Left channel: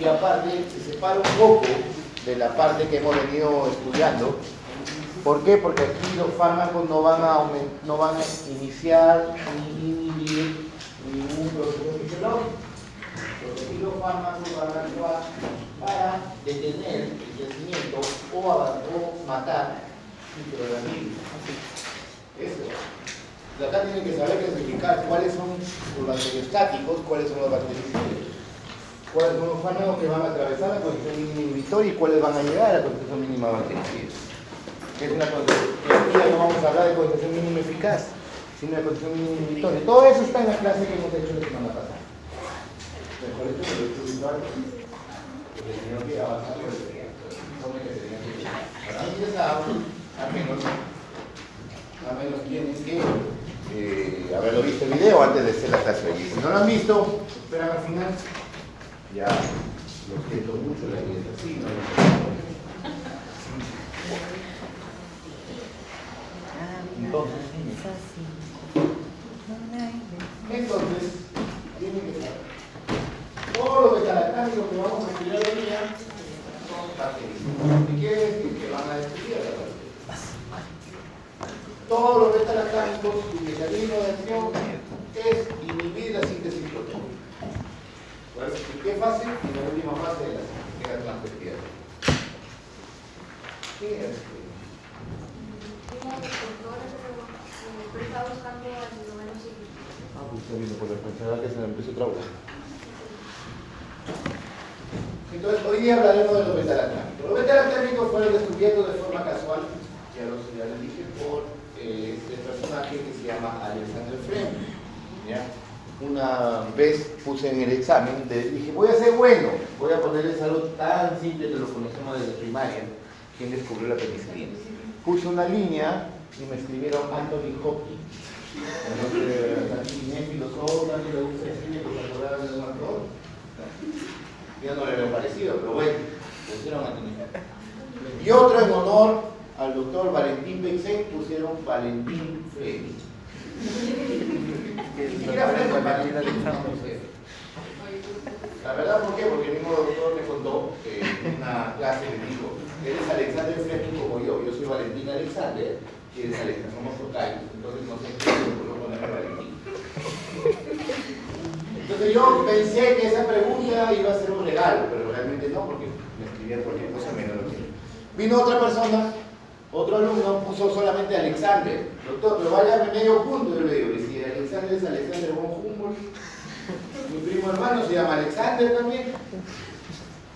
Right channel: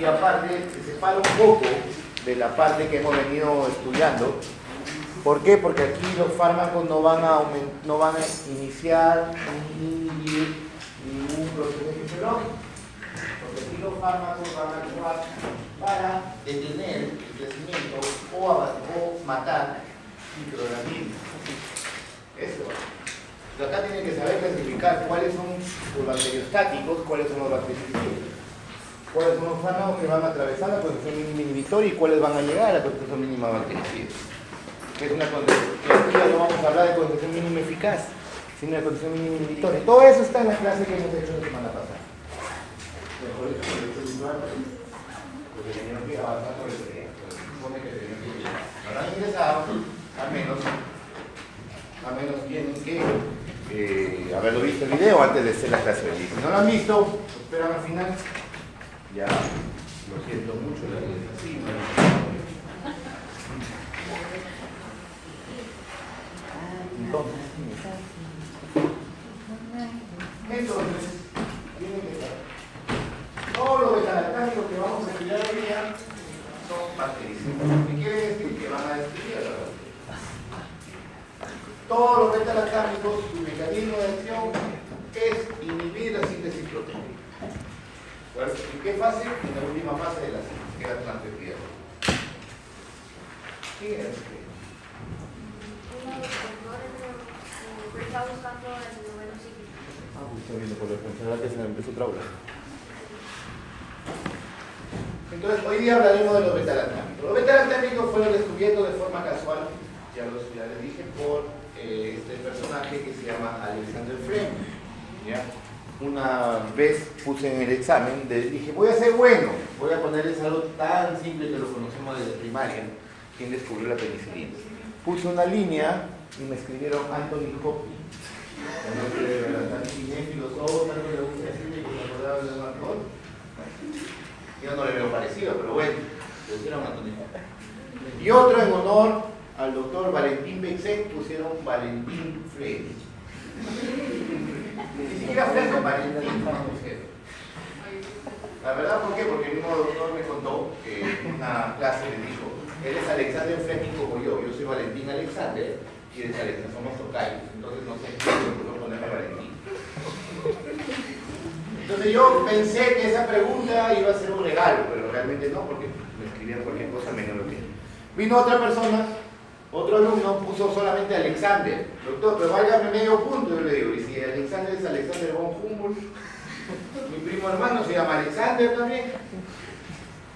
y aparte se separa un poco de la parte que hemos venido estudiando. ¿Por qué? Porque aquí los fármacos no van a iniciar ni inhibir ningún proceso fisiológico. Porque aquí los fármacos van a actuar para detener el crecimiento o matar microorganismos. Eso. Y acá tienen que saber clasificar cuáles son los bacteriostáticos, cuáles son los bactericidas, cuáles son los fármacos que van a atravesar la condición mínima inhibitoria y cuáles van a llegar a la condición mínima bactericida. Es una condición, aquí ya no vamos a hablar de condición mínima eficaz, sino de condición mínima inhibitoria. Todo eso está en la clase que hemos hecho la semana pasada. Por eso lo he hecho visual, porque tenían que avanzar sobre el informe que tenían que llegar. Habrán ingresado, al menos tienen que haberlo visto el video antes de hacer la clase. Y si no lo han visto, esperan al final. Ya, lo siento mucho, la vida es así, ¿no? Entonces, tienen que saber. Todo lo betalactámicos que vamos a estudiar hoy día son bacterias. ¿Qué quiere decir? Que van a destruir a las bacterias. Todos los betalactámicos, su mecanismo de acción es inhibir la síntesis proteica. ¿En qué fase? En la última fase de la síntesis, que es la transcripción. ¿Quién es este? Está buscando el número siguiente. Pues está viendo por la enfermedad que se me empezó otra vez. Entonces, hoy día hablaremos de los betalactámicos. Los betalactámicos fueron descubiertos de forma casual, ya les dije, por este personaje que se llama Alexander Fleming. ¿Ya? Una vez puse en el examen, dije, voy a ser bueno, voy a ponerles algo tan simple que lo conocemos desde primaria, ¿quién descubrió la penicilina? Puse una línea y me escribieron Anthony Hopkins. No sé, de verdad, tan cinéfilos, todo, tanto le gusta escribir que se acordaban de un actor. Yo no le veo parecido, pero bueno, le pusieron Anthony Hopkins. Y otro en honor al doctor Valentín Bexen pusieron Valentín Fleming. Ni siquiera Fleming, Valentín, no sé. La verdad, ¿por qué? Porque el mismo doctor me contó que en una clase le dijo, eres Alexander Fleming como yo soy Valentín Alexander, y eres Alexander, somos tocayos, entonces no sé qué, por ponerme Valentín. Entonces yo pensé que esa pregunta iba a ser un regalo, pero realmente no, porque me escribieron cualquier cosa menos lo que vino otra persona, otro alumno puso solamente Alexander, doctor, pero válgame medio punto, yo le digo, y si Alexander es Alexander von Humboldt, mi primo hermano se llama Alexander también,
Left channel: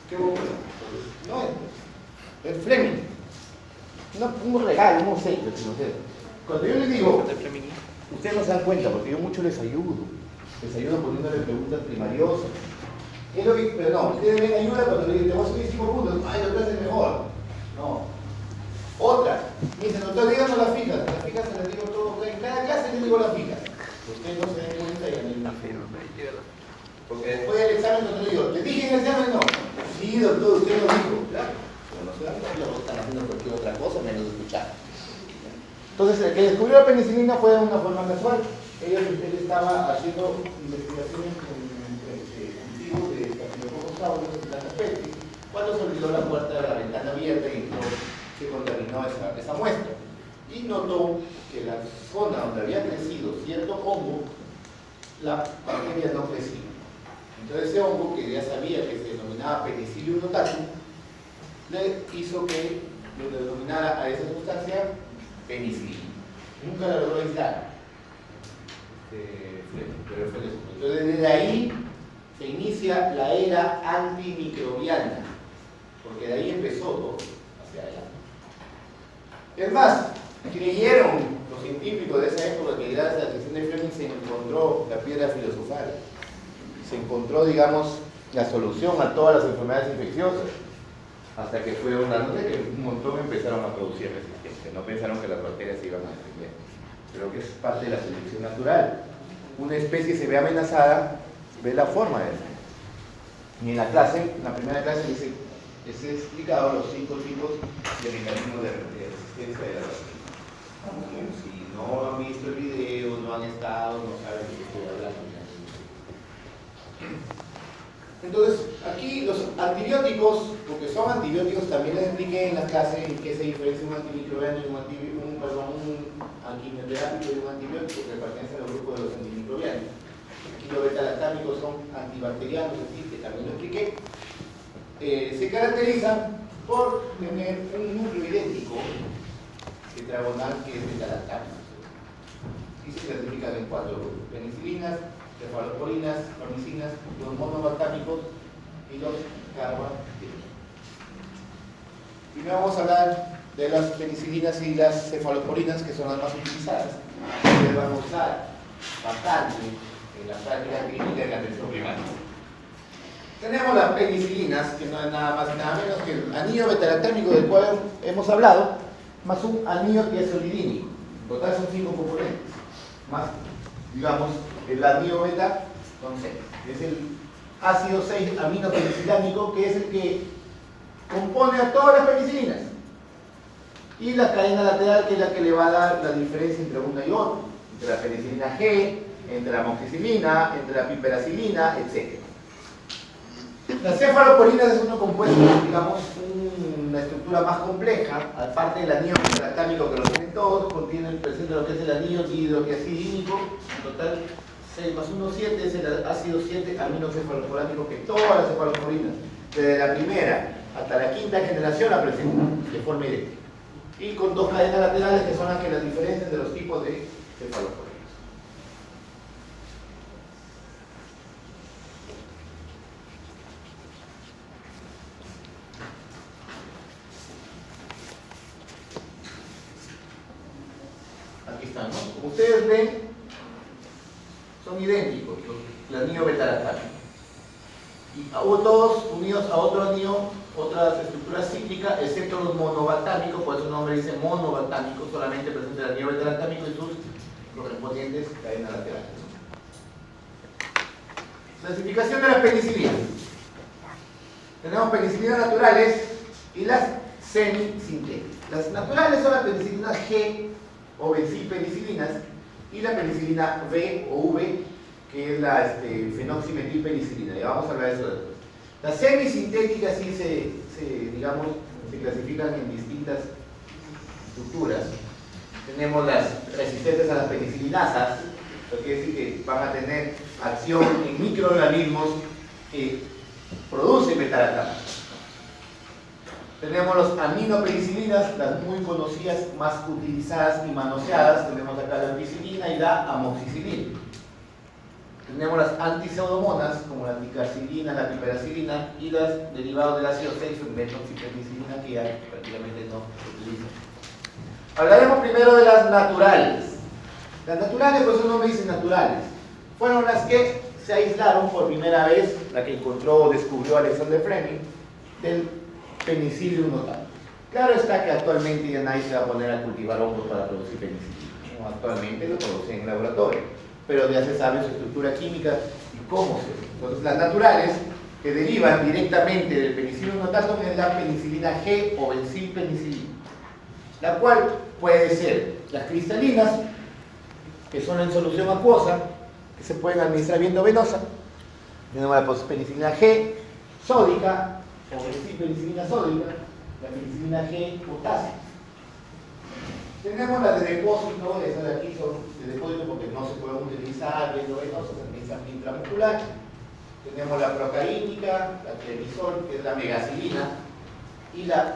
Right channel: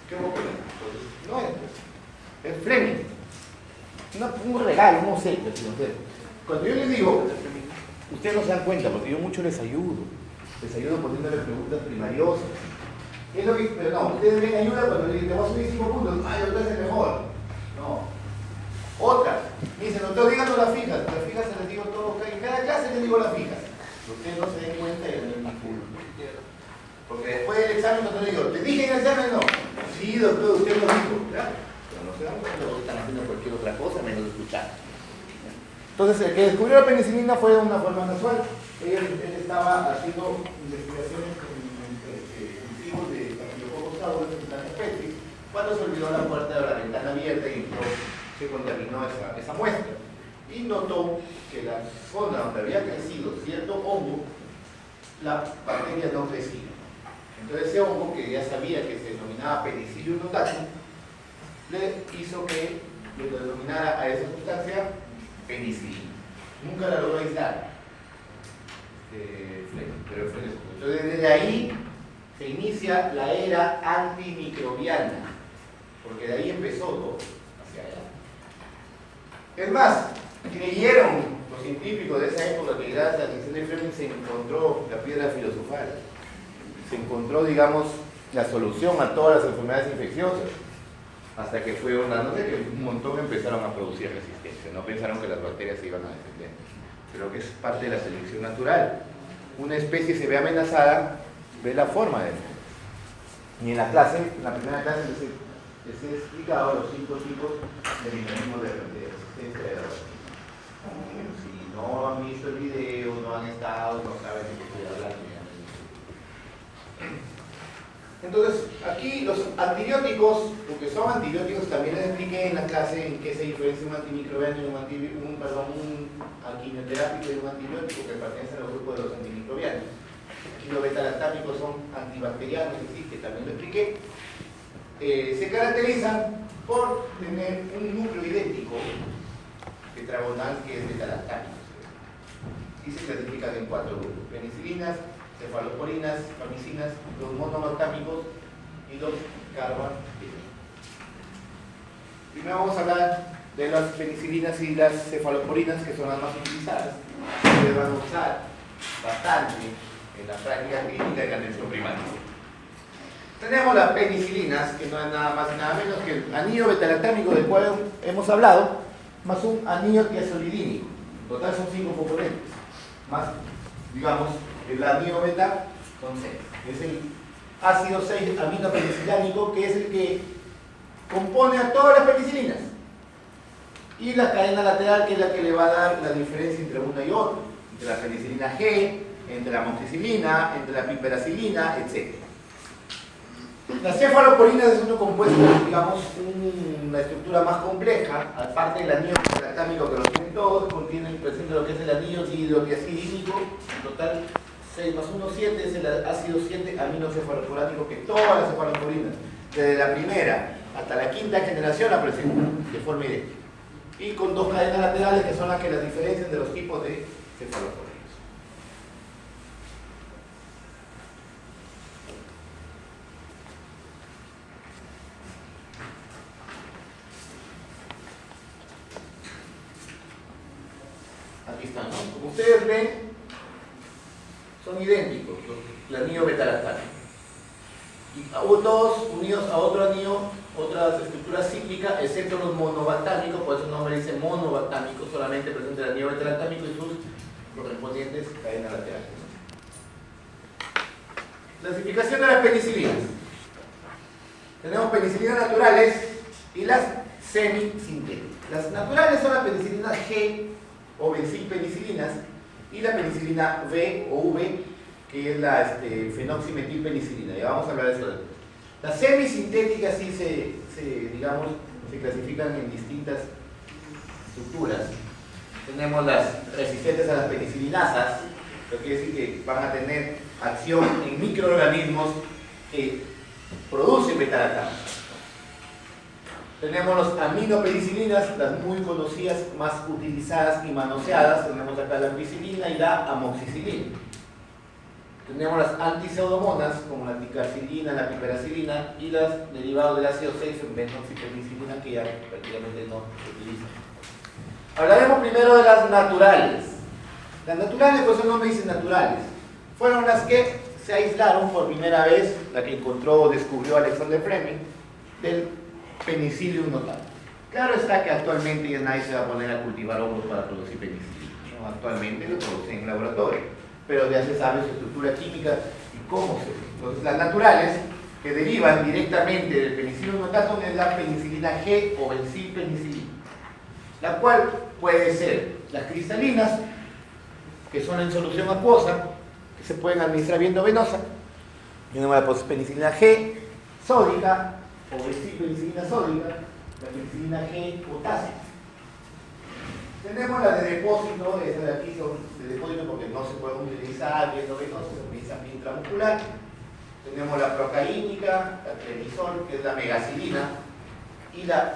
¿qué voy a poner? No es Fleming, no, un regalo, no sé, cuando yo les digo, ustedes no se dan cuenta, porque yo mucho les ayudo poniéndole preguntas primariosas. Es lo que, pero no, ustedes ven ayuda cuando les digo, te vas a subir 5 puntos, ay, lo que hace mejor. No. Otra, me dicen, doctor, díganos las fijas se las digo todo, en cada clase les digo las fijas. Ustedes no se den cuenta y anden más firmes. Porque después del examen cuando digo, ¿le dije en el examen? No. Sí, doctor, usted lo dijo. Claro. Pero no se dan cuenta, lo están haciendo cualquier otra cosa menos escuchar. Entonces, el que descubrió la penicilina fue de una forma casual. Él estaba haciendo investigaciones con cultivos de Staphylococcus aureus en Santa Fe, cuando se olvidó la puerta de la ventana abierta y se contaminó esa muestra. Y notó que la zona donde había crecido cierto hongo, la bacteria no crecía. Entonces ese hongo, que ya sabía que se denominaba Penicillium notatum, le hizo que le denominara a esa sustancia penicilina. Nunca la logró aislar. Pero fue eso. Entonces desde ahí se inicia la era antimicrobiana, porque de ahí empezó todo hacia adelante. Es más, creyeron los científicos de esa época que gracias a Alexander Fleming se encontró la piedra filosofal, se encontró, digamos, la solución a todas las enfermedades infecciosas, hasta que fue una noche que un montón empezaron a producir resistencia, no pensaron que las bacterias se iban a defender. Creo que es parte de la selección natural. Una especie se ve amenazada, ve la forma de defender. Y en la clase, en la primera clase, les he explicado los 5 tipos de mecanismos de resistencia de las bacterias. Si no han visto el video, no han estado, no saben de qué estoy hablando. Entonces, aquí los antibióticos, porque son antibióticos, también les expliqué en la clase en qué se diferencia un antimicrobiano y un quimioterápico y un antibiótico que pertenecen al grupo de los antimicrobianos. Aquí los beta-lactámicos son antibacterianos, es decir, que también lo expliqué. Se caracterizan por tener un núcleo idéntico tetragonal que es beta-lactámico. Y se clasifican en 4 grupos: penicilinas, cefalosporinas, famicinas, los monobaltámicos y los carbamazepines. Primero vamos a hablar de las penicilinas y las cefalosporinas, que son las más utilizadas, que se van a usar bastante en la práctica clínica y la atención primaria. Tenemos las penicilinas, que no es nada más y nada menos que el anillo beta-lactámico del cual hemos hablado, más un anillo tiazolidínico. En total son 5 componentes, más, digamos, el anillo beta son 6. Es el ácido 6 aminopenicilánico, que es el que compone a todas las penicilinas. Y la cadena lateral, que es la que le va a dar la diferencia entre una y otra, entre la penicilina G, entre la amoxicilina, entre la piperacilina, etc. La cefalosporina es un compuesto, digamos, una estructura más compleja, aparte del anillo beta-lactámico que lo tienen todos, presenta lo que es el anillo dihidrotiazidínico, en total 6 más 1, 7, es el ácido 7 aminocefalosporánico que todas las cefalosporinas, desde la primera hasta la quinta generación, la presentan de forma idéntica. Y con 2 cadenas laterales que son las que las diferencian de los tipos de cefalosporinas. Aquí están, ¿no? Como ustedes ven, son idénticos, el anillo beta-lactámico. Y todos unidos a otro anillo, otras estructuras cíclicas, excepto los monobaltámicos, por eso el nombre dice monobaltámico, solamente presenta el anillo beta-lactámico y sus correspondientes cadenas laterales. Clasificación de las penicilinas. Tenemos penicilinas naturales y las semisintéticas. Las naturales son las penicilinas G o bencilpenicilinas y la penicilina B o V, que es la fenoximetilpenicilina. Ya vamos a hablar de eso después. Las semisintéticas sí digamos, se clasifican en distintas estructuras. Tenemos las resistentes a las penicilinasas, lo que quiere decir que van a tener acción en microorganismos que producen beta-lactámicos. Tenemos los aminopenicilinas, las muy conocidas, más utilizadas y manoseadas. Tenemos acá la ampicilina y la amoxicilina. Tenemos las antipseudomonas, como la ticarcilina, la piperacilina, y los derivados del ácido 6, benoxipenicilina, que ya prácticamente no se utilizan. Hablaremos primero de las naturales. Las naturales, pues el nombre dice naturales, fueron las que se aislaron por primera vez, la que encontró o descubrió Alexander Fleming, del Penicillium notatum. Claro está que actualmente ya nadie se va a poner a cultivar hongos para producir penicilina, ¿no? Actualmente lo producen en laboratorio, pero ya se sabe su estructura química y cómo se ve. Entonces las naturales, que derivan directamente del Penicillium notatum, es la penicilina G o bencilpenicilina, la cual puede ser las cristalinas, que son en solución acuosa, que se pueden administrar vía endovenosa. Tenemos la penicilina G sódica o bencilpenicilina sódica, la penicilina G potásica. Tenemos la de depósito, esas de aquí son de depósito porque no se pueden utilizar vía endovenosa, se utilizan vía intramuscular. Tenemos la procaínica, la clemizol, que es la megacilina, y la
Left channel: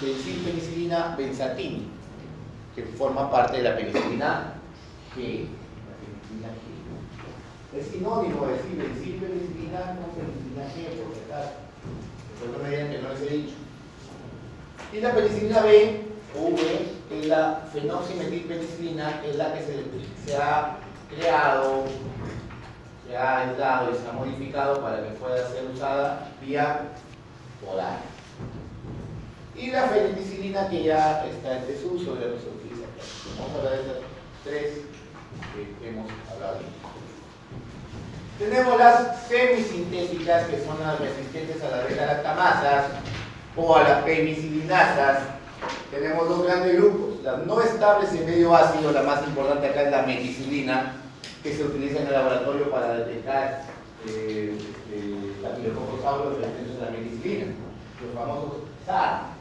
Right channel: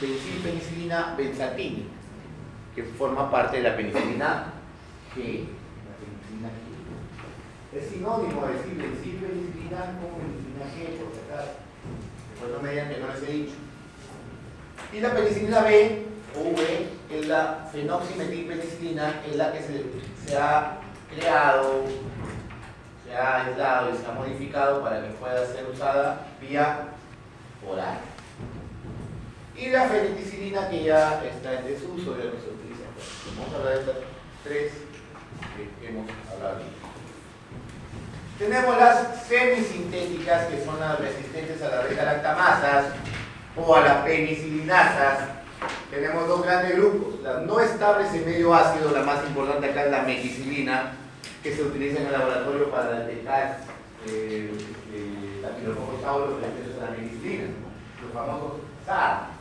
bencilpenicilina benzatínica, que forma parte de la penicilina G. Es sinónimo de decir bencilpenicilina con penicilina G, por si acaso. Después no me digan que no les he dicho. Y la penicilina B o V es la fenoximetilpenicilina, es la que se ha creado, se ha aislado y se ha modificado para que pueda ser usada vía oral. Y la fenicilina, que ya está en desuso, ya no se utiliza. Vamos a hablar de estas 3 que hemos hablado. Tenemos las semisintéticas, que son las resistentes a las beta-lactamasas o a las penicilinasas. Tenemos 2 grandes grupos. Las no estables en medio ácido, la más importante acá es la meticilina, que se utiliza en el laboratorio para detectar staphylococcus de la penicilina, los famosos SAR.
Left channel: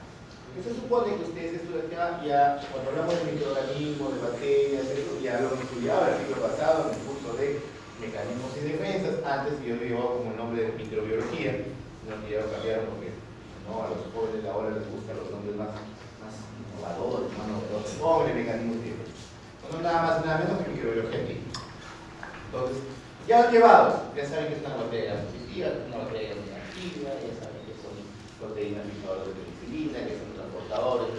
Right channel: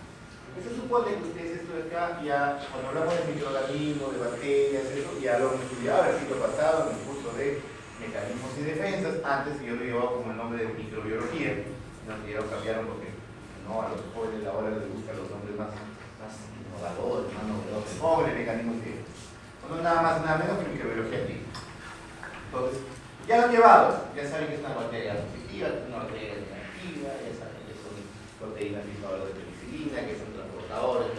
Se supone que ustedes estudian acá, ya cuando hablamos de microorganismos, de bacterias, eso ya lo hemos estudiado el siglo pasado en el curso de mecanismos y defensas. Antes yo lo llevaba como el nombre de microbiología, no que ya lo cambiaron porque no, a los jóvenes ahora les gustan los nombres más innovadores, más novedosos, sobre mecanismos y defensas. No nada más, nada menos que microbiología aquí. Entonces, ya lo he llevado, ya saben que es una bacteria positiva, que es una bacteria negativa, ya saben que son proteínas fijadoras de penicilina, que son transportadores,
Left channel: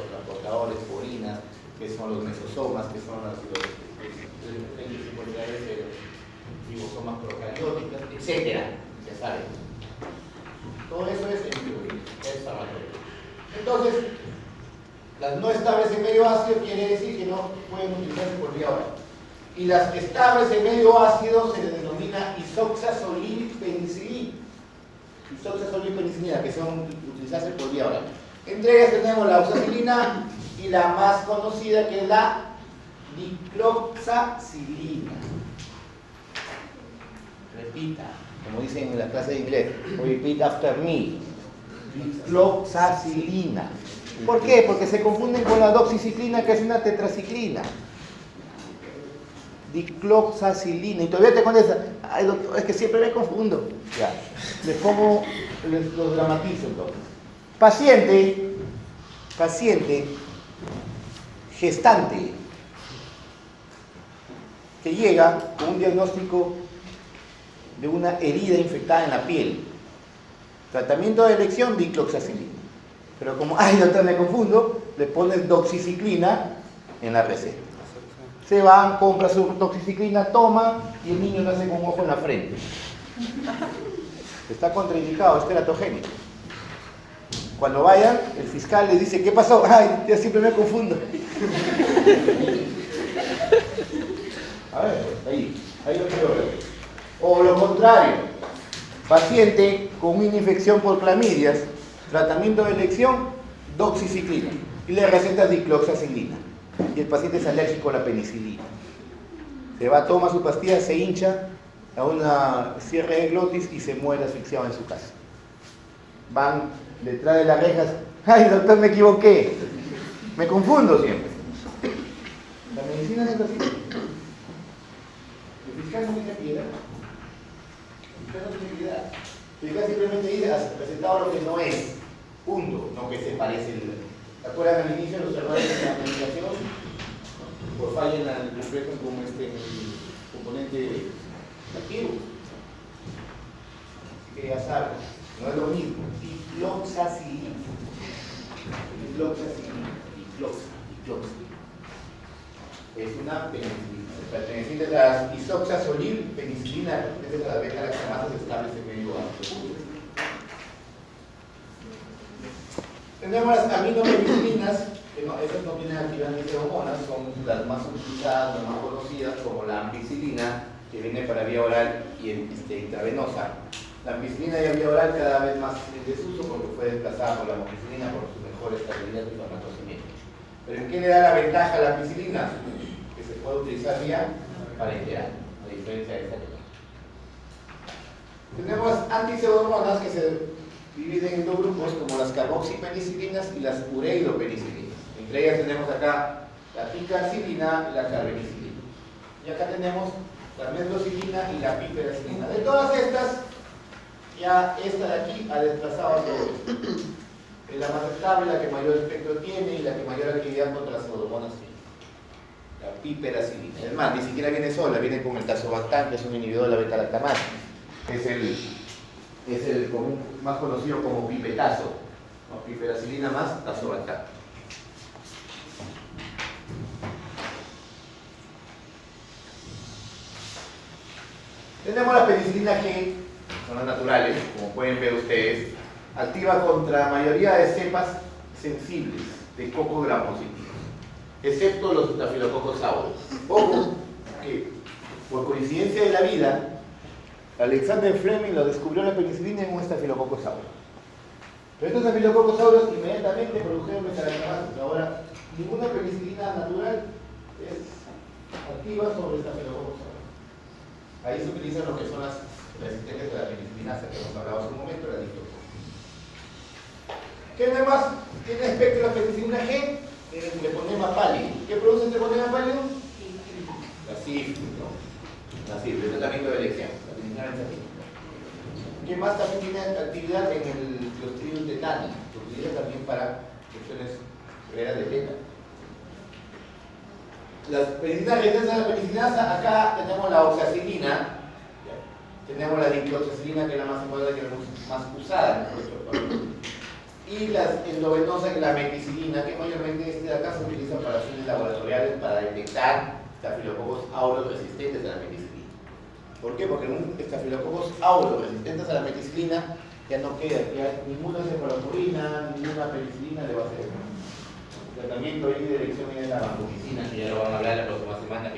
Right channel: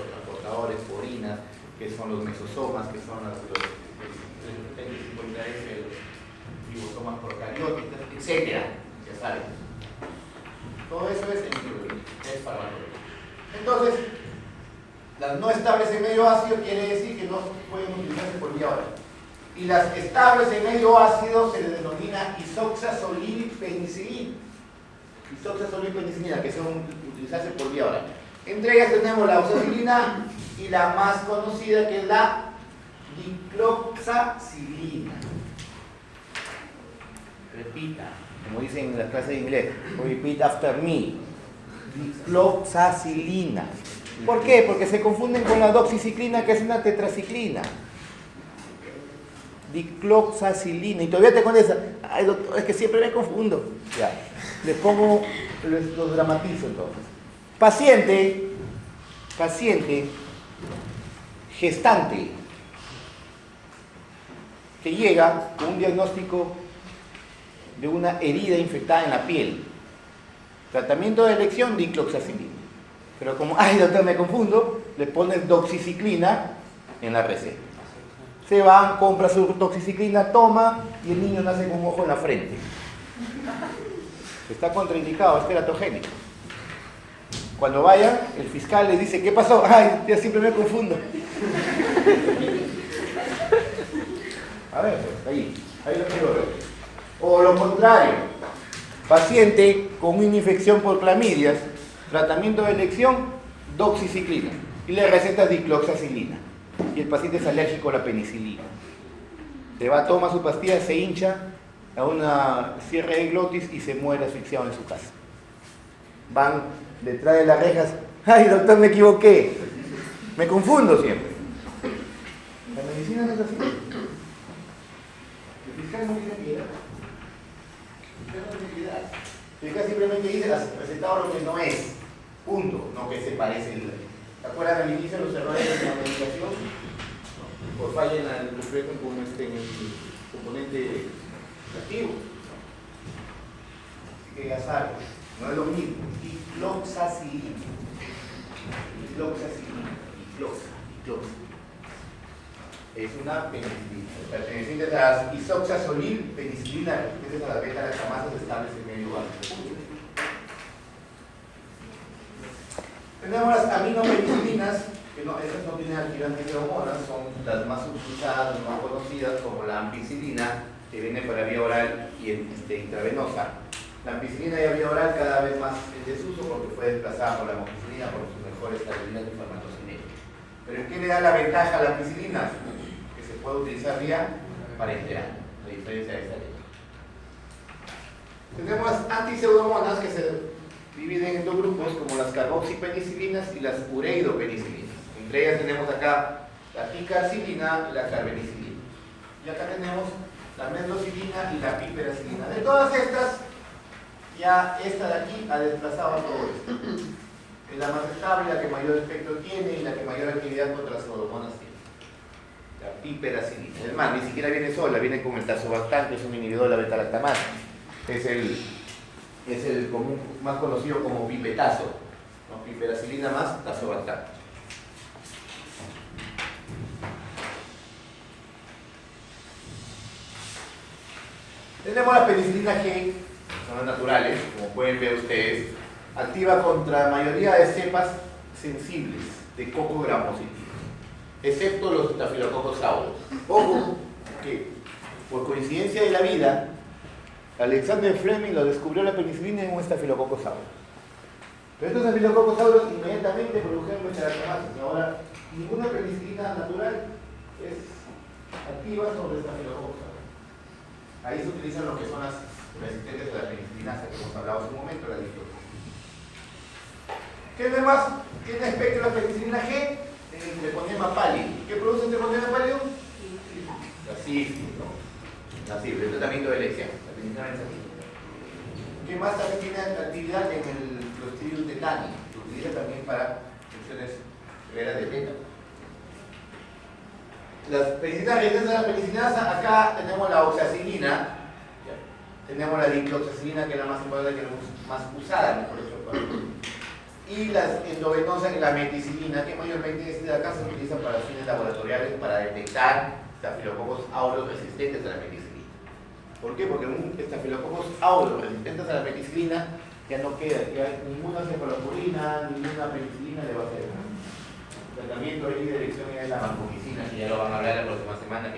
porinas, que son los mesosomas, que son los ribosomas procarióticas, etc. Ya saben. Todo eso es en microbiología, es farmacología. Entonces, las no estables en medio ácido quiere decir que no pueden utilizarse por vía oral. Y las estables en medio ácido se les denomina isoxazolilpenicilina. Isoxazolilpenicilina, que son utilizarse por vía oral. Entre ellas tenemos la oxacilina y la más conocida, que es la dicloxacilina. Repita, como dicen en la clase de inglés, repeat after me. Dicloxacilina. ¿Por qué? Porque se confunden con la doxiciclina, que es una tetraciclina. Dicloxacilina. Y todavía te contesta, ay doctor, es que siempre me confundo. Ya, les pongo, los dramatizo entonces. Paciente, gestante, que llega con un diagnóstico de una herida infectada en la piel. Tratamiento de elección, dicloxacilina. Pero como, ay doctor, me confundo, le pones doxiciclina en la receta. Se van, compra su doxiciclina, toma, y el niño nace con un ojo en la frente. Está contraindicado, es teratogénico. Cuando vayan, el fiscal les dice, ¿qué pasó? Ay, ya siempre me confundo. A ver, ahí lo quiero ver. O lo contrario, paciente con una infección por clamidias, tratamiento de elección, doxiciclina. Y le recetas dicloxacilina. Y el paciente es alérgico a la penicilina. Se va, toma su pastilla, se hincha a una cierre de glotis y se muere asfixiado en su casa. Van detrás de las rejas, ay doctor, me equivoqué, me confundo siempre. La medicina es así. El fiscal no tiene piedad. El fiscal no tiene piedad. El fiscal simplemente dice, has recetado lo que no es, punto, no que se parece. ¿Se acuerdan al inicio los errores de la medicación? Por falla en el complejo como en el componente activo. Así que ya saben, no es lo mismo. Dicloxacilina. Es una penicilina. Perteneciente a las isoxazolilpenicilina, que es la beta-lactamases estables en medio ácido. Tenemos las aminopenicilinas, que no, esas no tienen actividad antiferomonas, son las más utilizadas, las más conocidas, como la ampicilina, que viene para vía oral y intravenosa. La ampicilina y la vía oral cada vez más en desuso porque fue desplazada por la amoxicilina por su mejor estabilidad inflamatosimia. ¿Pero en qué le da la ventaja a la ampicilina? Que se puede utilizar vía parenteral, a diferencia de esta que no. Tenemos las antipseudomonas que se dividen en dos grupos, como las carboxipenicilinas y las ureidopenicilinas. Entre ellas tenemos acá la picarcilina y la carbenicilina. Y acá tenemos la metrocilina y la piperacilina. De todas estas, ya esta de aquí ha desplazado a todo esto. Es la más estable, la que mayor espectro tiene y la que mayor actividad contra las pseudomonas tiene. La piperacilina. Es más, ni siquiera viene sola, viene con el tazobactam, que es un inhibidor de la beta-lactamasa. Es el común, más conocido como pipetazo, ¿no? Piperacilina más tazobactam. Tenemos la penicilina G, son las naturales, como pueden ver ustedes, activa contra la mayoría de cepas sensibles de coco grampositivo, excepto los Staphylococcus aureus. Ojo, que por coincidencia de la vida, Alexander Fleming lo descubrió la penicilina en un Staphylococcus aureus. Pero estos Staphylococcus aureus inmediatamente produjeron beta-lactamases. Ahora, ninguna penicilina natural es activa sobre Staphylococcus aureus. Ahí se utilizan lo que son las resistentes a la penicilina, que hemos hablado hace un momento, la dicloxacilina. ¿Qué demás tiene espectro la penicilina G? El treponema pálido. ¿Qué produce el treponema pálido? La sífilis, ¿no? La sífilis, el tratamiento de elección. La penicilina benzamina. ¿Qué más también tiene actividad en el Clostridium tetani? Se utiliza también para infecciones severas de beta. Las penicilinas resistentes a la penicinasa, acá tenemos la oxacilina, tenemos la dicloxacilina, que es la más importante, que es más usada en nuestro país. Y las endovenosas, que es la meticilina, que mayormente de acá se utiliza para fines laboratoriales para detectar estafilococos aureus resistentes a la meticilina. ¿Por qué? Porque un estafilococos aureus resistentes a la meticilina ya no queda, ya ninguna cefalopurina, ninguna penicilina le va a hacer nada. Tratamiento y dirección es la vancomicina, que ya lo van a hablar la próxima semana.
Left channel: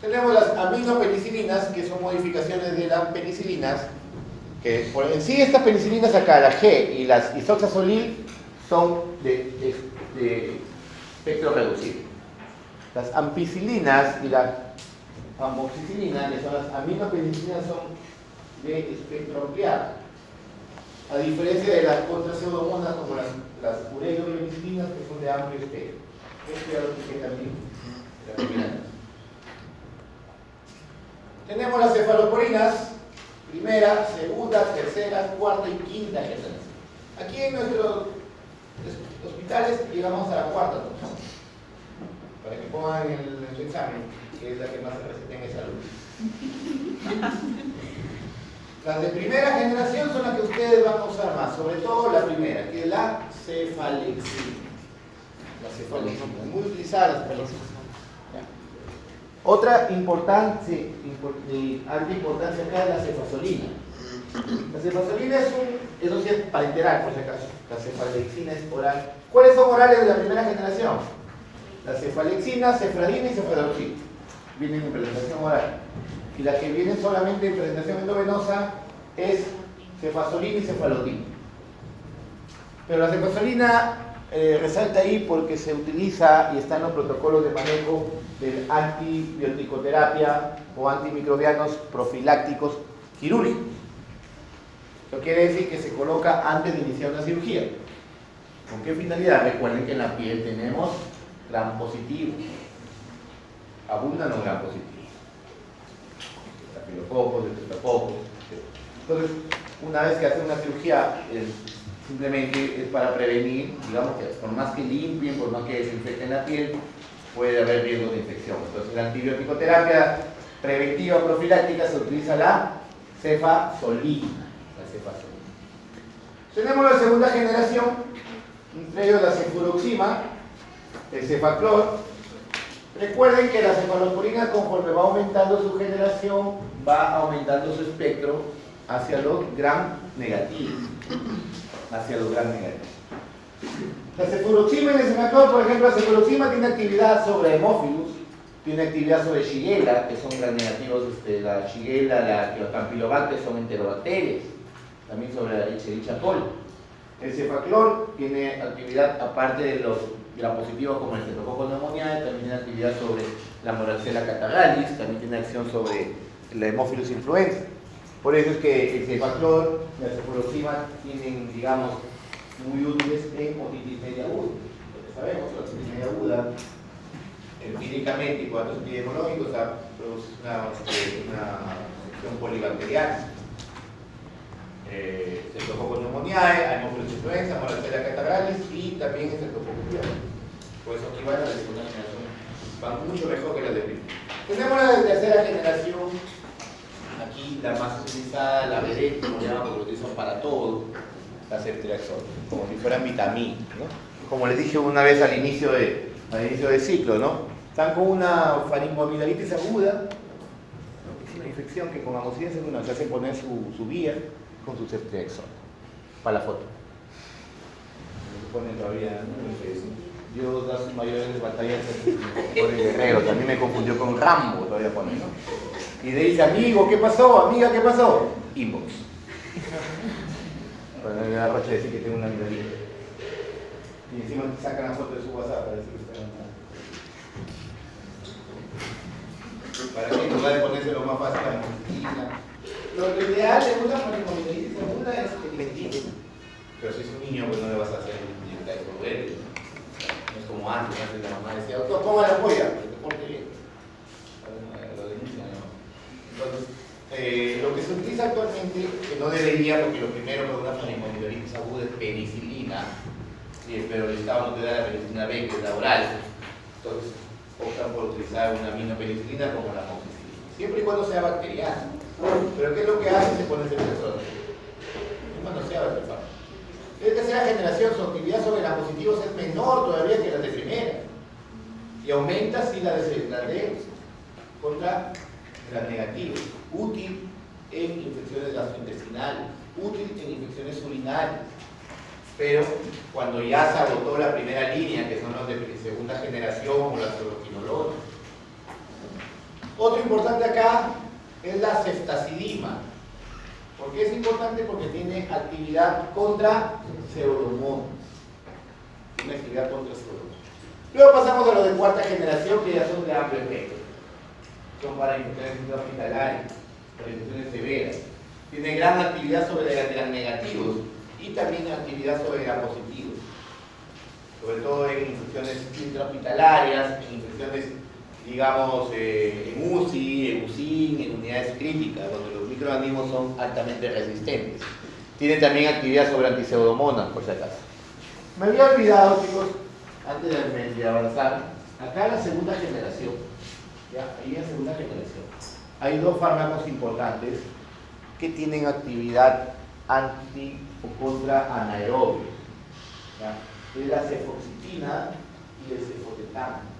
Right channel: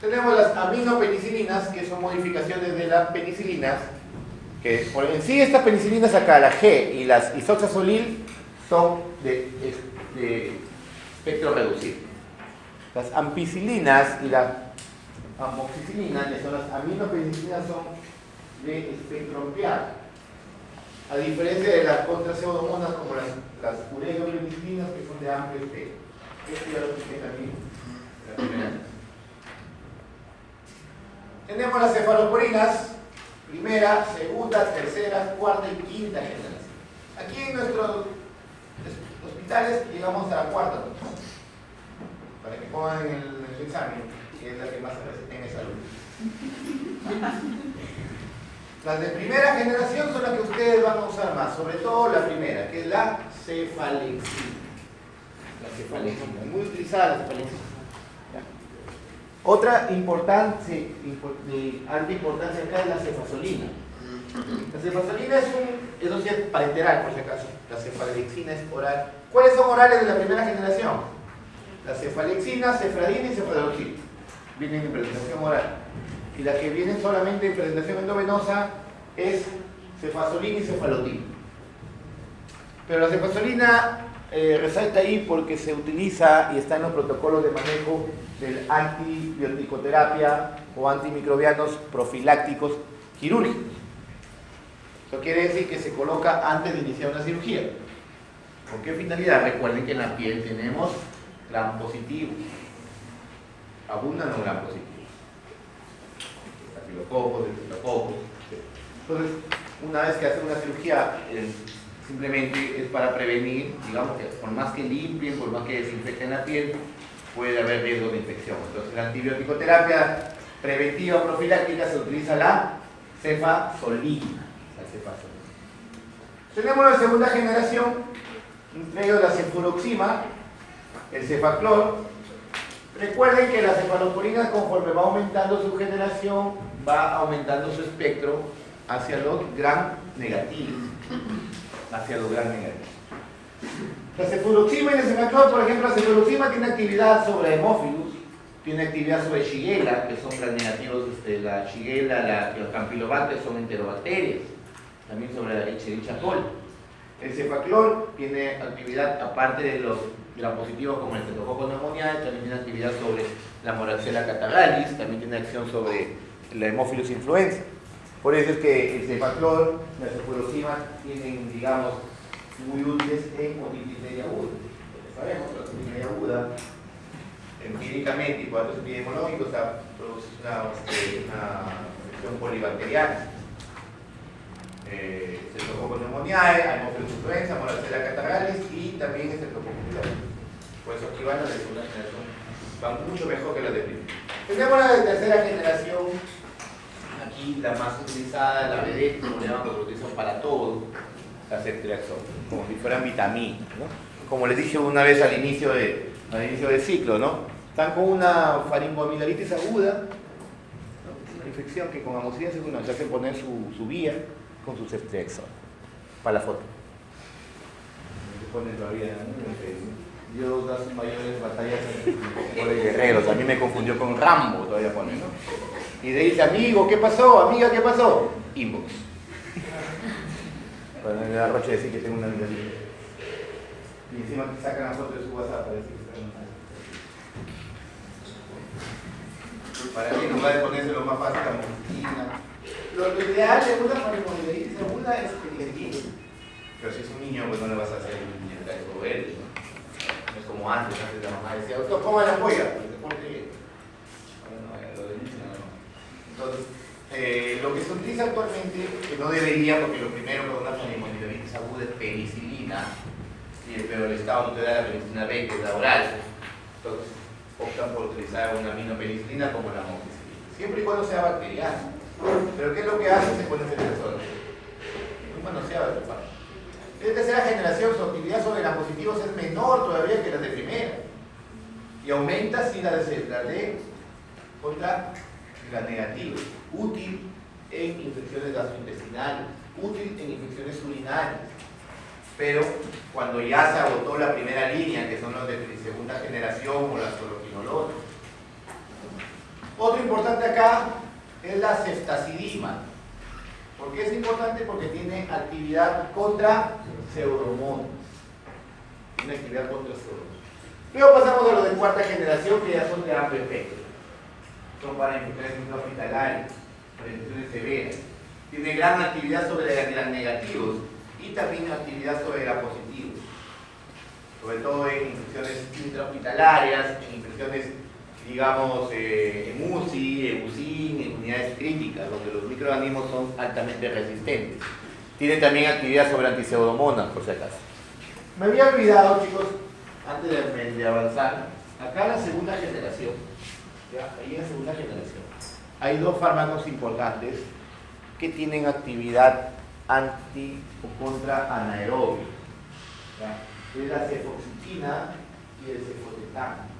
Tenemos las aminopenicilinas, que son modificaciones de las penicilinas, que en sí estas penicilinas acá, la G y las isoxazolil, son de espectro reducido. Las ampicilinas y las amoxicilinas, que son las aminopenicilinas, son de espectro ampliado. A diferencia de las contrapseudomonas como las ureopenicilinas, que son de amplio espectro. Esto ya lo expliqué también la primera vez. Tenemos las cefaloporinas, primera, segunda, tercera, cuarta y quinta generación. Aquí en nuestros hospitales llegamos a la cuarta, ¿no? Para que pongan en su examen, que es la que más se receta en salud. Las de primera generación son las que ustedes van a usar más, sobre todo la primera, que es la cefalexina. La cefalexina, muy utilizada la cefalexina. Otra importancia, de alta importancia acá es la cefasolina. La cefasolina eso sí es parenteral, por si acaso. La cefalexina es oral. ¿Cuáles son orales de la primera generación? La cefalexina, cefradina y cefadroxil. Vienen en presentación oral. Y la que viene solamente en presentación endovenosa es cefasolina y cefalotina. Pero la cefasolina resalta ahí porque se utiliza y está en los protocolos de manejo del antibioticoterapia o antimicrobianos profilácticos quirúrgicos. Eso quiere decir que se coloca antes de iniciar una cirugía. ¿Con qué finalidad? Recuerden que en la piel tenemos gram positivo. Abundan los gram positivos. Estafilococos, estreptococos. Entonces, una vez que hacen una cirugía, simplemente es para prevenir, digamos que por más que limpien, por más que desinfecten la piel, puede haber riesgo de infección. Entonces, la antibiótico-terapia preventiva profiláctica se utiliza la cefasolina. Tenemos la segunda generación, entre ellos la cefuroxima, el cefaclor. Recuerden que la cefalopurina, conforme va aumentando su generación, va aumentando su espectro hacia los gram negativos. La cefuroxima y el cefaclor, por ejemplo, la cefuroxima tiene actividad sobre Haemophilus, tiene actividad sobre Shigella, que son gram negativos, la Shigella, los Campylobacter son enterobacterias, también sobre la Escherichia coli. El cefaclor tiene actividad, aparte de los gram positivos como el Streptococcus pneumoniae, también tiene actividad sobre la Moraxella catarrhalis, también tiene acción sobre la Haemophilus influenza. Por eso es que el cefaclor y la cefuroxima tienen, digamos, muy útiles en otitis media aguda. Porque sabemos que la otitis media aguda, empíricamente y por datos epidemiológicos, produce una infección polibacteriana. Streptococcus pneumoniae, Haemophilus influenza, Moraxella catarrhalis y también Streptococcus pyogenes. Por eso aquí van las de segunda generación, van mucho mejor que las de primera. Tenemos la de tercera generación, aquí la más utilizada, la vedette, como le llaman porque lo utilizan para todo, la ceftriaxona, como si fueran vitaminas, ¿no? Como les dije una vez al inicio de ciclo, ¿no? Están con una faringoamidalitis aguda, ¿no? Una infección que con amoxicilina segura se hacen poner su vía con su ceftriaxona, para la foto. Se ponen todavía, ¿no? Dios da sus mayores batallas de guerreros. A mí me confundió con Rambo, todavía pone, ¿no? Y le dice, amigo, ¿qué pasó? Amiga, ¿qué pasó? Inbox. Para me da roche decir que tengo una vida libre. Y encima sacan la foto de su WhatsApp para decir que para mí nos va a ponerse lo más fácil la mochila. Lo ideal de una faringoamidalitis segunda es el intestino. Pero si es un niño, pues no le vas a hacer inyectar eso a él, ¿no? No es como antes la mamá decía, doctor, ponga la polla, que te porte bien. Ahora no, lo denuncian, ¿no? Entonces, lo que se utiliza actualmente, que no debería, porque lo primero con una pneumonitis aguda es penicilina, pero el Estado no te da la penicilina B, que es la oral. Entonces, optan por utilizar una aminopenicilina como la amoxicilina, siempre y cuando sea bacteriana. Pero ¿qué es lo que hace? Se pone ese tesoro. No manoseaba esta parte. De tercera generación, su actividad sobre las positivos es menor todavía que la de primera. Y aumenta si la de contra las negativas. Útil en infecciones gastrointestinales, útil en infecciones urinarias. Pero cuando ya se agotó la primera línea, que son los de segunda generación o las fluoroquinolonas. Otro importante acá es la ceftazidima. ¿Por qué es importante? Porque tiene actividad contra pseudomonas. Tiene actividad contra pseudomonas. Luego pasamos a los de cuarta generación, que ya son de amplio efecto. Son para infecciones intrahospitalarias, para infecciones severas. Tiene gran actividad sobre los negativos y también actividad sobre positivos. Sobre todo en infecciones intrahospitalarias, en infecciones, digamos, en UCI, en UCIN, en unidades críticas, donde los microorganismos son altamente resistentes. Tiene también actividad sobre antipseudomonas, por si acaso. Me había olvidado, chicos, antes de avanzar, acá en la segunda generación, ¿ya? Ahí en la segunda generación, hay dos fármacos importantes que tienen actividad anti o contra anaerobio. Es la cefoxitina y el cefotetano.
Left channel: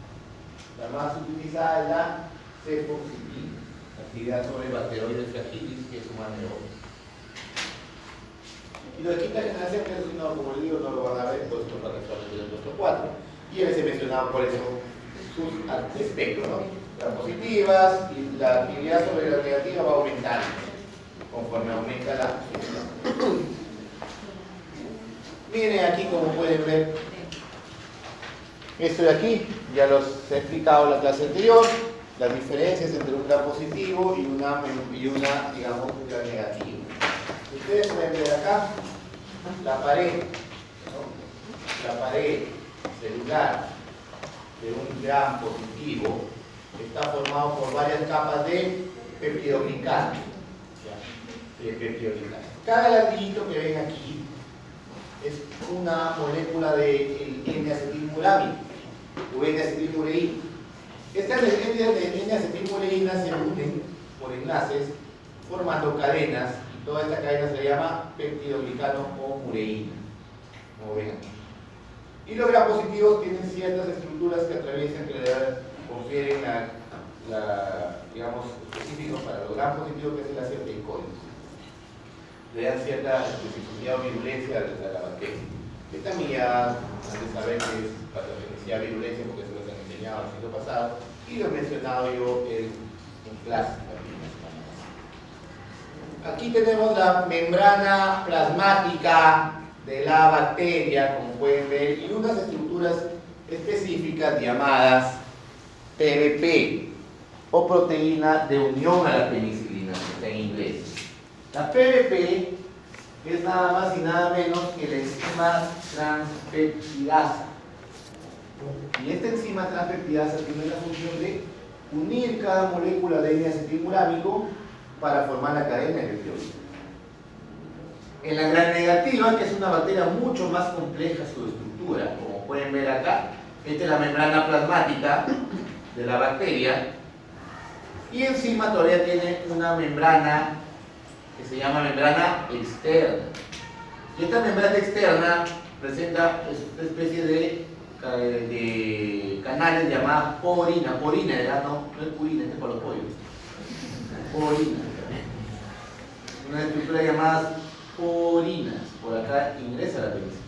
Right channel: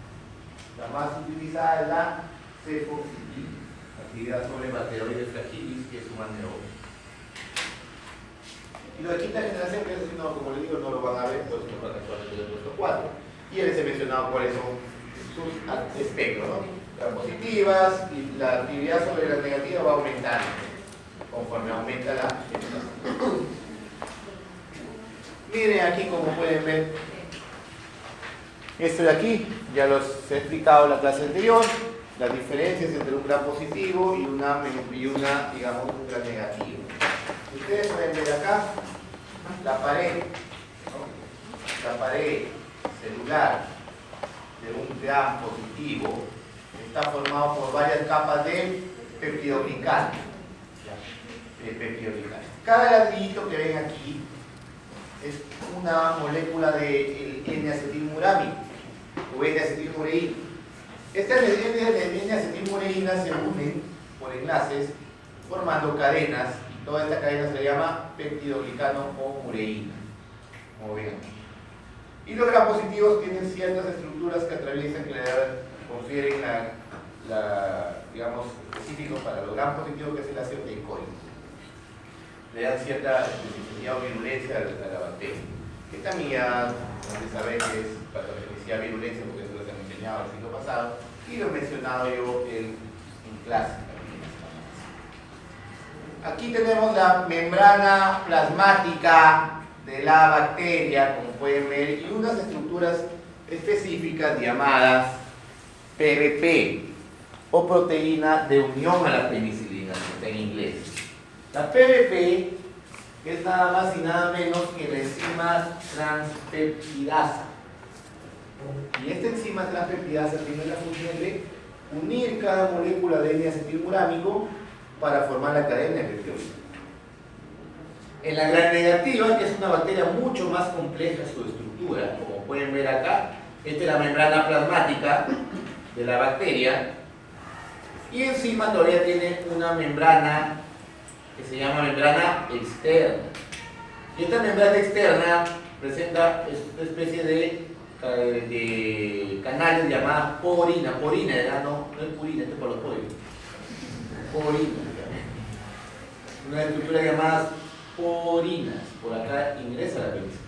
La más utilizada es la cefoxitina, actividad sobre Bacteroides fragilis, que es un anaerobio. Y lo de quinta generación, que es, no, como les digo, no lo van a ver, todo esto va actualmente del puesto 4. Y les he mencionado por eso sus espectros, ¿no? Las positivas y la actividad sobre las negativas va aumentando conforme aumenta la generación. Miren aquí como pueden ver. Esto de aquí, ya los he explicado en la clase anterior, las diferencias entre un gran positivo y una digamos, un gran negativo. Ustedes pueden ver acá la pared, ¿no? La pared celular de un gran positivo está formado por varias capas de peptidoglicano. Cada ladrillito que ven aquí es una molécula de N-acetilmurámico o N-acetilmureína. Estas N-acetilmureínas se unen por enlaces formando cadenas y toda esta cadena se llama peptidoglicano o mureína, como ven aquí. Y los grampositivos tienen ciertas estructuras que atraviesan, que le confieren digamos, específicos para los grampositivos, que es el ácido teicoico. Le dan cierta especificidad o virulencia a la bacteria. Que también ya han de saber que es patogenicidad virulencia, porque eso lo han enseñado el siglo pasado, y lo he mencionado yo en clase. Aquí tenemos la membrana plasmática de la bacteria, como pueden ver, y unas estructuras específicas llamadas PBP, o proteína de unión a la penicilina, que está en inglés. La PBP es nada más y nada menos que la enzima transpeptidasa. Y esta enzima transpeptidasa tiene la función de unir cada molécula de N-acetilmurámico para formar la cadena de peptidoglicano. En la gran negativa, que es una bacteria mucho más compleja su estructura, como pueden ver acá, esta es la membrana plasmática de la bacteria, y encima todavía tiene una membrana que se llama membrana externa. Y esta membrana externa presenta esta especie de canales llamadas porina. Porina, ya no es purina, este es para los pollos. Porina. Una estructura llamada porinas. Por acá ingresa la penicilina.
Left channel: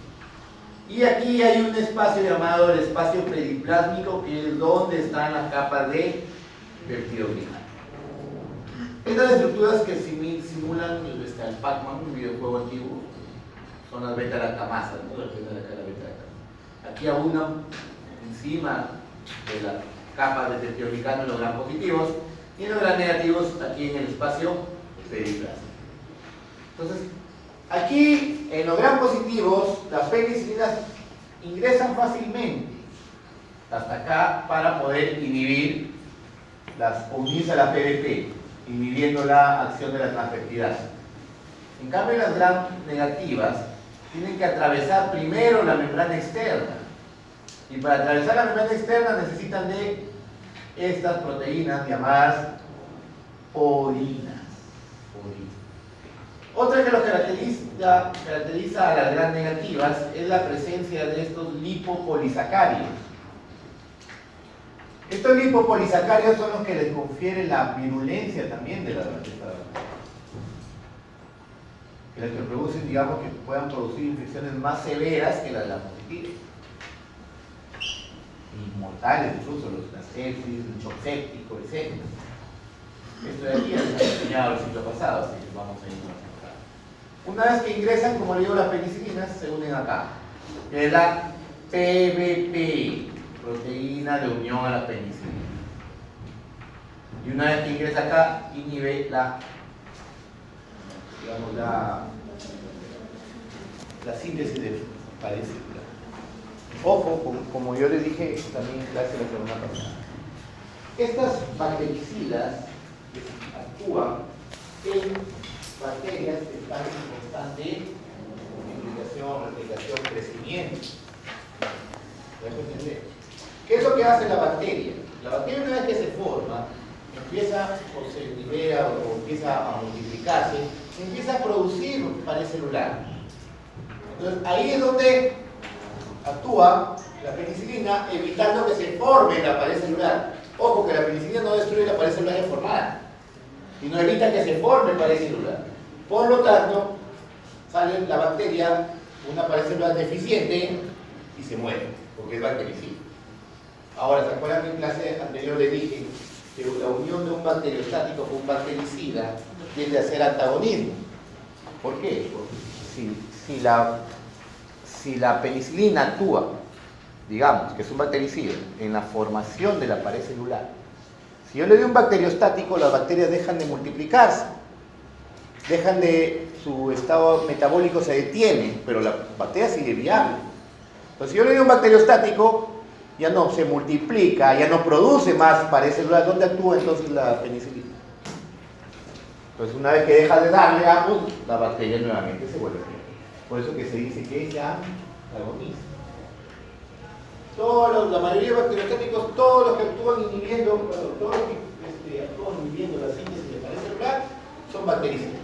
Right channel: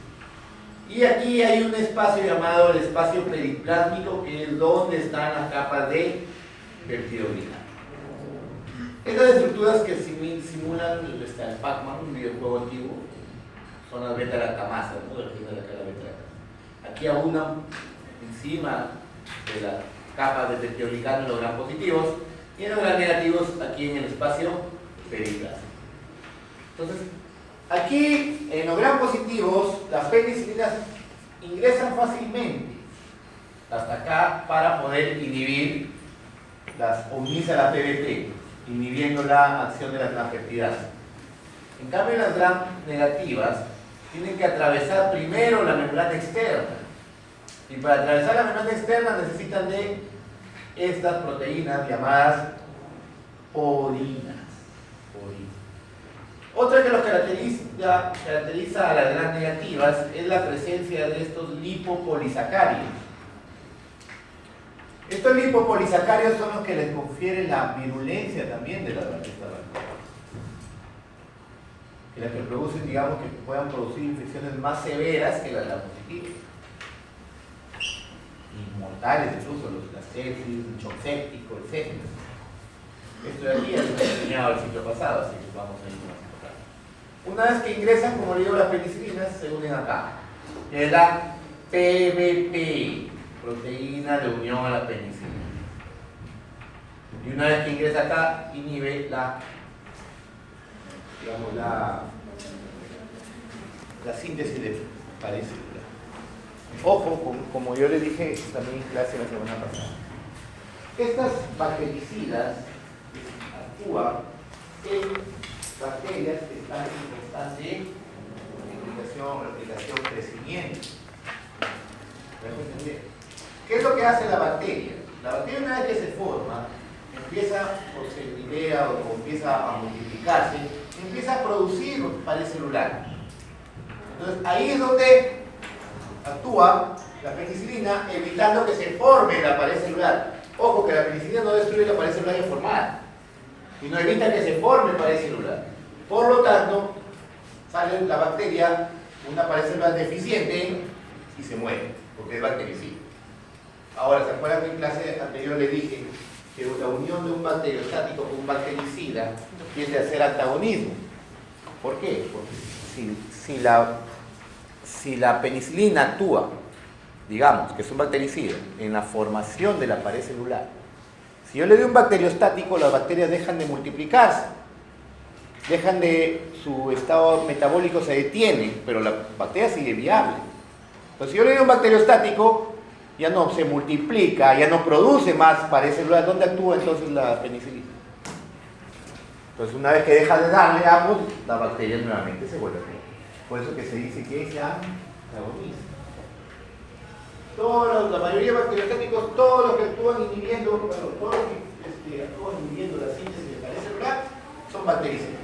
Y aquí hay un espacio llamado el espacio periplásmico, que es donde están las capas de peptidoglicano. Estas estructuras que simulan el Pac-Man, un videojuego antiguo, son las beta-lactamasas, ¿no? La beta-lactamasa. Aquí abundan encima de las capas de peptidoglicano en los gran positivos y en los gran negativos aquí en el espacio periplásmico. Entonces, Aquí, en los gram positivos, las penicilinas ingresan fácilmente hasta acá para poder inhibir o unirse a la PBP, inhibiendo la acción de la transpeptidasa. En cambio, las gram negativas tienen que atravesar primero la membrana externa. Y para atravesar la membrana externa necesitan de estas proteínas llamadas porinas. Otra que lo caracteriza a las gram negativas es la presencia de estos lipopolisacáridos. Estos lipopolisacáridos son los que les confieren la virulencia también de la bacteria. Que las que producen, digamos, que puedan producir infecciones más severas que las positivas. Y mortales, incluso la sepsis, el shock séptico, etc. Esto de aquí ya lo hemos enseñado el ciclo pasado, así que vamos a ir más acá. Una vez que ingresan, como le digo, las penicilinas, se unen acá. Que es la PBP, proteína de unión a la penicilina. Y una vez que ingresa acá, inhibe la síntesis de pared celular. Ojo, como yo les dije también en clase la semana pasada, estas bactericidas actúan en bacterias que están en constante replicación, crecimiento. ¿Me dejo entender? ¿Qué es lo que hace la bacteria? La bacteria, una vez que se forma, empieza o se libera o empieza a multiplicarse, empieza a producir pared celular. Entonces ahí es donde actúa la penicilina, evitando que se forme la pared celular. Ojo, que la penicilina no destruye la pared celular ya formada, sino evita que se forme pared celular. Por lo tanto, sale la bacteria, una pared celular deficiente y se muere, porque es bactericida. Ahora, ¿se acuerdan que en clase anterior les dije que la unión de un bacteriostático con un bactericida tiende a ser antagonismo? ¿Por qué? Porque si la penicilina actúa, digamos, que es un bactericida, en la formación de la pared celular, si yo le doy un bacteriostático, las bacterias dejan de multiplicarse, su estado metabólico se detiene, pero la bacteria sigue viable. Entonces, si yo le doy un bacteriostático, ya no se multiplica, ya no produce más pared celular. ¿Dónde actúa entonces la penicilina? Entonces, una vez que deja de darle a ambos, la bacteria nuevamente se vuelve a crear. Por eso que se dice que es ya antagonista. La mayoría de bacteriostáticos, todos los que actúan inhibiendo, todos los que actúan inhibiendo la síntesis de pared celular, son bactericidas.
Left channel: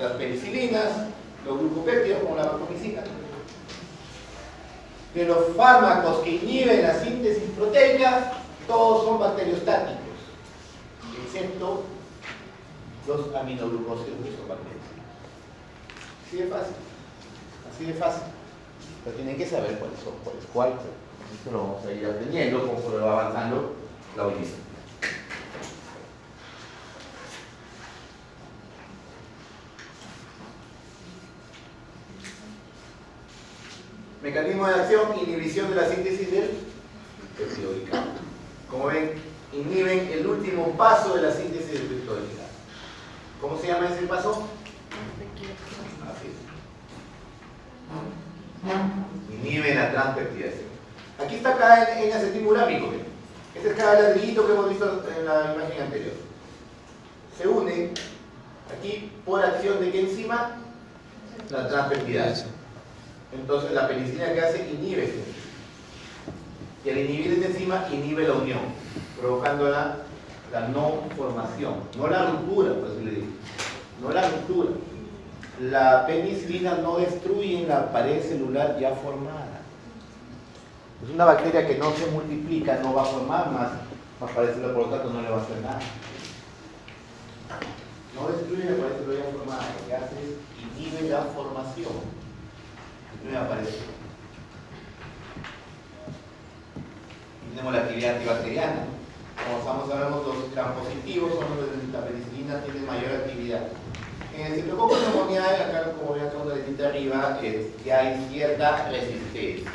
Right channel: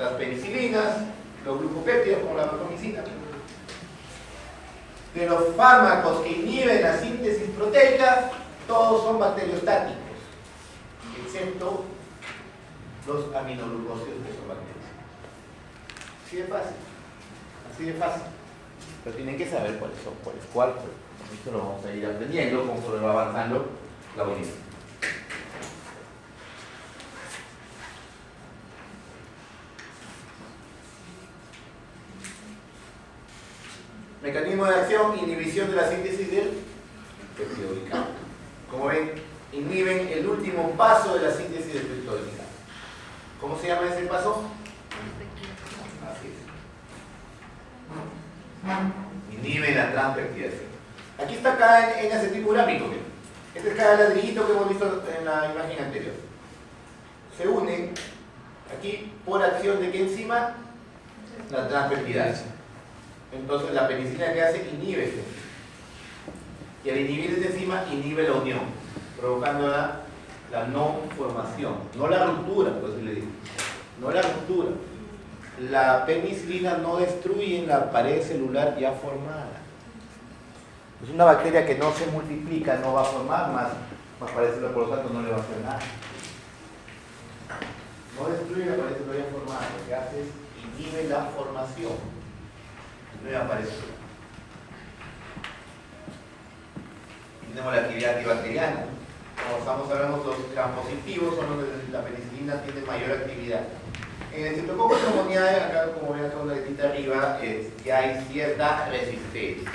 Las penicilinas, los glucopéptidos como la vancomicina. De los fármacos que inhiben la síntesis proteica, todos son bacteriostáticos, excepto los aminoglucósidos, que son bacterias. Así de fácil, así de fácil. Pero tienen que saber cuáles son, cuál. Esto lo vamos a ir aprendiendo conforme va avanzando la unidad. Mecanismo de acción, inhibición de la síntesis del peptidoglicano. Como ven, inhiben el último paso de la síntesis del peptidoglicano. ¿Cómo se llama ese paso? Así es. Inhiben la transpeptidación. Aquí está cada N-acetilmurámico. Este es cada ladrillito que hemos visto en la imagen anterior. Se unen aquí por acción de qué enzima? La transpeptidasa. Entonces la penicilina que hace inhibe esta enzima. Y al inhibir esta enzima inhibe la unión, provocando la no formación, no la ruptura, por así le digo. No la ruptura. La penicilina no destruye la pared celular ya formada. Es una bacteria que no se multiplica, no va a formar más pared celular, por lo tanto no le va a hacer nada. No destruye la pared celular ya formada, lo que hace es inhibe la formación. Nueva pared celular. Y tenemos la actividad antibacteriana. Como estamos hablando, los grampositivos son los que la penicilina tiene mayor actividad. En el Streptococcus pneumoniae, acá como ven acá una letita arriba, ya hay cierta resistencia.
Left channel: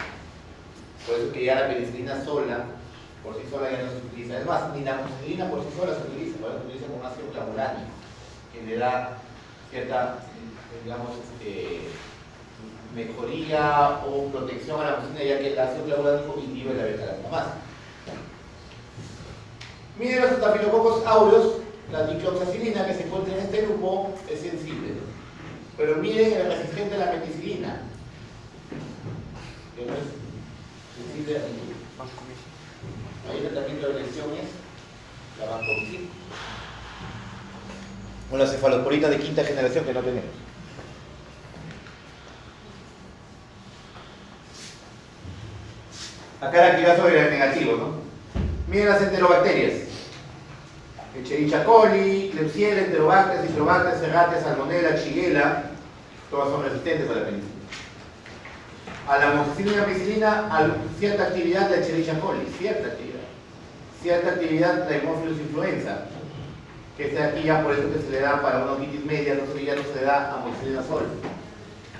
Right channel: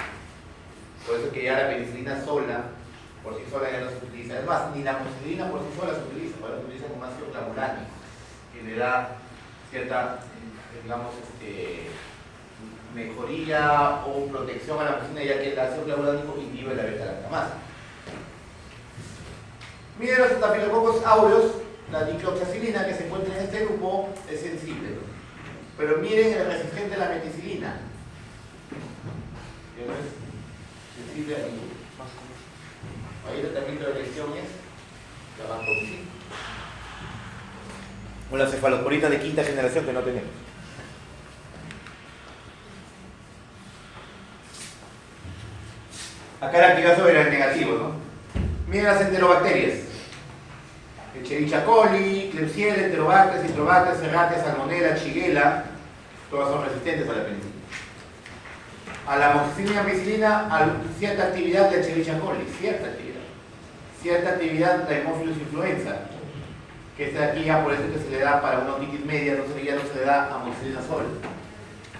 Por eso que ya la penicilina sola, por sí sola ya no se utiliza. Es más, ni la amoxicilina por sí sola se utiliza, ahora se utiliza con ácido clavulónico, que le da cierta, digamos, mejoría o protección a la mucina, ya que el ácido clavulánico inhibe la beta-lactamasa. Miren los estafilococos aureus, la dicloxacilina que se encuentra en este grupo es sensible, pero miren el resistente a la meticilina, que no es sensible a ningún. Ahí el tratamiento de elección es la vancomicina. Una cefalosporina de quinta generación que no tenemos. Acá la actividad sobre el negativo, ¿no? Miren las enterobacterias. Escherichia coli, Klebsiella, Enterobacter, Citrobacter, Serratia, Salmonella, Shigella, todas son resistentes a la penicilina. A la amoxicilina y ampicilina, cierta actividad de Escherichia coli, cierta actividad. Cierta actividad de Haemophilus influenza, que es aquí ya por eso que se le da para una otitis media, no se le da amoxicilina sol,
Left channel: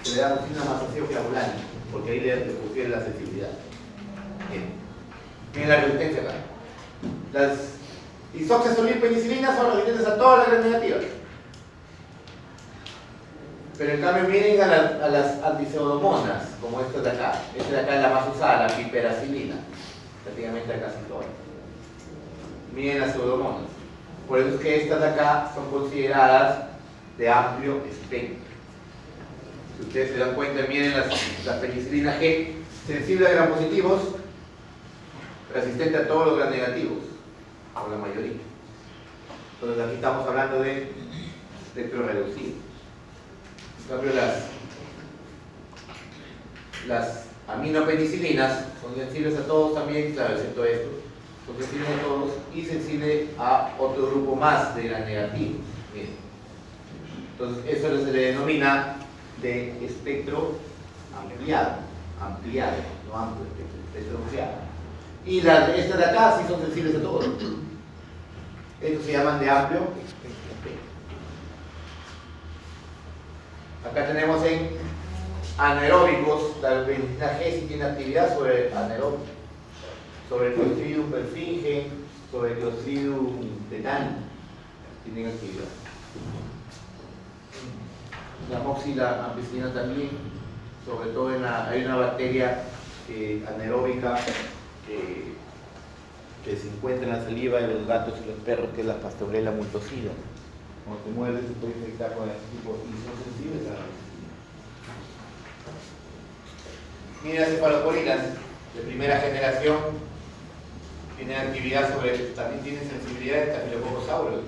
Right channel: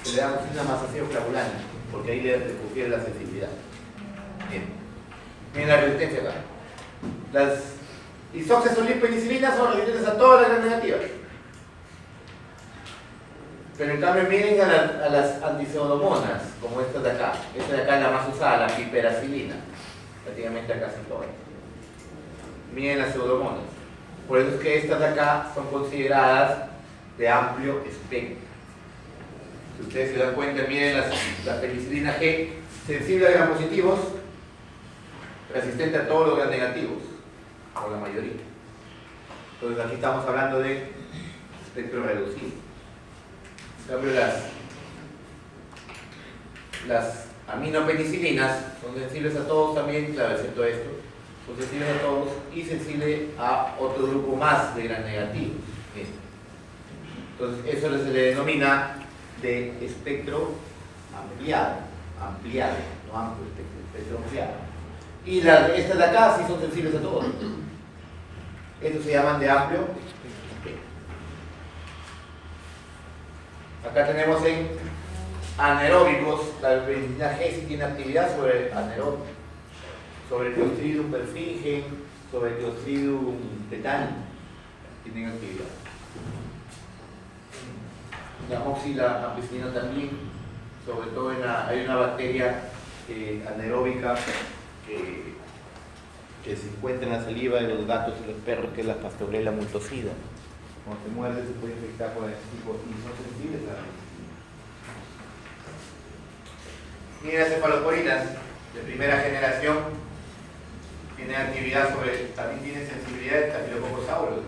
se le da amoxicilina más ácido clavulánico, porque ahí le confiere la sensibilidad. Bien. Miren la resistencia acá. Las isoxazolil-penicilinas son resistentes a todas las gram negativas. Pero en cambio miren a las antipseudomonas, como esta de acá. Esta de acá es la más usada, la piperacilina. Prácticamente casi todas. Miren las pseudomonas. Por eso es que estas de acá son consideradas de amplio espectro. Si ustedes se dan cuenta, miren la penicilina G, sensible a gram positivos, resistente a todos los gram negativos, o la mayoría. Entonces aquí estamos hablando de espectro reducido. En cambio las aminopenicilinas son sensibles a todos también, claro, excepto esto, son sensibles a todos y sensibles a otro grupo más de gram negativos. Entonces eso se le denomina de espectro ampliado, no amplio, espectro ampliado. Y estas de acá sí son sensibles a todos. Estos se llaman de amplio espectro. Acá tenemos en anaeróbicos, la penicilina G sí tiene actividad sobre anaeróbicos, sobre Clostridium perfringens, sobre Clostridium tetani, tienen actividad. La amoxila ampicilina también, sobre todo hay una bacteria anaeróbica que se encuentra en la saliva de los gatos y los perros, que es la Pasteurella multocida. Cuando te muerdes se puede infectar con este tipo y son sensibles a la penicilina. Ni las cefaloporinas de primera generación tienen actividad también tienen sensibilidad a Staphylococcus aureus,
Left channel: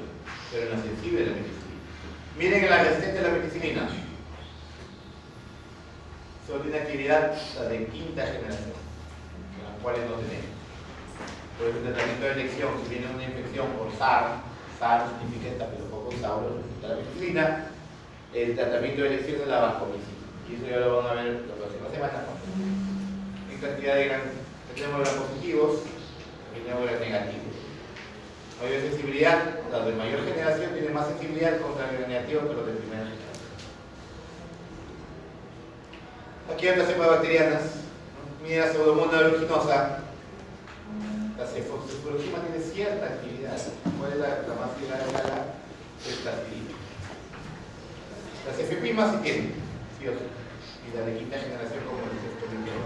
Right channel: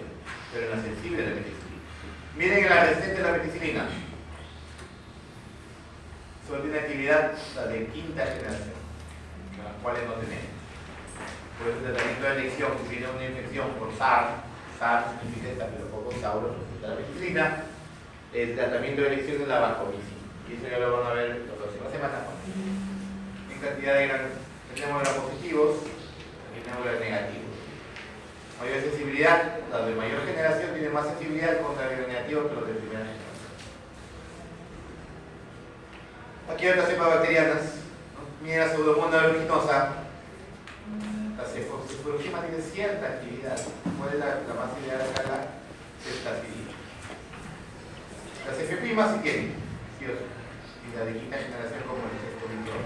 pero en la sensible de la penicilina. Miren en la resistente de la penicilina. Solo tiene actividad la de quinta generación, las cuales no tenemos. Por eso el tratamiento de elección, si tiene una infección por SARS significa Staphylococcus aureus, de la penicilina, el tratamiento de elección es la vancomicina. Y eso ya lo van a ver la próxima semana. En cantidad de tenemos gram positivos y tenemos gram negativos. Mayor sensibilidad, las de mayor generación tienen más sensibilidad contra el gram negativo que los de primera generación. Aquí hay otras cepas bacterianas. Miren la Pseudomonas aeruginosa. La cefalosporina tiene cierta actividad. ¿Cuál es la más ideal de acá? Es la actividad. Las cefepimas sí tienen, sí o sí. Y la de quinta generación como el exponential.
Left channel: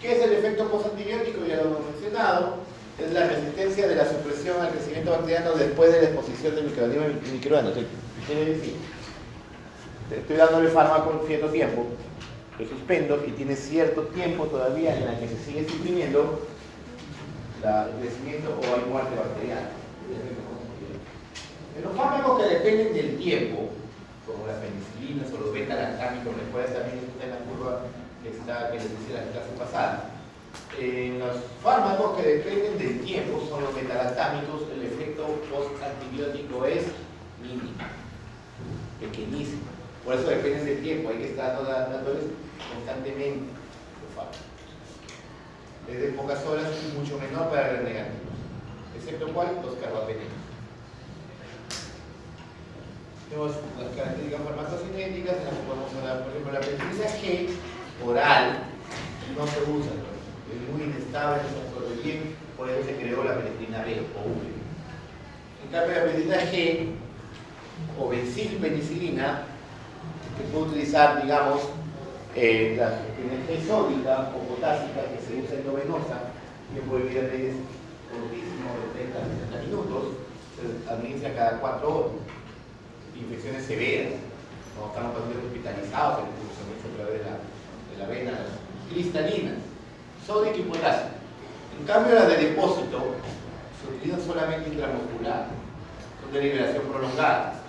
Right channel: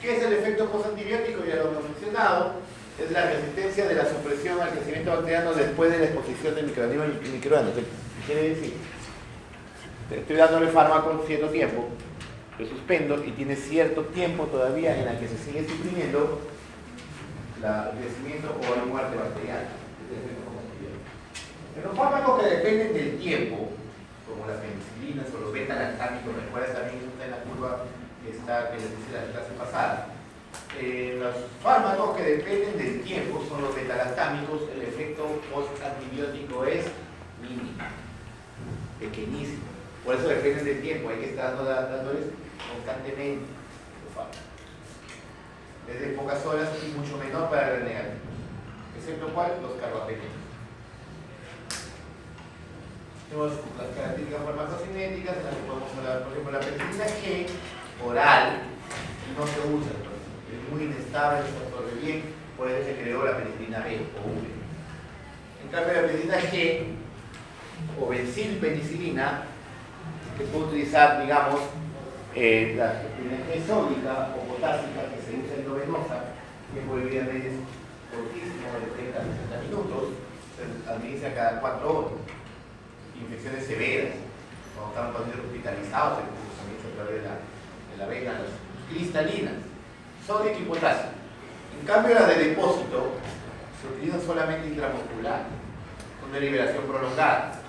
¿Qué es el efecto postantibiótico? Ya lo hemos mencionado. Es la resistencia de la supresión al crecimiento bacteriano después de la exposición de microorganismos y microbianos. ¿Qué quiere decir? Estoy dándole fármaco en cierto tiempo, lo suspendo y tiene cierto tiempo todavía en el que se sigue suprimiendo el crecimiento o la muerte bacteriana. En los fármacos que dependen del tiempo, como las penicilinas o los beta-lactámicos, recuerdas también está en la curva que les decía la clase pasada. Los fármacos que dependen del tiempo son los beta-lactámicos, el efecto post-antibiótico es mínimo, pequeñísimo. Por eso dependen del tiempo, hay que estar dándoles constantemente los fármacos. Es de pocas horas y mucho menor para el negativo, excepto ¿cuál? Los carbapenetos. Tenemos las características farmacocinéticas en las que podemos hablar, por ejemplo, la penicilina G oral no se usa, es muy inestable, no se absorbe bien, por eso se creó la penicilina B o V. En cambio, la penicilina G o benzilpenicilina, que puede utilizar, digamos, la penicilina G sódica o potásica que se usa endovenosa, tiempo de vida medio es cortísimo, de 30 a 60 minutos, se administra cada 4 horas. Infecciones severas, cuando están pacientes hospitalizados, incluso se administra a través de la vena cristalinas, sódica y potásica. En cambio, las de depósito se utilizan solamente intramuscular, son de liberación prolongada.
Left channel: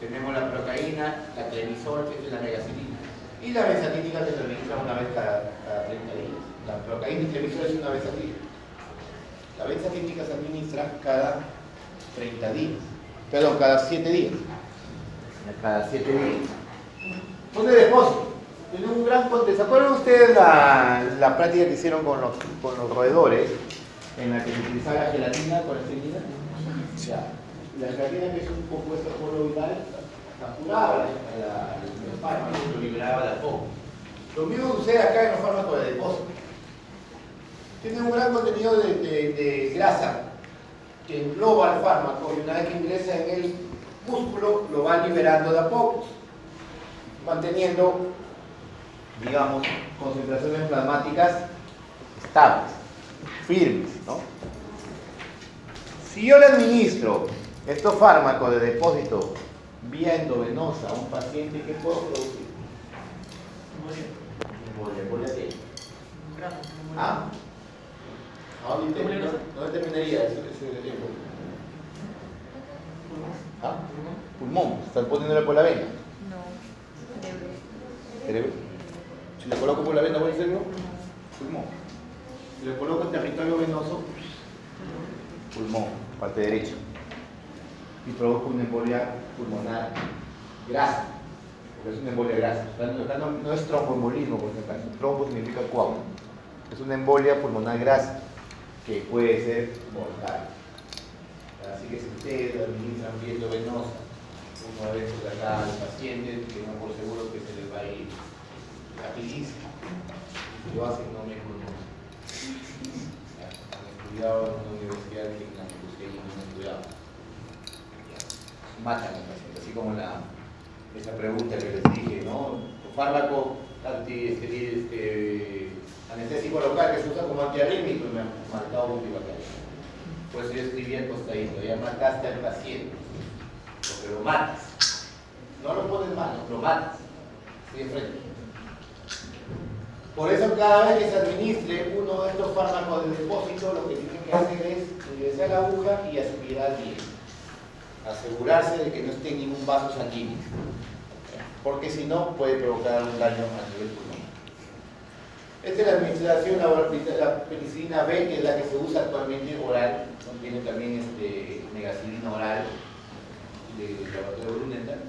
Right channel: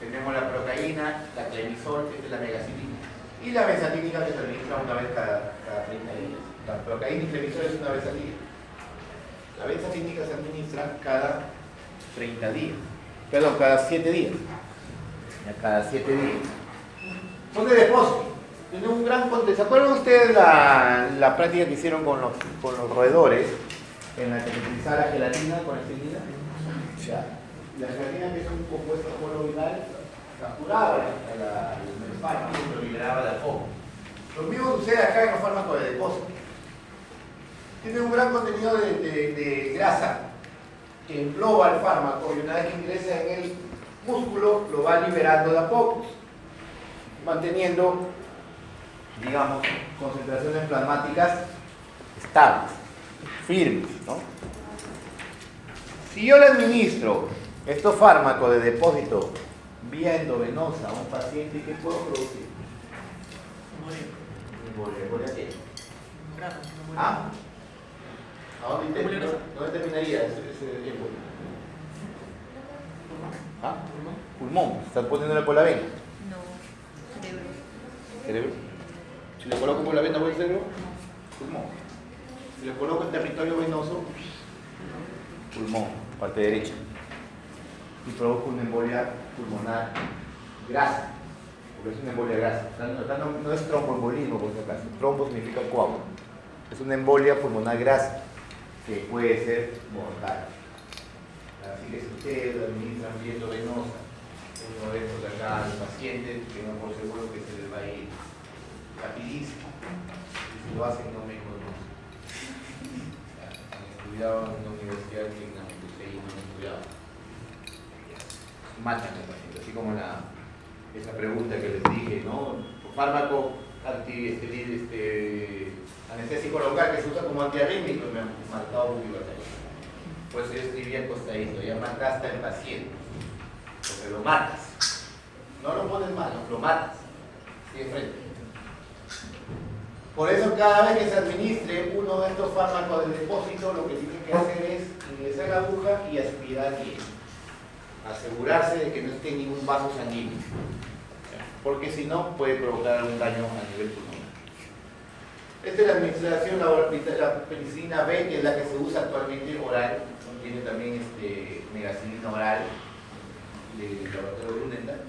Tenemos la procaína, la clemizol, que es la megacilina, y la benzatínica que se administra una vez cada 30 días. La procaína y clemizol es una vez al día. La benzatínica se administra cada 30 días. Perdón, cada 7 días. Cada 7 días. Son de depósito. Tiene un gran contexto. ¿Se acuerdan ustedes la práctica que hicieron con los roedores? En la que se utilizaba la gelatina con estilina. Ya. La gelatina, que es un compuesto coloidal, capturaba el fármaco y lo liberaba del foco. Lo mismo sucede acá en los fármacos de depósito. Tiene un gran contenido de grasa que engloba el fármaco y una vez que ingresa en el músculo lo va liberando de a pocos, manteniendo, digamos, concentraciones plasmáticas estables, firmes, ¿no? Si yo le administro estos fármacos de depósito vía endovenosa a un paciente, ¿qué puedo producir? ¿Embolia qué? ¿Ah? ¿Dónde terminaría ese embolio? ¿Ah? Pulmón, ¿están poniéndole por la vena? No, cerebro. ¿Cerebro? Si le coloco por la vena, ¿voy al cerebro? Pulmón. Si le coloco en territorio venoso, pulmón, parte derecha. Y provoca una embolia pulmonar grasa, porque es una embolia grasa. No es tromboembolismo, por si acaso. Trombo significa coágulo. Es una embolia pulmonar grasa que puede ser mortal. Así que si ustedes administran vía venosa una vez por acá al paciente, tengan por seguro que se les va a ir rapidísimo. Si lo hacen, no me conocen. Cuidado en la universidad, tengan que ustedes no cuidado. Matan al paciente, así como esa pregunta que les dije, ¿no? Fármaco anestésico local que se usa como antiarrítmico, me han marcado un bibliotecario. Pues yo escribí acostadito, ya mataste al paciente, porque lo matas. No lo pones mal, lo matas. Sigue frente. Por eso cada vez que se administre uno de estos fármacos de depósito, lo que tienen que hacer es ingresar la aguja y aspirar bien. Asegurarse de que no esté en ningún vaso sanguíneo, porque si no puede provocar un daño a nivel pulmonar. Esta es la administración, la penicilina B, que es la que se usa actualmente oral, tiene también megacilina oral de laboratorio Grunenthal.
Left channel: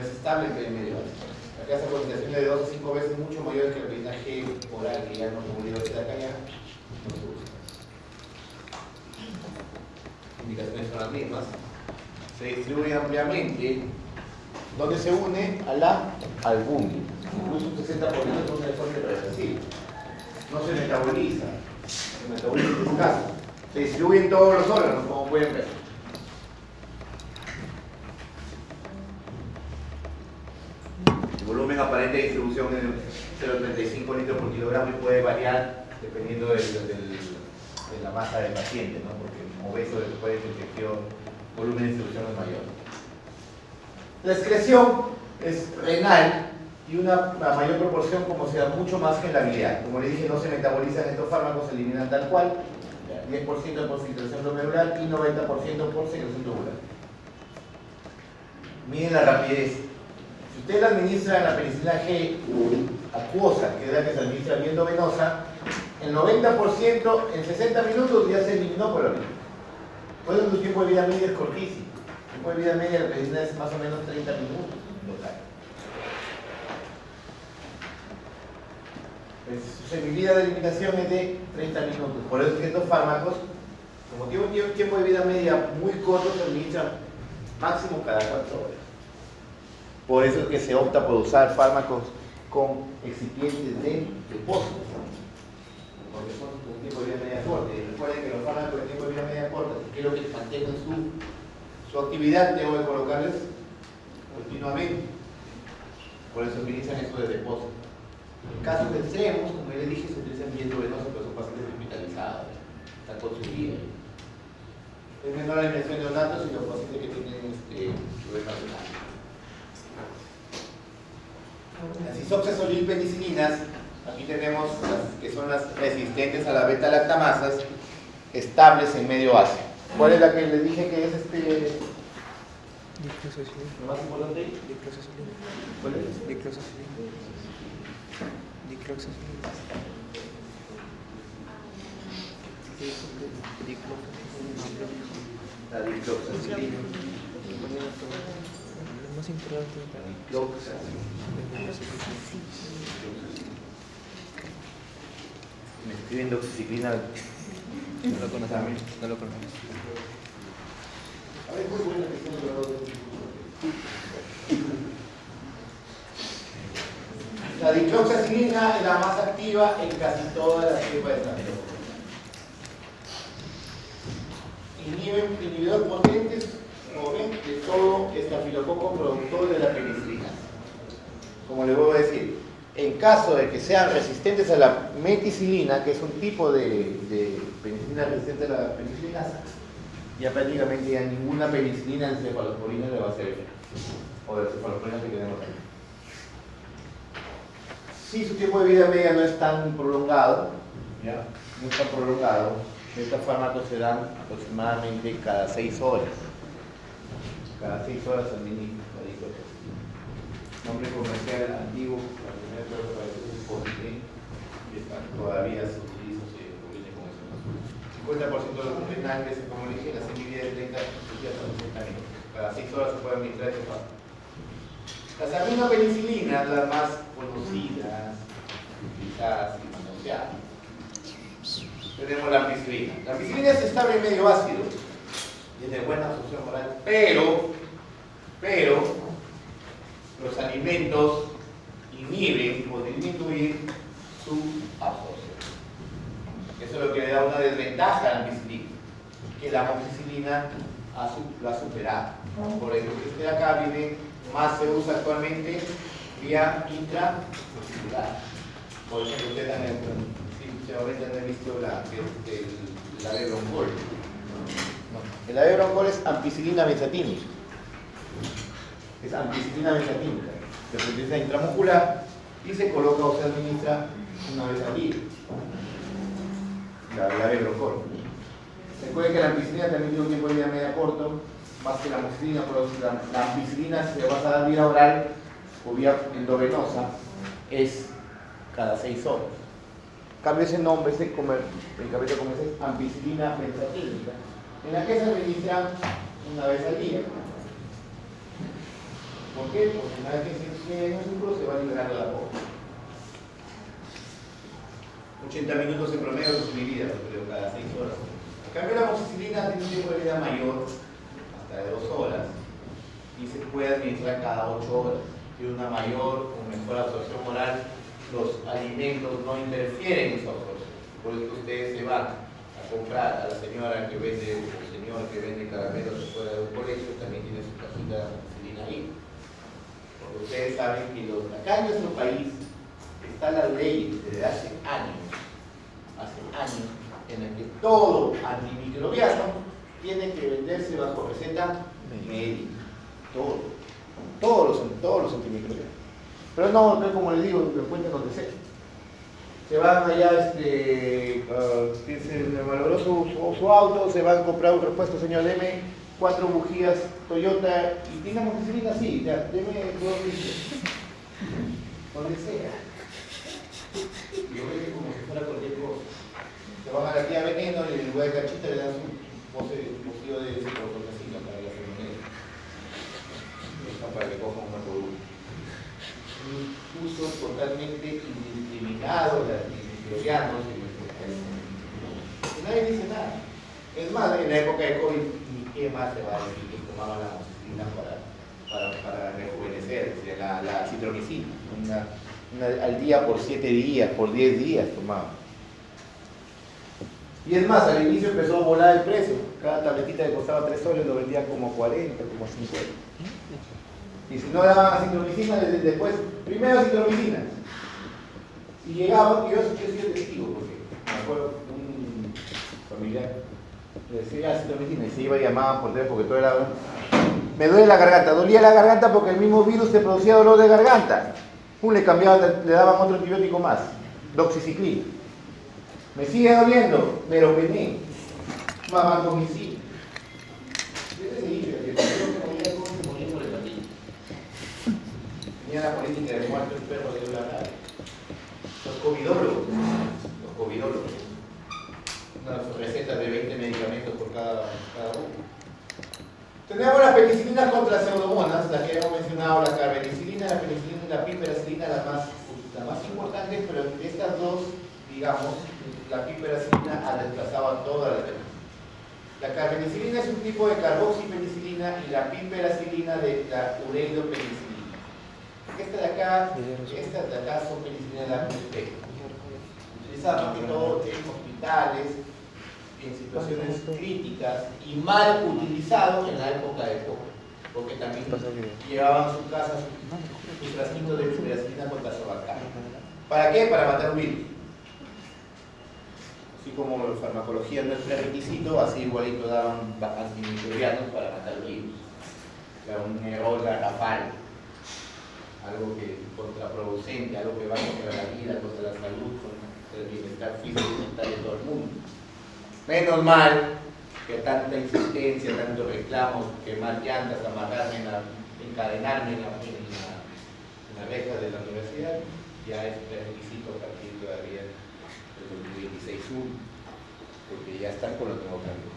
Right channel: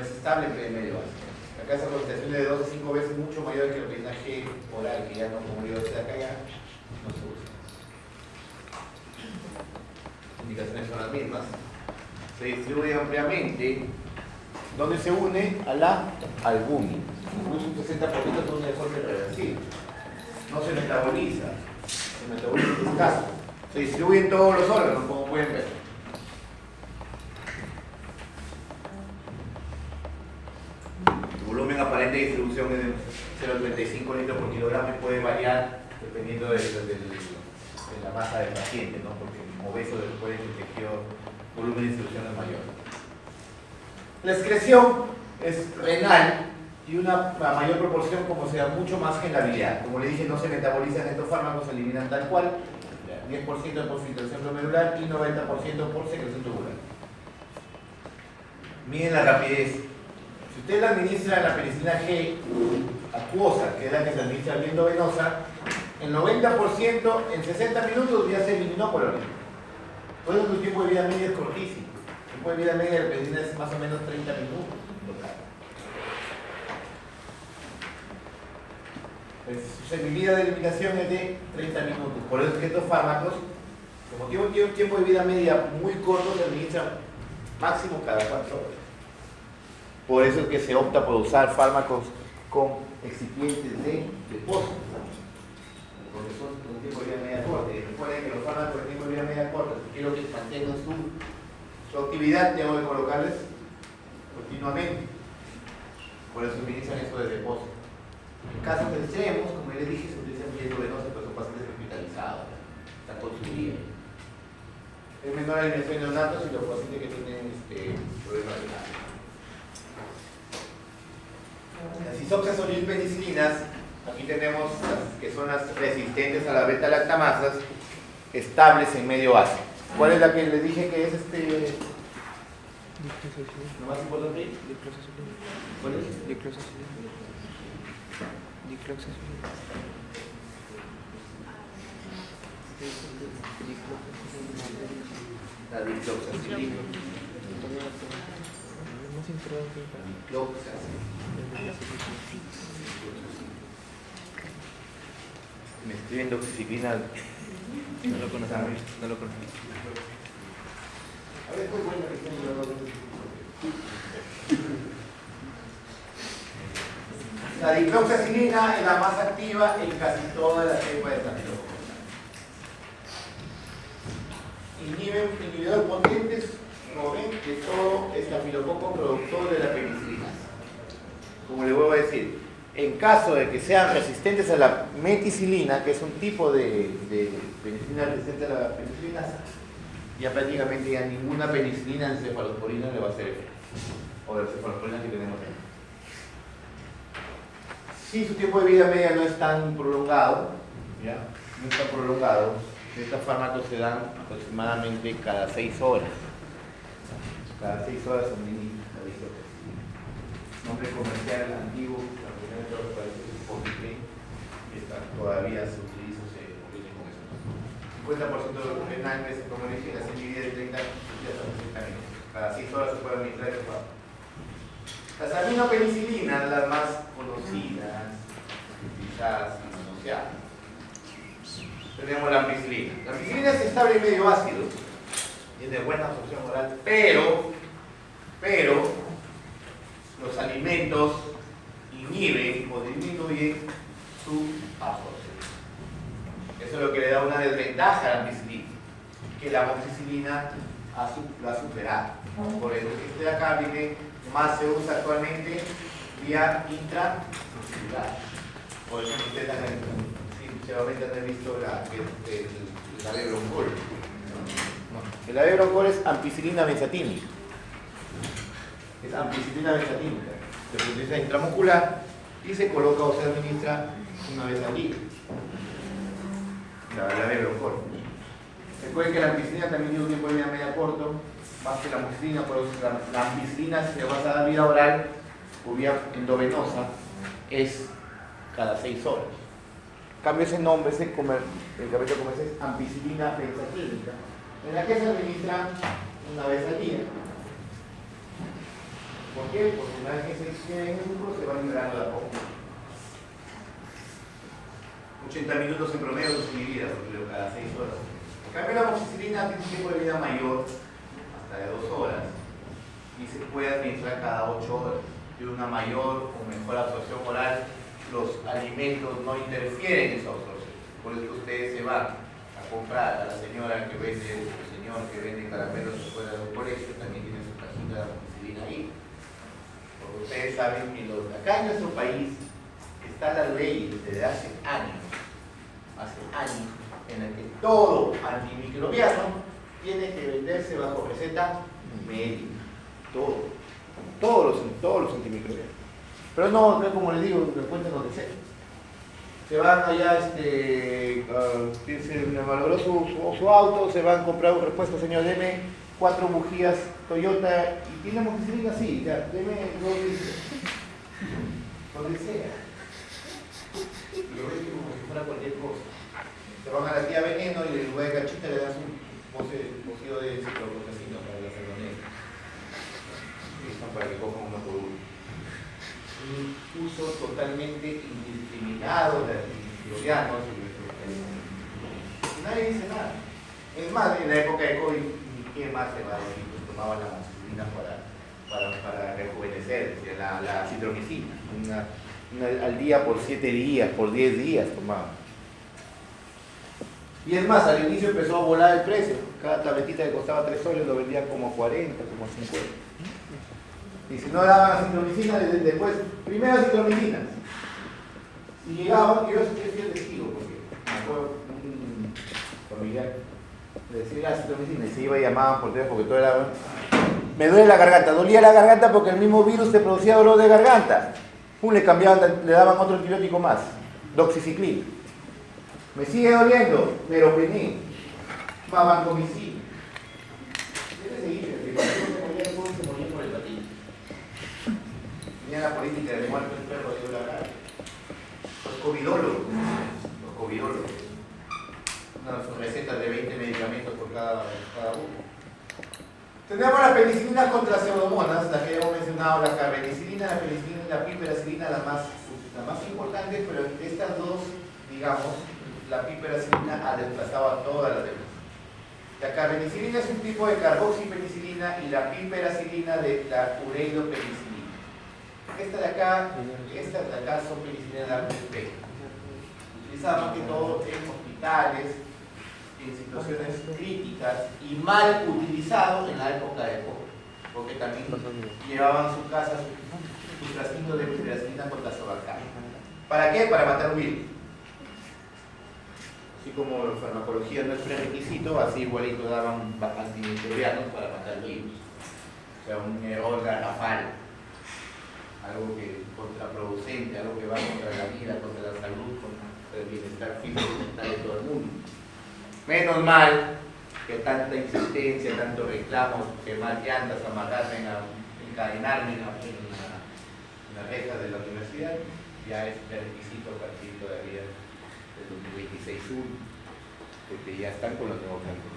Es estable entre medio básico. Acá esa concentración de 2 a 5 veces mucho mayor que la penicilina G oral, que ya no como de acá ya no se usa. Las indicaciones son las mismas. Se distribuye ampliamente, donde se une a la albúmina. Incluso un 60% son de forma irreversible. No se metaboliza, se metaboliza en escaso. Se distribuye en todos los órganos, como pueden ver. El volumen aparente de distribución es de 0,35 litros por kilogramo y puede variar dependiendo de la masa del paciente, ¿no? Porque como obeso después de la infección, el volumen de distribución es mayor. La excreción es renal y una mayor proporción, como sea, mucho más que en la biliar. Como le dije, no se metabolizan estos fármacos, se eliminan tal cual, 10% por filtración glomerular y 90% por secreción tubular. Miren la rapidez. Si usted la administra en la penicilina G acuosa, que es la que se administra bien endovenosa, el 90% en 60 minutos ya se eliminó por orina. Por eso su tiempo de vida media es cortísimo. El tiempo de vida media de la penicilina es más o menos 30 minutos total. Pues, su seguridad de eliminación es de 30 minutos. Por eso es que estos fármacos, como tienen un tiempo de vida media muy corto, se administran máximo cada 4 horas. Por eso es que se opta por usar fármacos con excipientes de depósito. porque son con tiempo de vida media corta. Y recuerden que los fármacos de tiempo de vida media corta, si quiero que mantengan su actividad, tengo que colocarles continuamente. Por eso utilizan eso de depósito. En casos extremos, como les dije, se utilizan bien venoso, pero son pacientes hospitalizados, están con su vida. Es menor la inmersión de neonatos y los pacientes que tienen problemas renales. Las isopsias olilpenicilinas, aquí tenemos las que son las resistentes a la beta-lactamasas, estables en medio ácido. ¿Cuál es la que les dije que es lo más importante ahí? Dicloxazolina. ¿Cuál es? Dicloxazolina. Dicloxazolina. La dicloxacilina. Lo más importante. Me escriben doxiciclina. No lo conocemos. No lo conocemos. A ver, muy buena que estén grabando. La dicloxacilina es la más activa en casi todas las cepas de estafilococcus. Inhibidor potentes, como ven, de todo estafilococo productor de la penicilina. Como les vuelvo a decir, en caso de que sean resistentes a la meticilina, que es un tipo de penicilina resistente a la penicilina, ya prácticamente ya ninguna penicilina en cefalosporina le va a hacer efecto. O de cefalosporina que tenemos aquí. Si su tiempo de vida media no es tan prolongado, ¿ya? No es tan prolongado, estos fármacos se dan aproximadamente cada 6 horas. Cada 6 horas son mini. Nombre comercial antiguo, la primera de los países es Politrain, y todavía se utiliza, se conviene con eso. 50% de los renales, como le dije, la semilla de 30 días a los 60 minutos. Cada 6 horas se puede administrar estos fármacos. Las aminopenicilinas, las más conocidas, utilizadas y manoseadas. Tenemos la ampicilina. La ampicilina es estable en medio ácido, tiene buena absorción oral, pero los alimentos inhiben o disminuyen su absorción. Eso es lo que le da una desventaja a la ampicilina, que la amoxicilina lo ha superado. Por eso este de acá viene más se usa actualmente vía intramuscular. Por eso ustedes seguramente han visto el avebroncol. El avebroncol es ampicilina benzatínica. Es ampicilina benzatínica. Se utiliza intramuscular y se coloca o se administra una vez al día. La avebroncol. Recuerden que la ampicilina también tiene un tiempo de vida media corto, más que la amoxicilina, pero la ampicilina, si se vas a dar vía oral o vía endovenosa, es cada 6 horas. En cambio, ese nombre, el cabello comercial es ampicilina benzatínica, en la que se administra una vez al día. ¿Por qué? Porque una vez que se inscribe en el músculo se va liberando la poco. 80 minutos en promedio de su vida, pero cada 6 horas. En cambio, la amoxicilina tiene un tiempo de vida mayor, hasta de 2 horas, y se puede administrar cada 8 horas. Tiene una mayor o mejor absorción oral. Los alimentos no interfieren en su absorción. Por eso ustedes se van a comprar a la señora que vende, el señor que vende caramelos fuera de un colegio, también tiene su casita de amoxicilina ahí. Porque ustedes saben que acá en nuestro país está la ley desde hace años, en la que todo antimicrobiano tiene que venderse bajo receta médica. Todos los antimicrobianos. Pero no, como les digo, lo encuentran donde sea. Se van allá, se malogró su auto, se van a comprar un repuesto, señor, deme 4 bujías Toyota y tiene amoxicilina, sí, ya, deme 2 litros. Donde sea. Y lo ven como si fuera cualquier cosa. Se van a la tía Veneno y en lugar de cachita le dan un pocillo de ciprofloxacina para la salmonella. Para que cojan uno por uno. Un uso totalmente indiscriminado de antimicrobianos. Nadie dice nada. Es más, en la época de COVID, ni quién más se va a decir que tomaban la amoxicilina para rejuvenecer, la citromicina. Al día por 7 días, por 10 días tomaban. Y es más, al inicio empezó a volar el precio. Cada tabletita que costaba 3 soles lo vendían como a 40, como a 50. Y si no daban acitromicina, después, primero acitromicina. Y llegaba, que yo soy el testigo, porque me acuerdo un familiar le decía acitromicina y se iba y llamaban por teléfono porque todo era... Me duele la garganta, dolía la garganta porque el mismo virus te producía dolor de garganta. Pum, le cambiaban, le daban otro antibiótico más, doxiciclina. Me sigue doliendo, pero pené, vancomicina. Debe seguir, que cuando yo me moría de COVID, se moría por el patín. Tenía la política de muerto el perro de la... Los covidólogos, unas recetas de 20 medicamentos por cada uno. Tenemos las penicilinas contra las pseudomonas, las que hemos mencionado, la carbenicilina, la penicilina y la piperacilina, las más importantes, pero estas dos, digamos, la piperacilina ha desplazado a todas las demás. La carbenicilina es un tipo de carboxipenicilina y la piperacilina de la ureidopenicilina. Estas de acá son penicilinas de amplio espectro. Utilizadas más que todo en hospitales, en situaciones críticas y mal utilizado en la época de COVID, porque también llevaban a su casa sus frasquitos de piperacilina contra sobacaya. ¿Para qué? Para matar virus. Así como la farmacología no es prerequisito, así igualito daban antimicrobianos para matar virus. O sea, un error garrafal, algo que contraproducente, algo que va contra la vida, contra la salud, contra el bienestar físico y mental de todo el mundo. Menos mal que tanta insistencia, tanto reclamo, quemar llantas, amarrarme, encadenarme en la reja de la universidad, ya es requisito a partir todavía del 26.1, porque ya están con los nuevos cambios.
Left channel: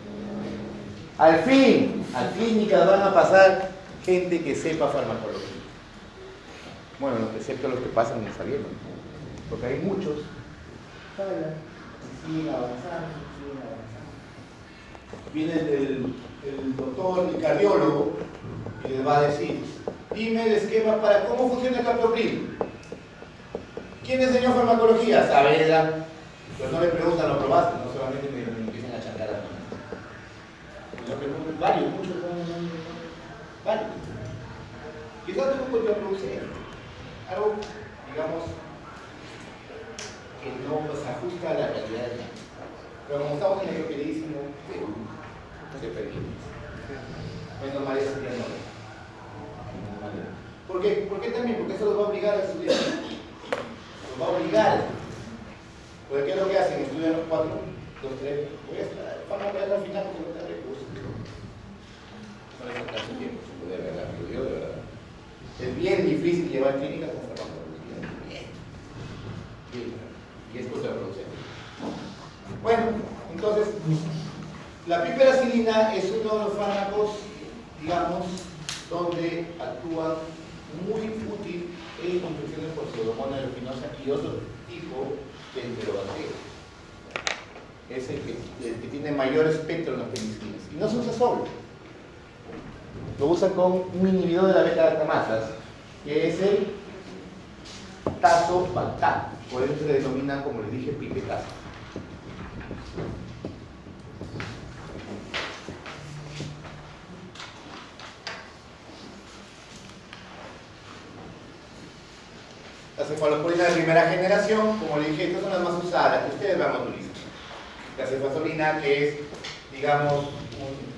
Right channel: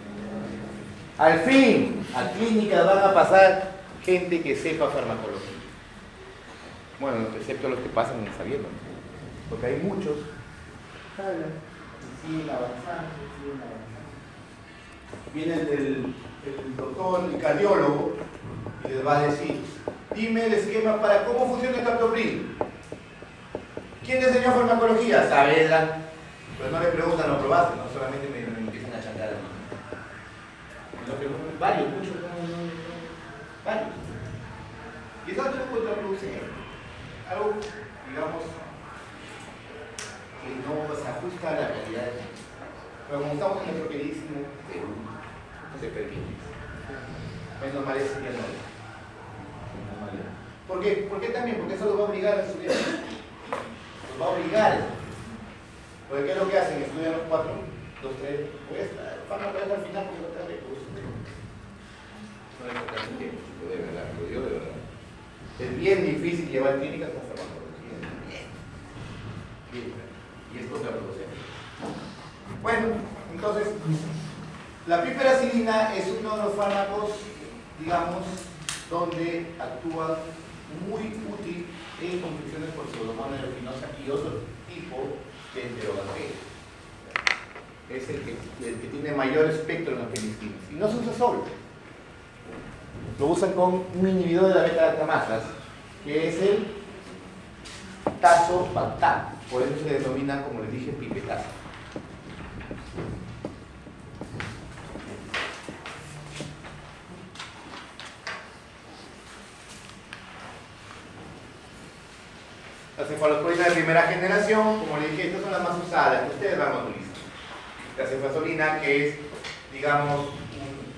Al fin, a clínicas van a pasar gente que sepa farmacología. Bueno, excepto los que pasan saliendo, porque hay muchos y siguen avanzando. Viene el doctor, el cardiólogo, y les va a decir, dime el esquema para cómo funciona el captopril. ¿Quién enseñó farmacología? Saavedra. Pero no le preguntan, ¿lo probaste? No solamente me empiezan a chantar a mí. Lo preguntan varios, muchos, varios. Y es algo contraproducente. Algo, digamos, que no se ajusta a la realidad del mundo. Pero como estamos en nuestro queridísimo Perú, no se permite. Menos mal ese día no. ¿Por qué? ¿Por qué también? Porque eso los va a obligar a estudiar. Los va a obligar. Porque ¿qué es lo que hacen? Estudian los 4, 2, 3. Voy a estar, van a ver al final porque no te da recursos. No es casi tiempo, de verdad, lo digo de verdad. Es bien difícil llevar clínicas con farmacología. Bien. Y es contraproducente. Bueno, entonces, la piperacilina es uno de los fármacos, digamos, donde actúa muy útil en infecciones por pseudomonas aeruginosa y otro tipo de enterobacterias. Es el que tiene mayor espectro en las penicilinas. Y no se usa solo. Lo usan con un inhibidor de la beta-lactamasas, que es el tazobactam. Por eso se denomina, como les dije, pipetazo. Las cefalosporinas de primera generación, como les dije, estas son las más usadas, que ustedes van a utilizar. La cefazolina, que es, digamos,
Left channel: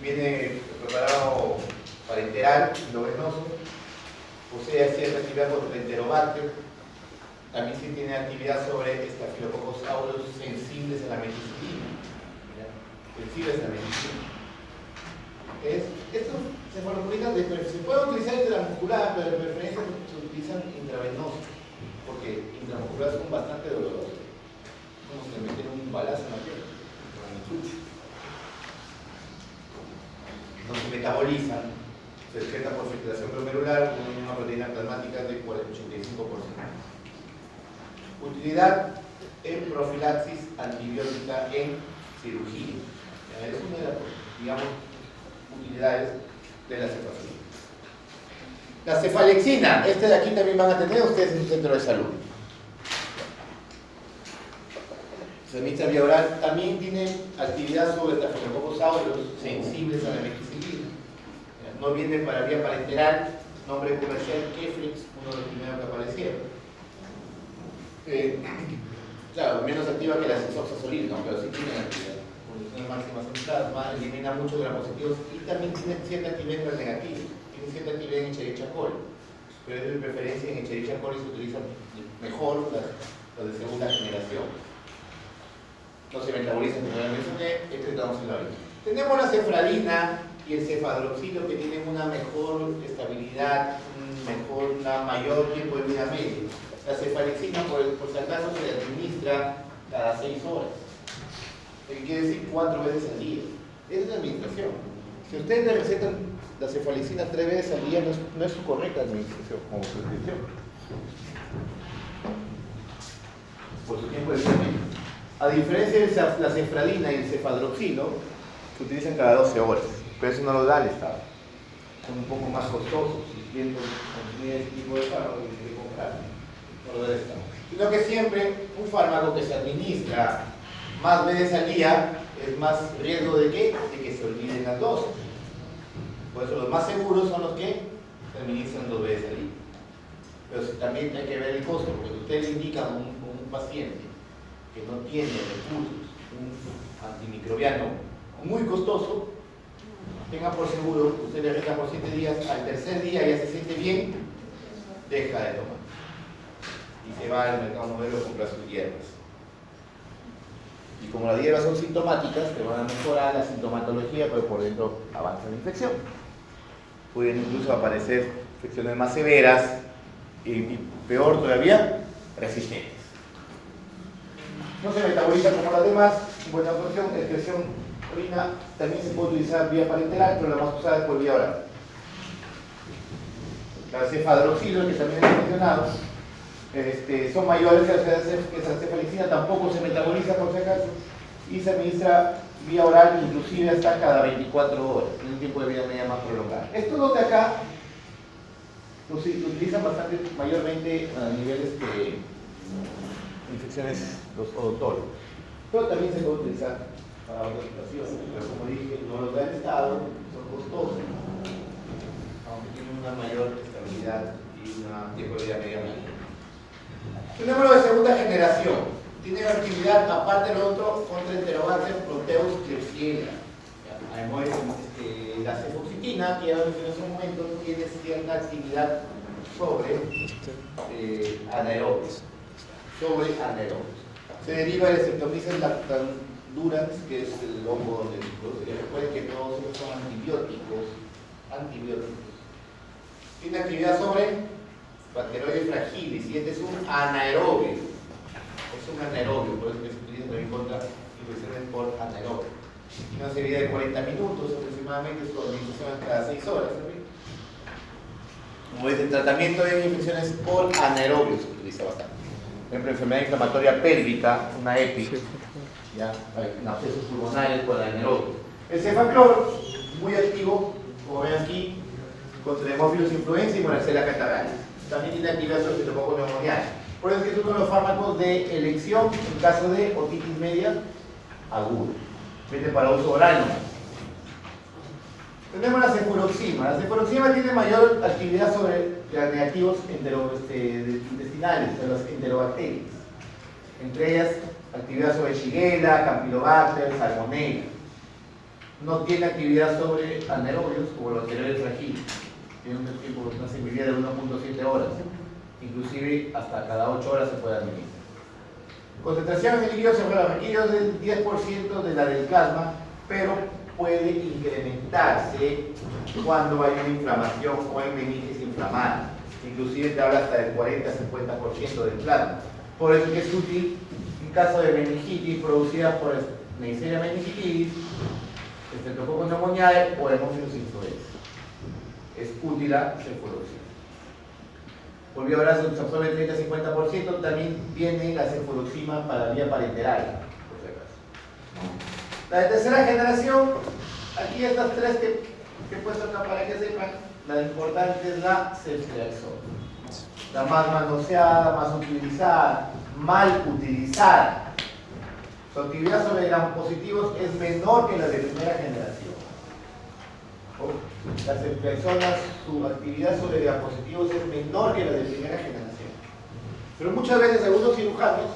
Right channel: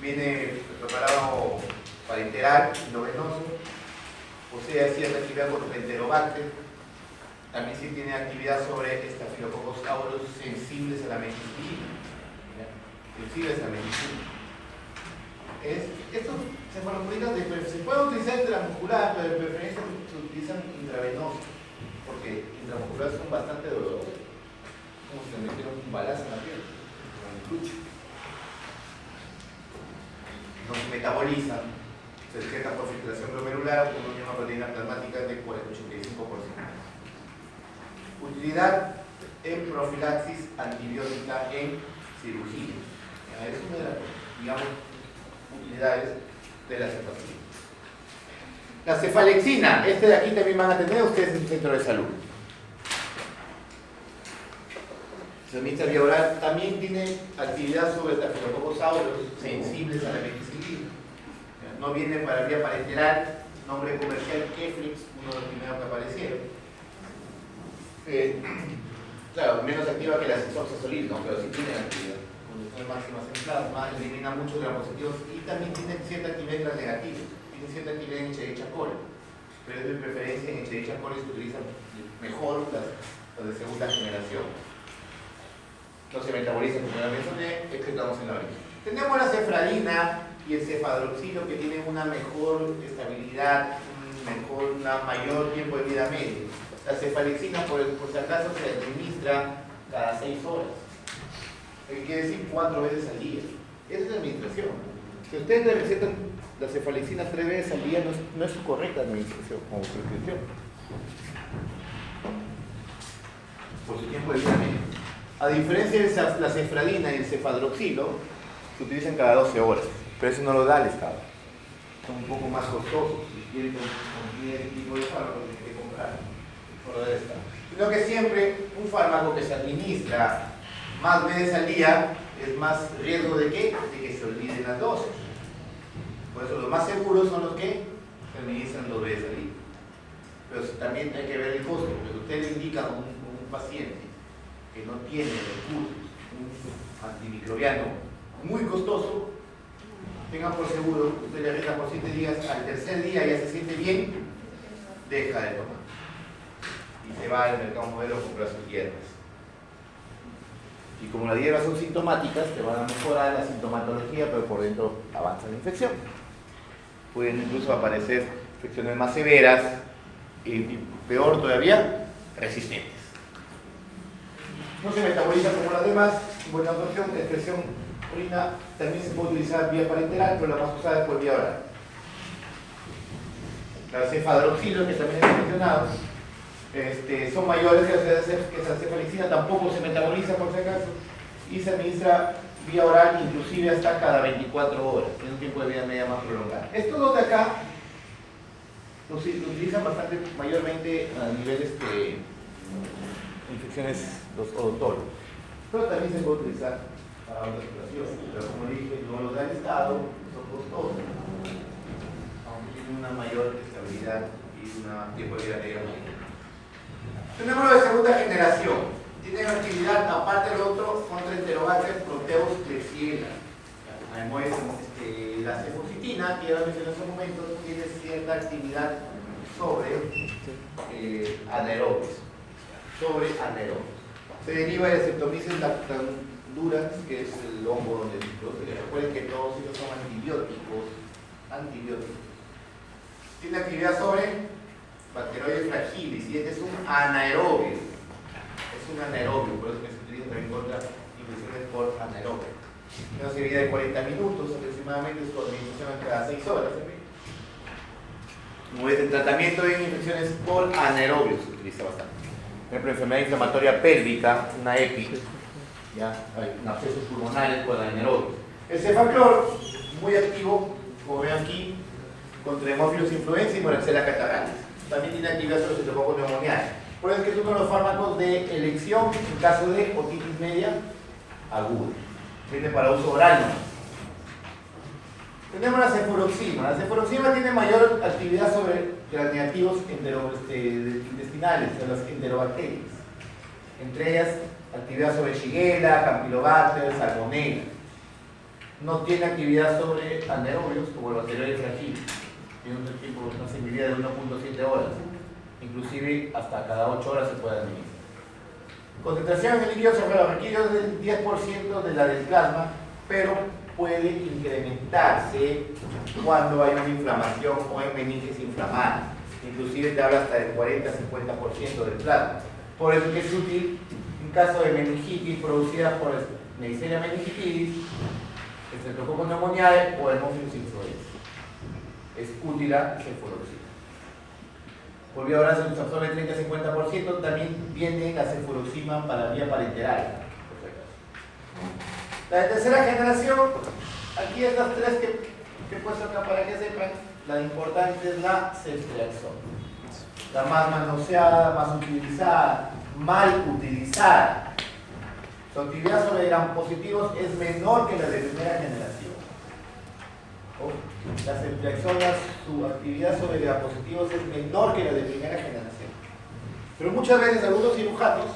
viene preparado parenteral, endovenoso, posee cierta actividad contra el enterobacter, también sí tiene actividad sobre estafilococos aureus sensibles a la meticilina. Sensibles a la meticilina. Estos cefalosporinas se pueden utilizar intramuscular, pero de preferencia se utilizan intravenosos, porque intramuscular son bastante dolorosos. Como si te meten un balazo en la piel, no se metabolizan, se detecta por filtración glomerular con una misma proteína plasmática de 85%. Utilidad en profilaxis antibiótica en cirugía. Es una de las, digamos, utilidades de la cefazolina. La cefalexina, de aquí también van a tener ustedes en el centro de salud. Se administra vía oral. También tiene actividad sobre estafilococos aureus sensibles a la methicilina. No viene para vía parenteral, nombre comercial Keflex, uno de los primeros que aparecieron. Claro, menos activa que la cefaloxasolina, ¿no? Pero sí tiene actividad. Condiciones máximas en plasma, elimina muchos gramos-positivos y también tiene cierta actividad en los negativos. Tiene cierta actividad en Escherichia coli. Pero es de preferencia en Escherichia coli se utilizan mejor las de segunda generación. No se metabolizan como la mencioné, excretamos en la orina. Tenemos la cefradina y el cefadroxilo que tienen una mejor estabilidad, una mayor tiempo de vida medio. La cefalexina, por si acaso, se administra cada 6 horas. Lo que quiere decir 4 veces al día. Esa es la administración. Si ustedes le recetan la cefalexina 3 veces al día, no es su correcta administración como prescripción. Por su tiempo de vida medio. A diferencia de la cefradina y el cefadroxilo, se utilizan cada 12 horas. Pero eso no lo da el Estado. Son un poco más costosos. Si quieren consumir este tipo de fármaco, tienen que comprar. No lo da el Estado. Sino que siempre un fármaco que se administra más veces al día es más riesgo de ¿qué? De que se olviden las dosis. Por eso los más seguros son los que se administran 2 veces al día. Pero también hay que ver el costo, porque si usted le indica a un paciente que no tiene recursos, un antimicrobiano muy costoso, tenga por seguro, usted le receta por 7 días, al tercer día ya se siente bien, deja de tomar. Y se va al mercado modelo a comprar sus hierbas. Y como las hierbas son sintomáticas, te van a mejorar la sintomatología, pero por dentro avanza la infección. Pueden incluso aparecer infecciones más severas y peor todavía, resistentes. No se metaboliza como las demás, buena absorción, excreción, orina, también se puede utilizar vía parenteral, pero la más usada es por vía oral. La cefadroxilo, que también he mencionado, son mayores que la cefalexina, tampoco se metaboliza por si acaso, y se administra vía oral, inclusive hasta cada 24 horas, tiene un tiempo de vida media más prolongado. Estos dos de acá los utilizan bastante, mayormente a niveles de infecciones los odontólogos, pero también se puede utilizar para otras situaciones, pero como dije, no los da el Estado, son costosos, aunque tienen una mayor estabilidad y un tiempo de vida media mayor. Tenemos lo de segunda generación, tienen actividad aparte del otro contra Enterobacter, Proteus, Klebsiella. Además, la cefoxitina, que ya mencioné hace un momento, tiene cierta actividad sobre anaerobios. Se deriva de Streptomyces lactandurans, que es el hongo donde se produce. Recuerden que todos ellos son antibióticos. Tiene actividad sobre Bacteroides fragilis, y este es un anaerobio. Por eso que se utiliza también contra infecciones por anaerobio. Una serie de 40 minutos aproximadamente, su administración cada 6 horas. Como es el tratamiento de infecciones por anaerobios, se utiliza bastante. Por ejemplo, enfermedad inflamatoria pélvica, una EPI, ¿ya? Hay abscesos pulmonares por anaerobios. El cefaclor, muy activo, como ven aquí, contra Haemophilus influenzae y Moraxella catarrhalis. También tiene actividad sobre Streptococcus pneumoniae. Por eso es que es uno de los fármacos de elección en caso de otitis media aguda. Viene para uso oral, ¿no? Tenemos la cefuroxima. La cefuroxima tiene mayor actividad sobre los negativos intestinales, de las enterobacterias. Entre ellas, actividad sobre Shigella, Campylobacter, Salmonella. No tiene actividad sobre anaerobios como los bacteriales fragiles. Tiene una sensibilidad de 1.7 horas. Inclusive hasta cada 8 horas se puede administrar. Concentraciones de líquidos requirió del 10% de la del plasma, pero puede incrementarse cuando hay una inflamación o hay meninges inflamadas. Inclusive te habla hasta del 40-50% del plasma. Por eso es que es útil en caso de meningitis producida por Neisseria meningitidis, Streptococcus pneumoniae o Haemophilus influenzae. Es útil la cefuroxima. Volvió ahora se absorbe el 30-50%, también viene la cefuroxima para vía parenteral. La de tercera generación, aquí estas tres que he puesto acá para que sepan, la importante es la ceftriaxona. La más manoseada, más utilizada, mal utilizada. Su actividad sobre gram positivos es menor que la de primera generación. Las ceftriaxonas, su actividad sobre gram positivos es menor que la de primera generación. Pero muchas veces algunos cirujanos,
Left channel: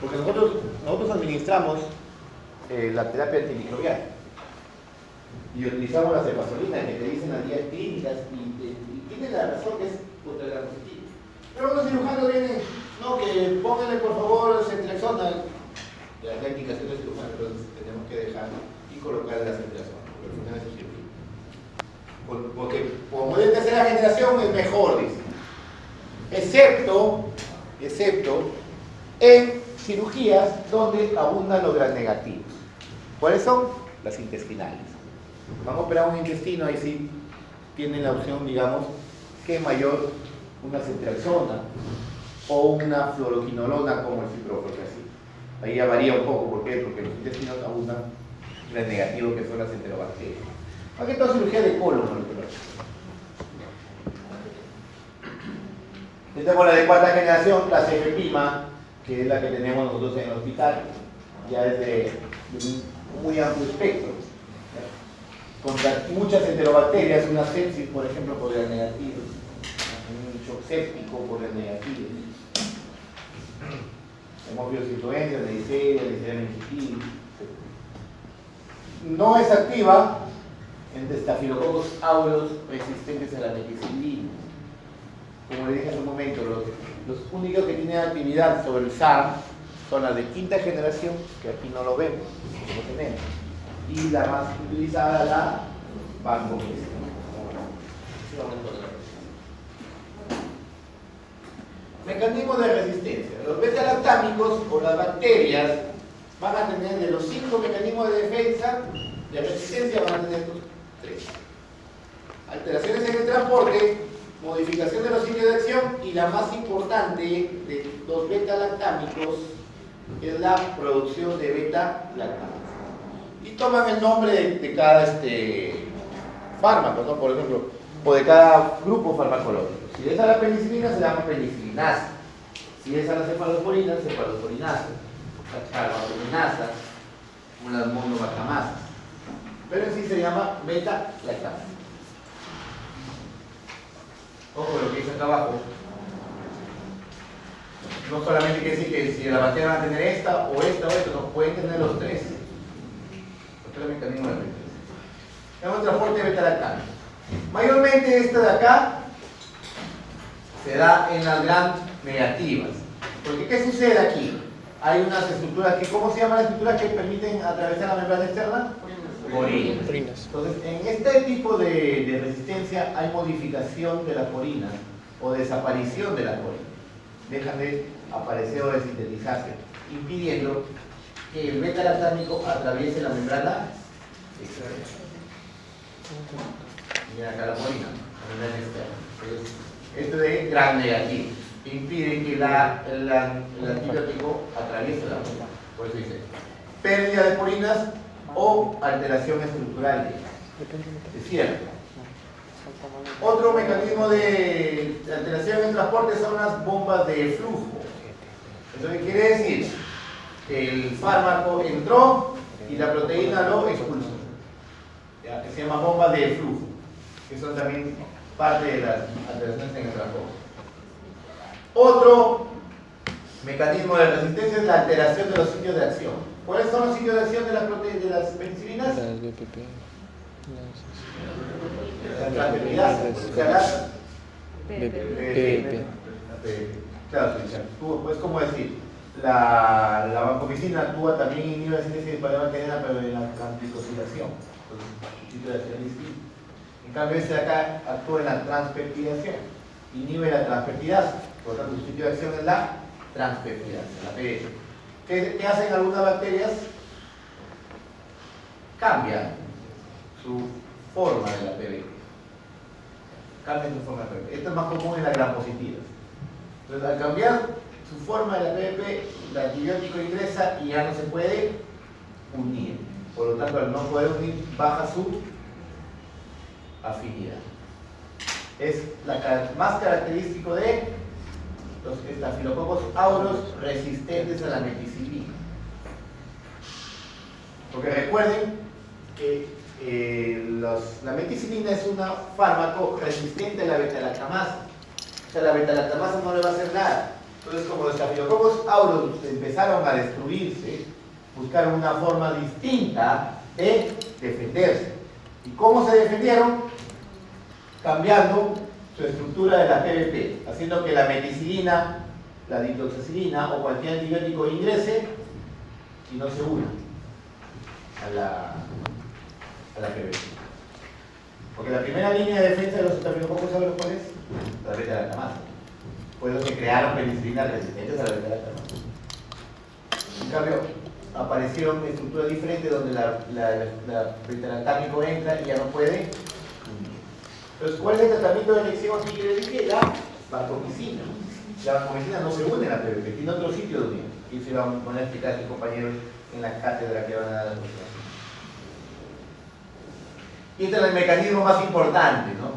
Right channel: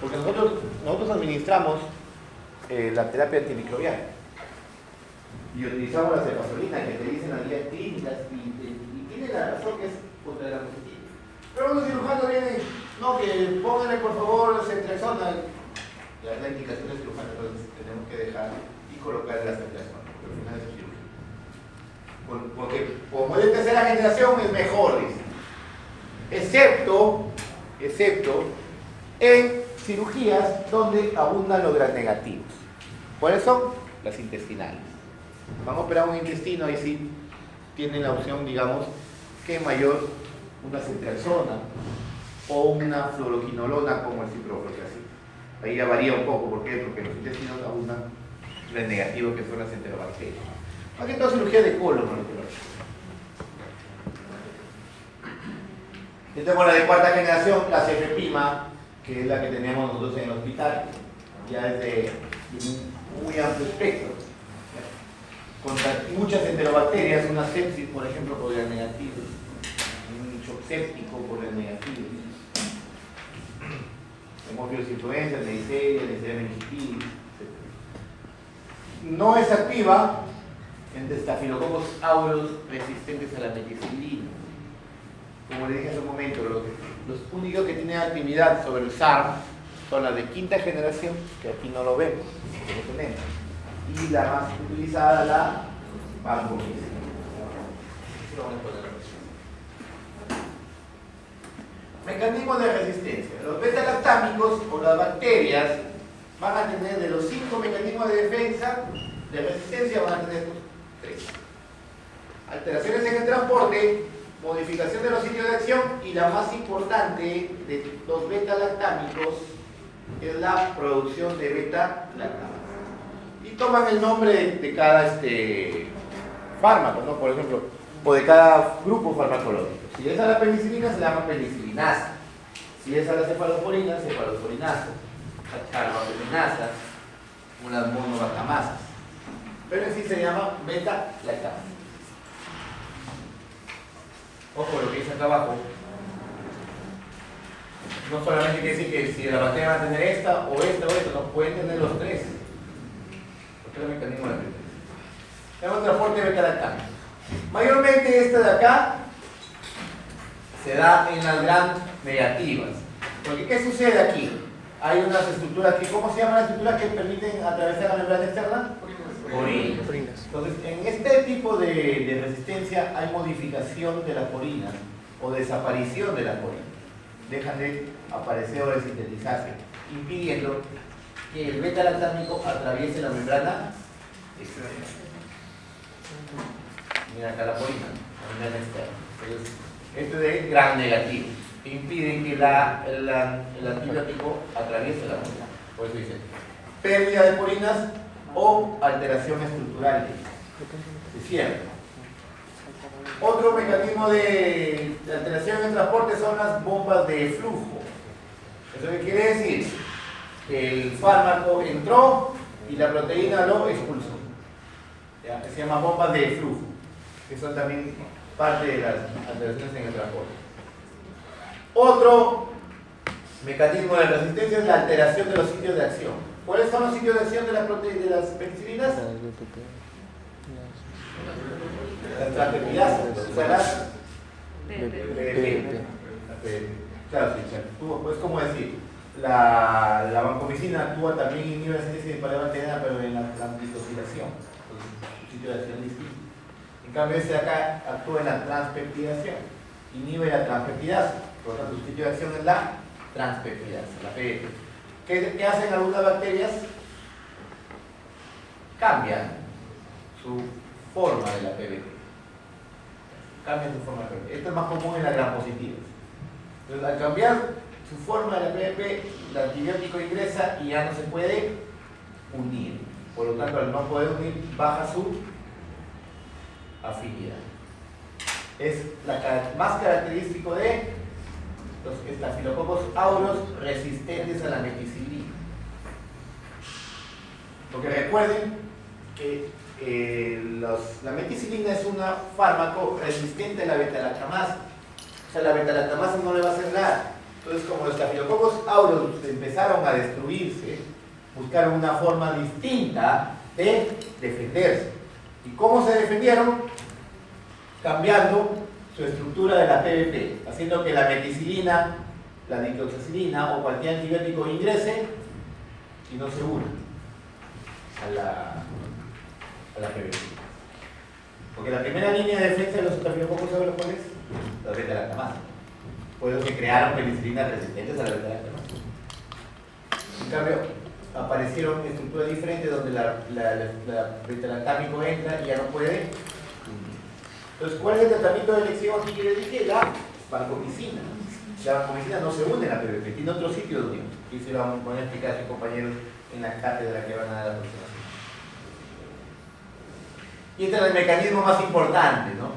porque nosotros administramos la terapia antimicrobiana y utilizamos la cefazolina que te dicen las guías clínicas y tiene la razón que es contra el gram positivo. Pero algunos cirujanos vienen, no, que pónganle por favor ceftriaxona, la indicación del cirujano, pero tenemos que dejar y colocar la ceftriaxona, porque al final es cirugía. Porque como es tercera generación es mejor, dice. Excepto en cirugías donde abundan los gram negativos. ¿Cuáles son? Las intestinales. Vamos a operar un intestino, ahí sí tienen la opción, digamos, que mayor una ceftriaxona o una fluoroquinolona como el ciprofloxacin. Ahí ya varía un poco, ¿por qué? Porque los intestinos abundan gram negativos que son las enterobacterias. Aquí está cirugía de colon molecular. Tenemos la de cuarta generación, la cefepima, que es la que tenemos nosotros en el hospital, ya es de un muy amplio espectro. Contra muchas enterobacterias, una sepsis, por ejemplo, por gram negativo, un shock séptico por gram negativo, hemófilos influenza, neisseria, neisseria meningitidis. No es activa en Staphylococcus aureus resistentes a la meticilina. Como le dije hace un momento, los únicos que tienen actividad sobre el SARM son las de quinta generación, que aquí no lo vemos, que no tenemos, y la más utilizada, la vancomicina. Mecanismos de resistencia. Los beta-lactámicos o las bacterias van a tener, de los 5 mecanismos de defensa, de resistencia van a tener estos 3. Alteraciones en el transporte, modificación de los sitios de acción y la más importante de los beta-lactámicos es la producción de beta-lactámicos. Y toman el nombre de cada fármaco, ¿no? Por ejemplo, o de cada grupo farmacológico. Si es a la penicilina, se llama penicilinasa. Si es a la cefalosporina, cefalosporinasa. La charbapeninasa, unas monobactamasas. Pero en sí se llama beta-lactamasa. Ojo lo que dice acá abajo. No solamente quiere decir que si la bacteria va a tener esta o esta, no, pueden tener los 3. Los 3 mecanismos de defensa. Tenemos transporte de beta-lactámicos. Mayormente esta de acá se da en las gram negativas. Porque ¿qué sucede aquí? Hay unas estructuras aquí. ¿Cómo se llaman las estructuras que permiten atravesar la membrana externa? Porinas. Entonces, en este tipo de resistencia hay modificación de las porinas o desaparición de las porinas. Dejan de aparecer o de sintetizarse, impidiendo que el beta-lactámico atraviese la membrana externa. Mira acá la porina, la membrana externa. Entonces, esto de gram negativo impide que el antibiótico atraviese la membrana. Por eso dice pérdida de porinas o alteración estructural de cierre. Otro mecanismo de alteración en transporte son las bombas de flujo. ¿Eso qué quiere decir? Que el fármaco entró y la proteína lo expulsó. ¿Ya? Que se llama bombas de flujo, que son también parte de las alteraciones en el transporte. Otro mecanismo de resistencia es la alteración de los sitios de acción. ¿Cuáles son los sitios de acción de las penicilinas? Las BPP. Las transferidasas. BPP. Claro, pues como decir, la vancomicina actúa también inhibe la síntesis de paleomantenina, pero en la transglicosilación, su sitio de acción distinto. En cambio, este de acá actúa en la transpeptidación, inhibe la transpeptidasa, por lo tanto, su sitio de acción es la transpeptidasa, la PDP. ¿Qué hacen algunas bacterias? Cambian su forma de la PBP. Cambian su forma de la PBP. Esto es más común en las gram positivas. Entonces, al cambiar su forma de la PBP, el antibiótico ingresa y ya no se puede unir. Por lo tanto, al no poder unir, baja su afinidad. Es más característico de los Staphylococcus aureus resistentes a la meticilina. Porque recuerden que la meticilina es un fármaco resistente a la beta-lactamasa. O sea, la beta-lactamasa no le va a hacer nada. Entonces, como los Staphylococcus aureus empezaron a destruirse, buscaron una forma distinta de defenderse. ¿Y cómo se defendieron? Cambiando su estructura de la PBP, haciendo que la meticilina, la dicloxacilina o cualquier antibiótico ingrese y no se una a la PBP. Porque la primera línea de defensa de los Staphylococcus aureus, ¿cuál es? La beta-lactamasa. Por eso se crearon penicilinas resistentes a la beta-lactamasa. En cambio, aparecieron estructuras diferentes donde la beta-lactámico entra y ya no puede. Entonces, ¿cuál es el tratamiento de elección aquí que le dije? La vancomicina. La vancomicina no se une a la PBP, tiene otro sitio de unión. Y se lo van a explicar a sus compañeros en la cátedra que van a dar a continuación. Y este es el mecanismo más importante, ¿no?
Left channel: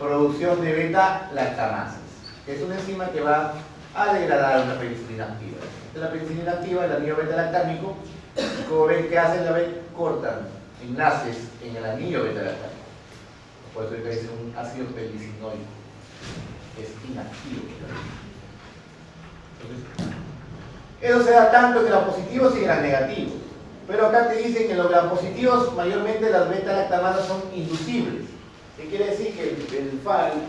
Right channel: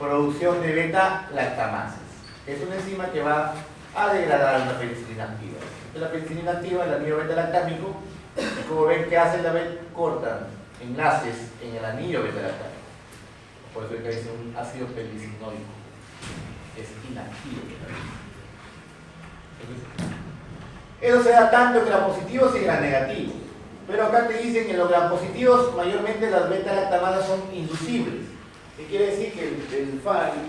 Producción de beta-lactamasas. Es una enzima que va a degradar la penicilina activa. La penicilina activa, el anillo beta-lactámico, y como ven que hacen la beta, cortan enlaces en el anillo beta-lactámico. Por eso es un ácido penicilinoico. Es inactivo. Entonces, eso se da tanto en gram positivos y en gram negativos. Pero acá te dicen que en los gram positivos mayormente las beta-lactamasas son inducibles. ¿Qué quiere decir? Que el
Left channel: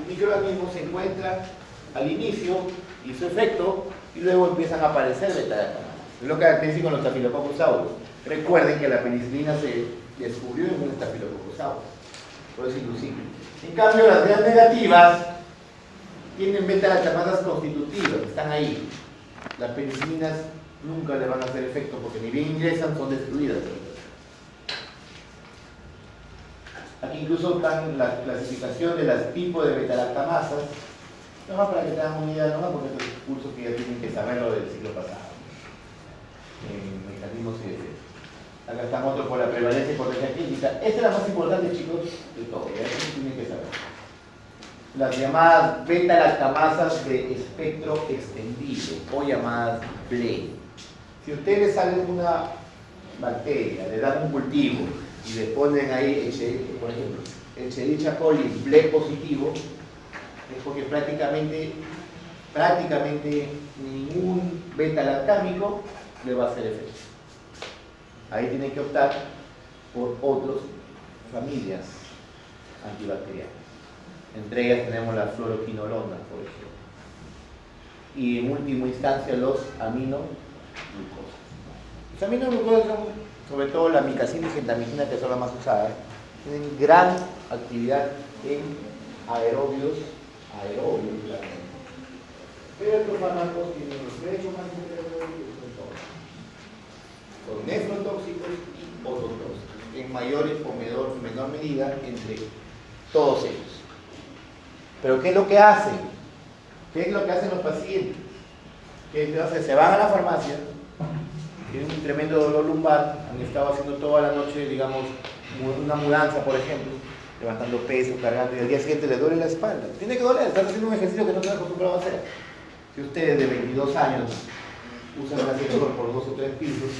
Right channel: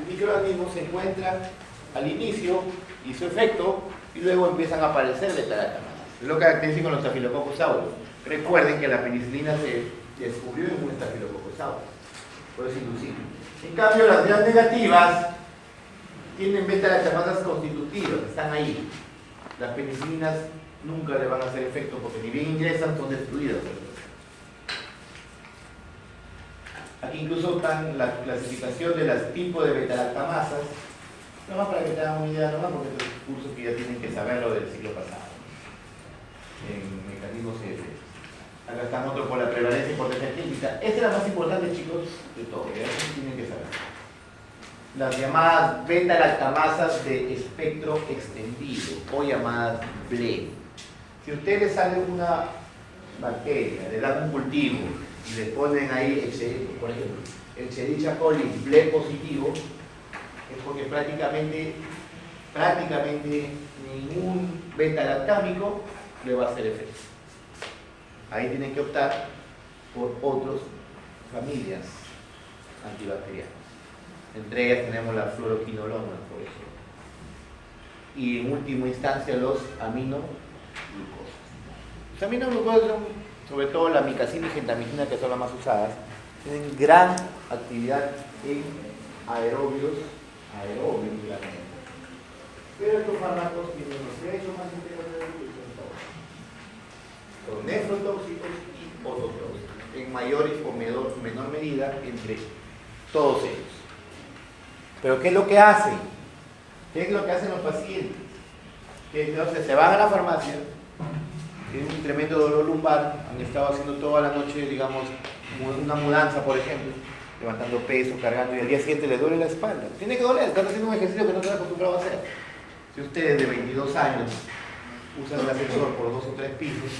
microorganismo se encuentra al inicio y su efecto y luego empiezan a aparecer beta-lactamasas. Es lo que dicen con los Staphylococcus aureus. Recuerden que la penicilina se descubrió en un Staphylococcus aureus. Por eso es inducible. En cambio, las gram negativas tienen beta-lactamasas constitutivas, están ahí. Las penicilinas nunca le van a hacer efecto porque ni bien ingresan, son destruidas. Aquí incluso están la clasificación de los tipos de beta-lactamasas. Nomás para que tengan una idea, nomás porque este es un curso que ya tienen que saberlo del ciclo pasado. En mecanismos que acá están otros por la prevalencia y potencia clínica. Esta es la más importante, chicos, de todo. Ya tienen que saber. Las llamadas beta-lactamasas de espectro extendido o llamadas BLE. Si ustedes salen una bacteria, le dan un cultivo y le ponen ahí, por ejemplo, Escherichia coli BLE positivo, es porque prácticamente ningún beta-lactámico le va a hacer efecto. Ahí tienen que optar por otras familias antibacterianas. Entre ellas tenemos la fluoroquinolona, por ejemplo. Y en última instancia los aminoglucosas. Los aminoglucosas son, sobre todo la micacina y gentamicina, que son las más usadas, tienen gran actividad en aerobios claramente. Pero estos fármacos tienen los derechos más interesantes son nefrotóxicos y ototóxicos, en mayor o menor medida entre todos ellos. Pero ¿qué es lo que hacen? ¿Qué es lo que hacen los pacientes? Que entonces se van a la farmacia, tienen un tremendo dolor lumbar, han estado haciendo toda la noche, digamos, una mudanza, por ejemplo, levantando peso, cargando, y al día siguiente le duele la espalda. Tiene que doler, están haciendo un ejercicio que no están acostumbrados a hacer. Si ustedes de 22 años usan el ascensor por 2 o 3 pisos,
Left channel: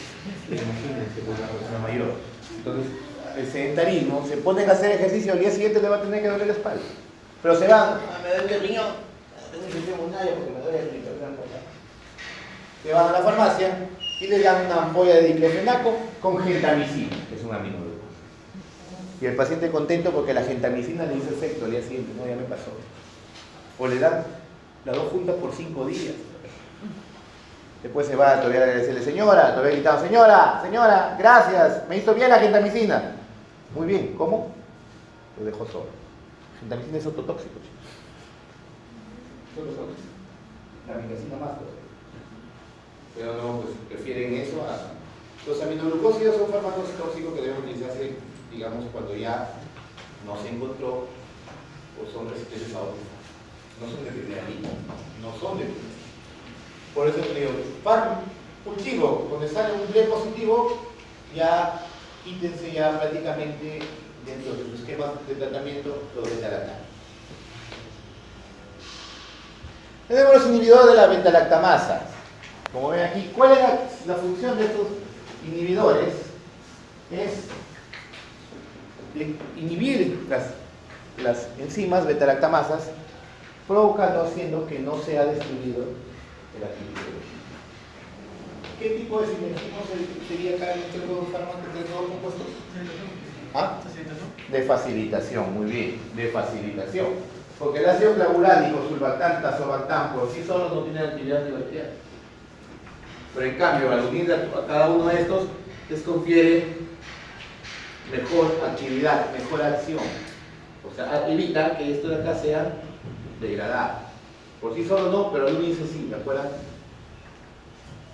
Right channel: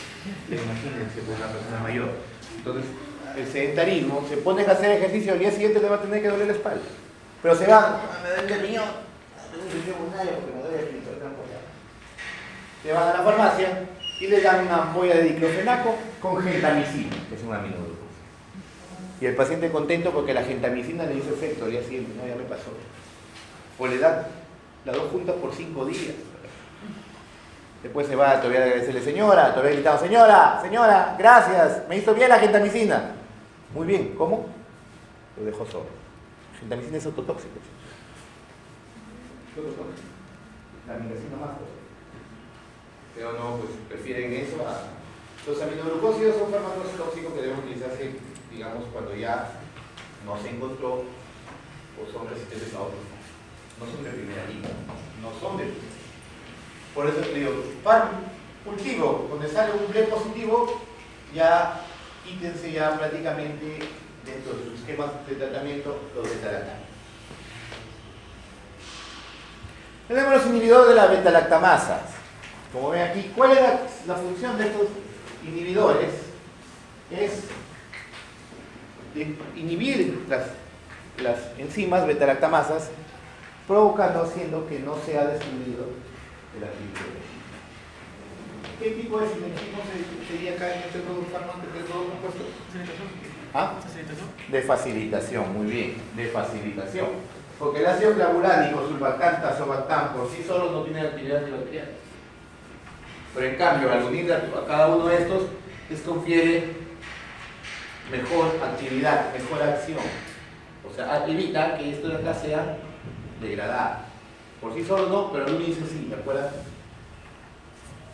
imagínense por una persona mayor. Entonces, el sedentarismo, se ponen a hacer ejercicio, al día siguiente le va a tener que doler la espalda. Pero se van, me duele el riñón, porque me duele el riñón. Se van a la farmacia y le dan una ampolla de diclofenaco con gentamicina, que es un aminoglucosa. Y el paciente contento porque la gentamicina le hizo efecto al día siguiente, no, ya me pasó. O le dan las dos juntas por 5 días. Después se va todavía a agradecerle, señora, todavía gritando, señora, gracias, me hizo bien la gentamicina. Muy bien, ¿cómo? Lo dejó solo. Gentamicina es ototóxico. La micacina más. Pero no, pues prefieren eso a... Los aminoglucósidos son fármacos tóxicos que deben utilizarse, digamos, cuando ya no se encontró o son resistentes a otros. No son de primera línea, no son de primera. Por eso te digo, cultivo, donde sale un BLE positivo, ya quítense ya prácticamente dentro de sus esquemas de tratamiento los beta-lactámicos. Tenemos los inhibidores de la beta-lactamasas. Como ven aquí, ¿cuál es la función de estos inhibidores? es inhibir las enzimas beta-lactamasas, provocando, haciendo que no sea destruido el agente. ¿Qué tipo de sinergismo sería acá en este compuesto? ¿Ah? De facilitación, muy bien, de facilitación. Porque el ácido clavulánico, surfactán, tazobactán, por sí solo no tiene actividad antibacteriana. Pero en cambio, al unir a cada uno de estos, les confiere mejor actividad, mejor acción. O sea, evita que esto de acá sea degradado. Por sí solo no, pero al unirse sí, ¿me acuerdan?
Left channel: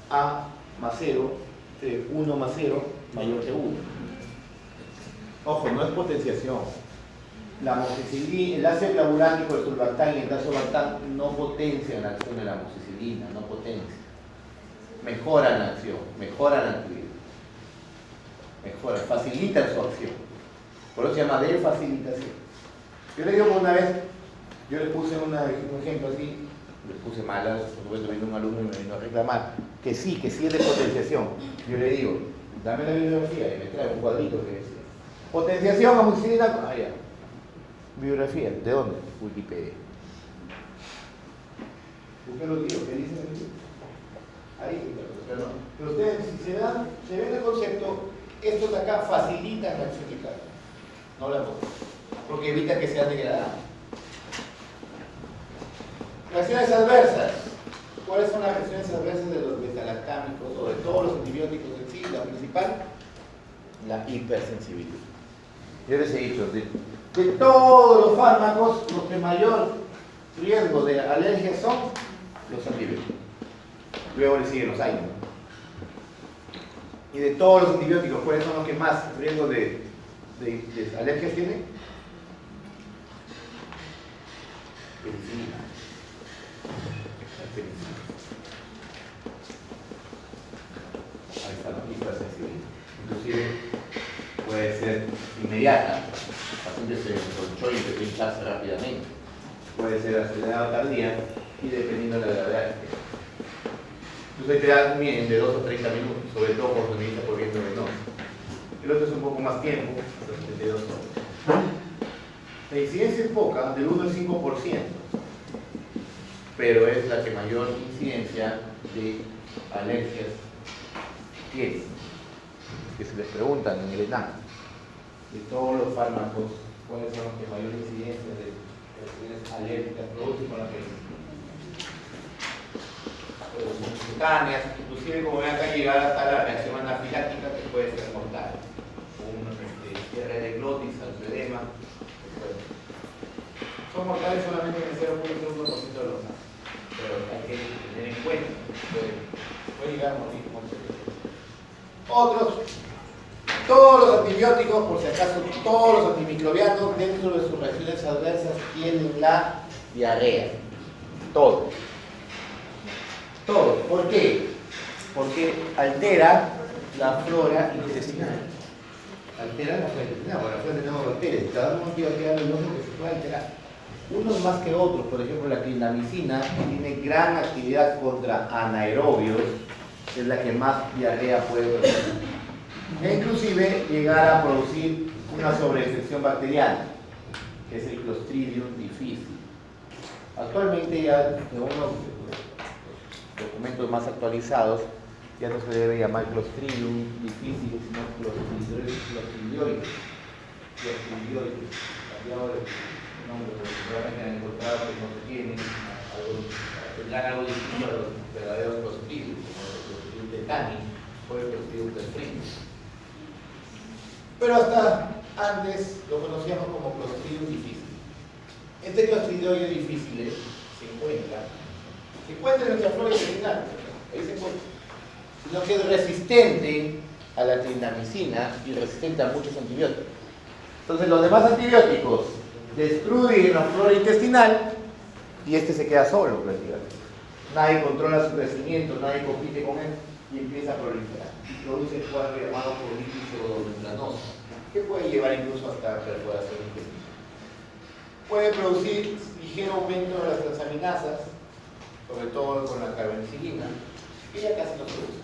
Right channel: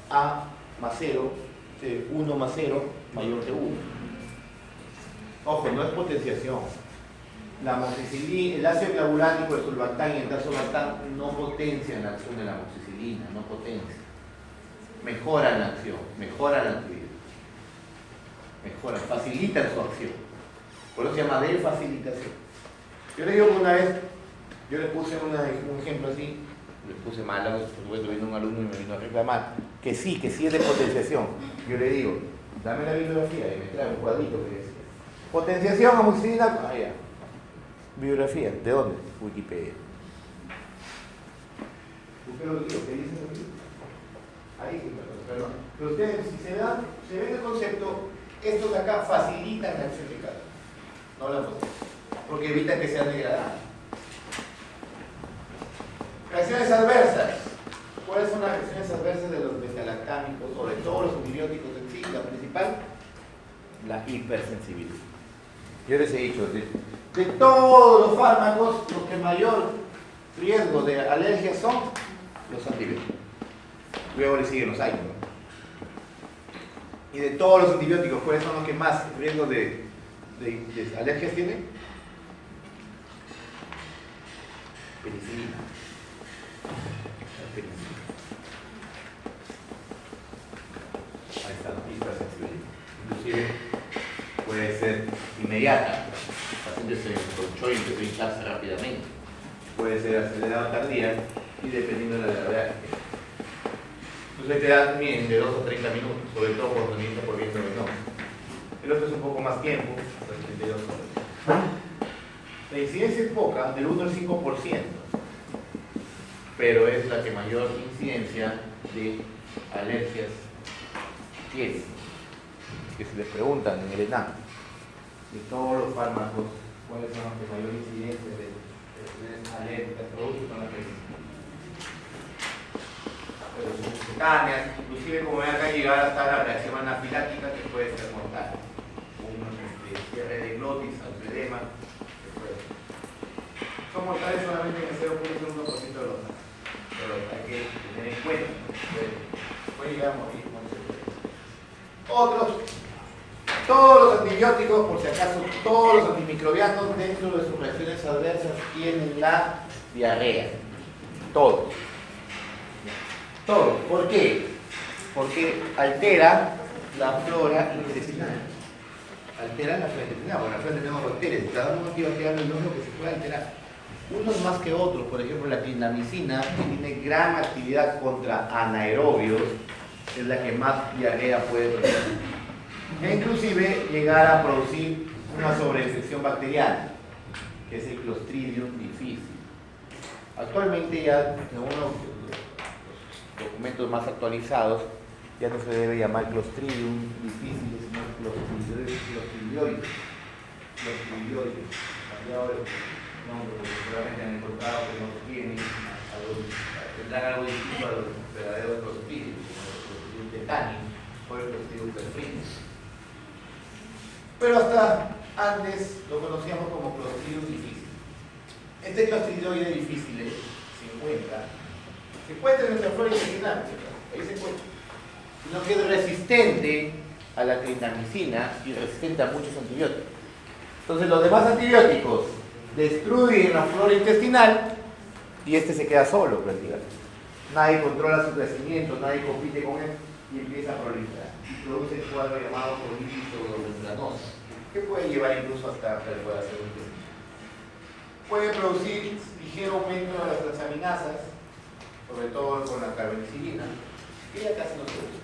A más 0, 1 más 0 mayor que 1. Ojo, no es potenciación. La amoxicilina, el ácido clavulánico, el surfactán y el tazobactán no potencian la acción de la amoxicilina, no potencian. Mejoran la acción, mejoran la actividad. Mejoran, facilitan su acción. Por eso se llama de facilitación. Yo le digo que una vez, yo le puse un ejemplo así, le puse mal, por supuesto vino un alumno y me vino a reclamar, que sí es de potenciación. Yo le digo, dame la bibliografía y me trae un cuadrito que dice potenciación, amoxicilina, allá. Bibliografía, ¿de dónde? Wikipedia. ¿Por qué lo digo? ¿Qué dice el libro? Ahí, pero ustedes, si se ven el concepto, estos de acá facilitan la acción de cada uno, no la potencian, porque evitan que sean degradadas. Reacciones adversas. ¿Cuáles son las reacciones adversas de los beta-lactámicos o de todos los antibióticos en sí? La principal, la hipersensibilidad. Yo les he dicho, de todos los fármacos, los que mayor riesgo de alergia son los antibióticos. Luego le siguen los AINE, ¿no? Y de todos los antibióticos, ¿cuáles son los que más riesgo de alergias tienen? Penicilina. La penicilina. Ahí está, la hipersensibilidad. Inclusive puede ser inmediata. El paciente se enconchó y empezó a hincharse rápidamente. Puede ser acelerada tardía y dependiendo de la gravedad. Entonces te da también de 2 a 30 minutos, sobre todo cuando necesitas por viento venoso. El otro es un poco más tiempo, 32 horas. La incidencia es poca, del 1 al 5%, pero es la que mayor incidencia de alergias tiene. Que se les preguntan en el ENAM, de todos los fármacos, ¿cuáles son los que mayor incidencia de alergias producen con la penicilina? Cutáneas, inclusive como ven acá llegar hasta la reacción anafiláctica que puede ser mortal, un cierre de glotis, angioedema, etc. Son mortales solamente en el 0.1% de los casos, pero hay que tener en cuenta, puede llegar a morir con otros, todos los antibióticos, por si acaso, todos los antimicrobianos dentro de sus reacciones adversas tienen la diarrea, todos. Todo. ¿Por qué? Porque altera la flora intestinal. Altera la flora intestinal, porque la flora tenemos bacterias. Cada uno antibacterial es lo que se puede alterar. Unos más que otros, por ejemplo, la clindamicina tiene gran actividad contra anaerobios, es la que más diarrea puede producir. E inclusive llegar a producir una sobreinfección bacteriana, que es el Clostridium difficile. Actualmente ya, según los documentos más actualizados, ya no se debe llamar Clostridium difficile, sino Clostridioides. Clostridioides, cambiado de nombre, porque seguramente han encontrado que no tienen tendrán algo distinto a los verdaderos Clostridium, como los Clostridium tetani o el Clostridium perfringens. Pero hasta antes lo conocíamos como Clostridium difficile. Este Clostridioides difficile se encuentra en nuestra flora intestinal, ahí se encuentra, sino que es resistente a la clindamicina y resistente a muchos antibióticos. Entonces los demás antibióticos destruyen la flora intestinal y este se queda solo prácticamente. Nadie controla su crecimiento, nadie compite con él y empieza a proliferar. Y produce el cuadro llamado colitis pseudomembranosa, que puede llevar incluso hasta perforación intestinal. Puede producir ligero aumento de las transaminasas, sobre todo con la carbenicilina, que ya casi no se usa.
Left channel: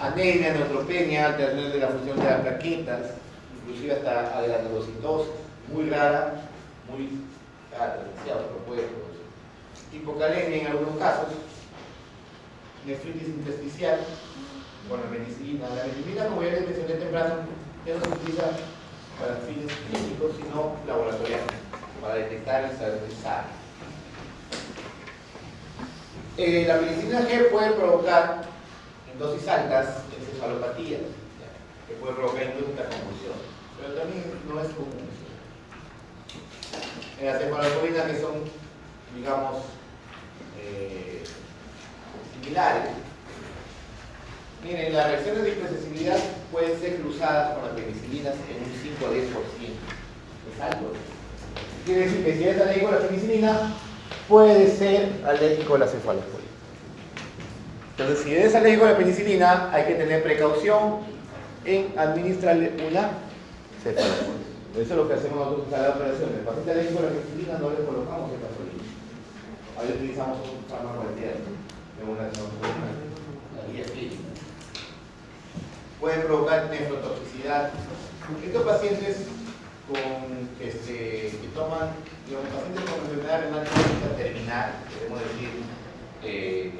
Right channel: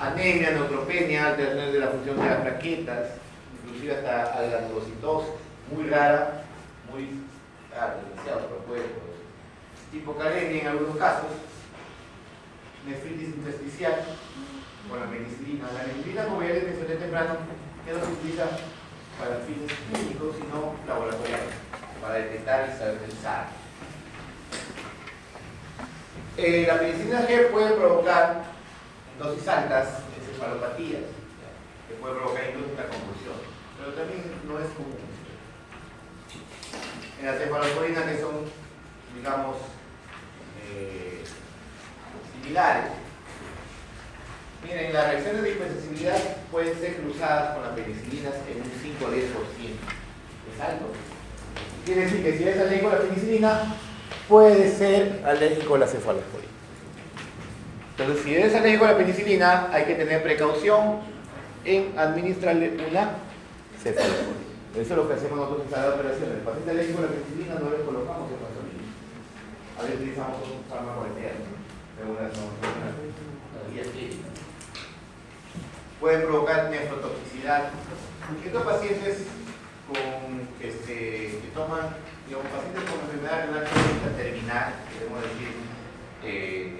anemia, neutropenia, alteraciones de la función de las plaquetas, inclusive hasta granulocitos, muy rara, muy rara, demasiado, pero puede producir. Hipocalemia en algunos casos, nefritis intersticial, con la penicilina. La penicilina, como ya les mencioné temprano, ya no se utiliza para fines clínicos, sino laboratoriales, para detectar y saber pensar. La penicilina G puede provocar en dosis altas encefalopatías, que puede provocar incluso una convulsión, pero también no es común. En las cefaloporinas, que son, digamos, similares, miren, las reacciones de hipersensibilidad pueden ser cruzadas con las penicilinas en un 5 o 10%. Es alto. Quiere decir que si eres alérgico a la penicilina, puede ser alérgico a la cefalosporina. Entonces, si eres alérgico a la penicilina, hay que tener precaución en administrarle una cefalosporina. Eso es lo que hacemos nosotros en cada operación. El paciente alérgico a la penicilina no le colocamos cefalosporina. A veces utilizamos un fármaco alterno, según la guía clínica. Puede provocar nefrotoxicidad. Estos pacientes que toman, digamos, pacientes con enfermedad renal crónica terminal, queremos decir,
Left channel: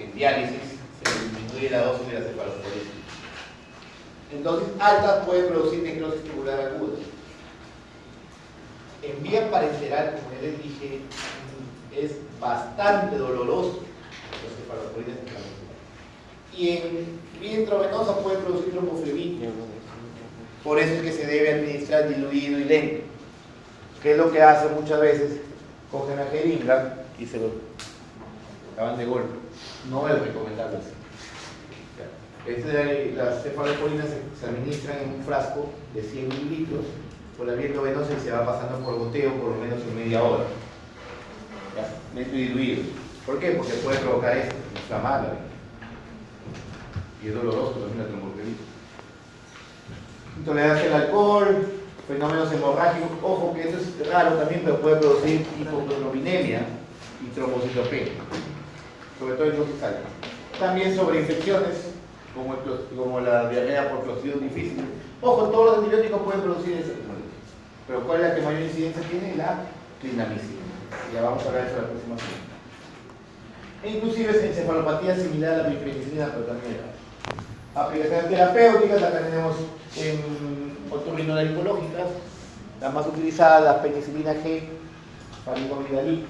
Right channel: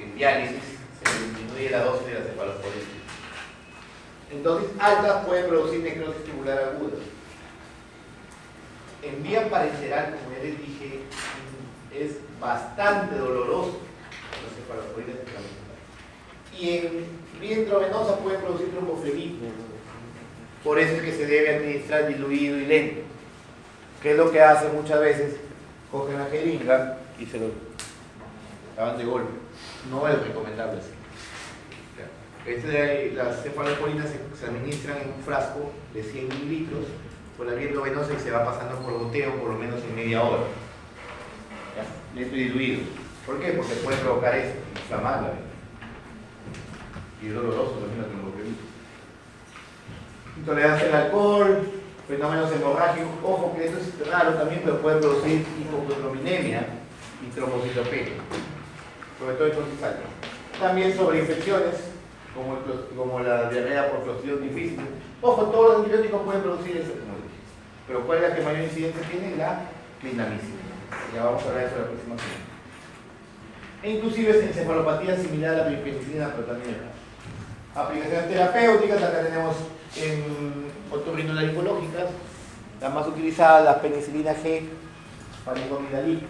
en diálisis, se disminuye la dosis de la cefalosporina. En dosis altas puede producir necrosis tubular aguda. En vía parenteral, como ya les dije, es bastante doloroso la cefalosporina intramuscular. Y en vía intravenosa puede producir tromboflebitis. Por eso es que se debe administrar diluido y lento. Que es lo que hacen muchas veces, cogen la jeringa y se lo acaban de golpe. No es recomendable así. Las cefaloporinas se administran en un frasco de 100 mililitros por la vía endovenosa y se va pasando por goteo por lo menos en media hora. ¿Ya? Lento y diluido. ¿Por qué? Porque puede provocar esto, inflamar la vena. Y es doloroso también la tromboflebitis. Intolerancia al alcohol, fenómenos hemorrágicos, ojo que esto es raro también, pero puede producir hipoglobinemia y trombocitopenia, sobre todo en dosis altas. También sobreinfecciones, como la diarrea por Clostridium difficile. Ojo, todos los antibióticos pueden producir eso, como dije. Pero ¿cuál es la que mayor incidencia tiene? La clindamicina. Ya vamos a hablar de eso la próxima semana. E inclusive es encefalopatía similar a la penicilina, pero también era. Aplicaciones terapéuticas, acá tenemos en otorrinolaringológicas, la más utilizada, la penicilina G, palidomidalil.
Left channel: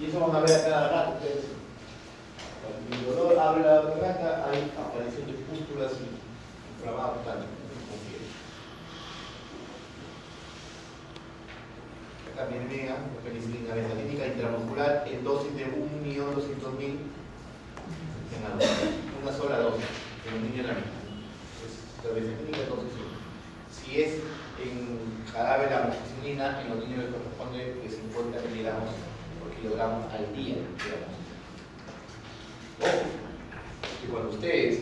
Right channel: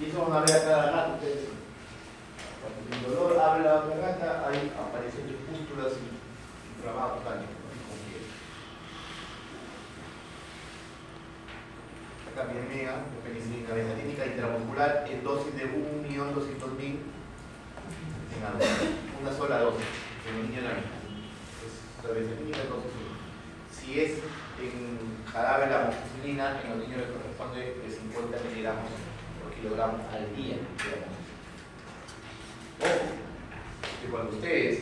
Y eso van a ver a cada rato ustedes. Cuando el dolor abre la garganta, hay aparición de pústulas y inflamados también. Acá viene la penicilina betatínica intramuscular en dosis de 1.200.000 en adultos. Una sola dosis. En un niño también. La betatínica entonces, si es en jarabe la amoxicilina, en los niños le corresponde de 50 miligramos por kilogramo al día, digamos. Ojo, que cuando ustedes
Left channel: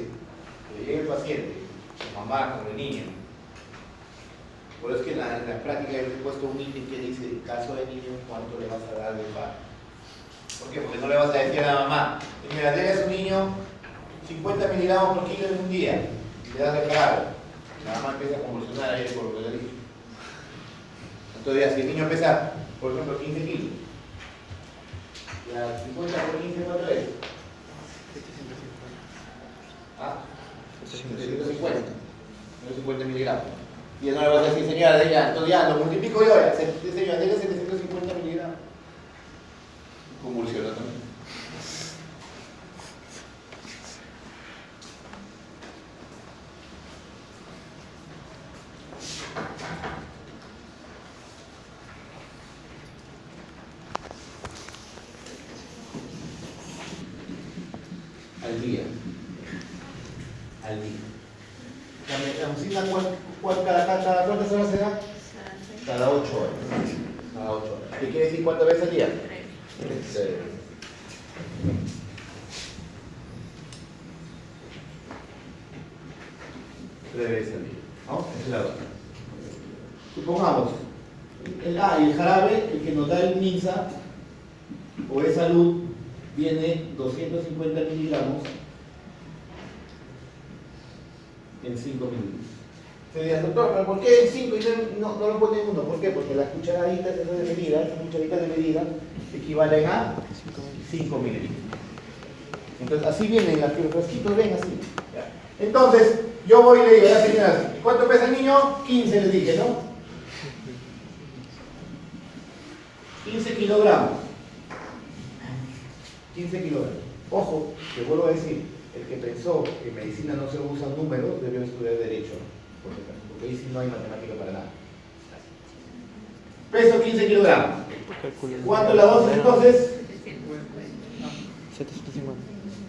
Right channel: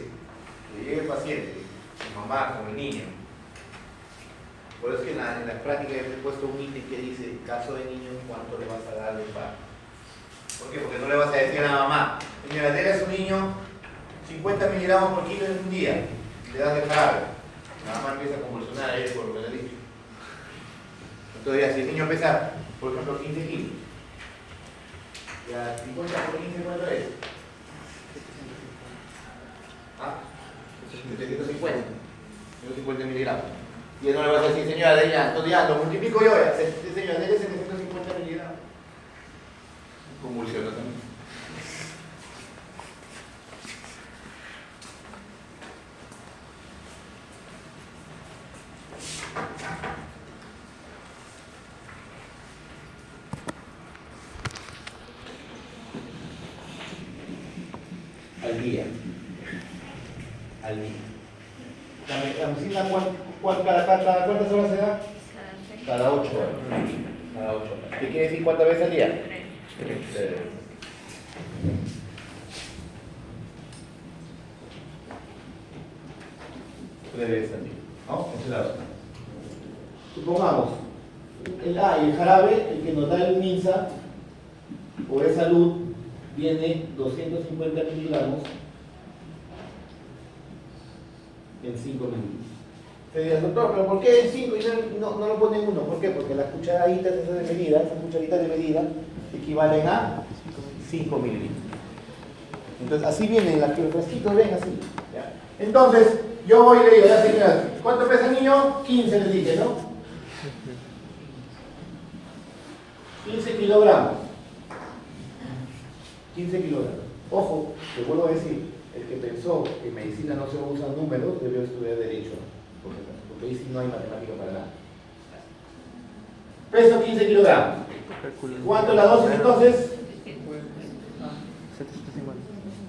le llegue el paciente, su mamá con el niño, por eso es que en la práctica he puesto un ítem que dice, caso de niño, ¿cuánto le vas a dar de par? ¿Por qué? Porque no le vas a decir a la mamá, señora, déle a su niño 50 miligramos por kilo en un día, y le das el jarabe. La mamá empieza a convulsionar ahí por lo que le dije. Entonces, si el niño empieza, por ejemplo, 15 kilos, ya 50 por 15, ¿cuánto es? ¿Ah? 150. 150 miligramos. Y no le vas a decir, señora, entonces ya lo multiplico yo, señora, déle 750 miligramos. Convulsiona también. Al día. La medicina, ¿cada cuántas horas se da? Cada 8 horas. Cada 8 horas. ¿Qué quiere decir cuántas veces al día? 3. Veces al día. ¿No? Esa es la otra. Supongamos, el jarabe, el que nos da el MINSA o de salud, viene 250 miligramos en 5 mililitros. Se dirá, doctor, ¿pero por qué en 5 y no lo pone en 1? ¿Por qué? Porque las cucharaditas esas de medida, estas cucharitas de medida, equivalen a 5 mililitros. Entonces, así vienen los fresquitos, ven así. ¿Ya? Entonces, yo voy y le digo, ya señoras, ¿cuánto pesa el niño? 15 les dije, ¿no? 15 kilogramos. 15 kilogramos. Ojo, te vuelvo a decir, el que pensó que en medicina no se usan números, debió estudiar Derecho, porque ahí sí no hay matemática para nada. Peso 15 kilogramos. ¿Cuánto es la dosis entonces? 750.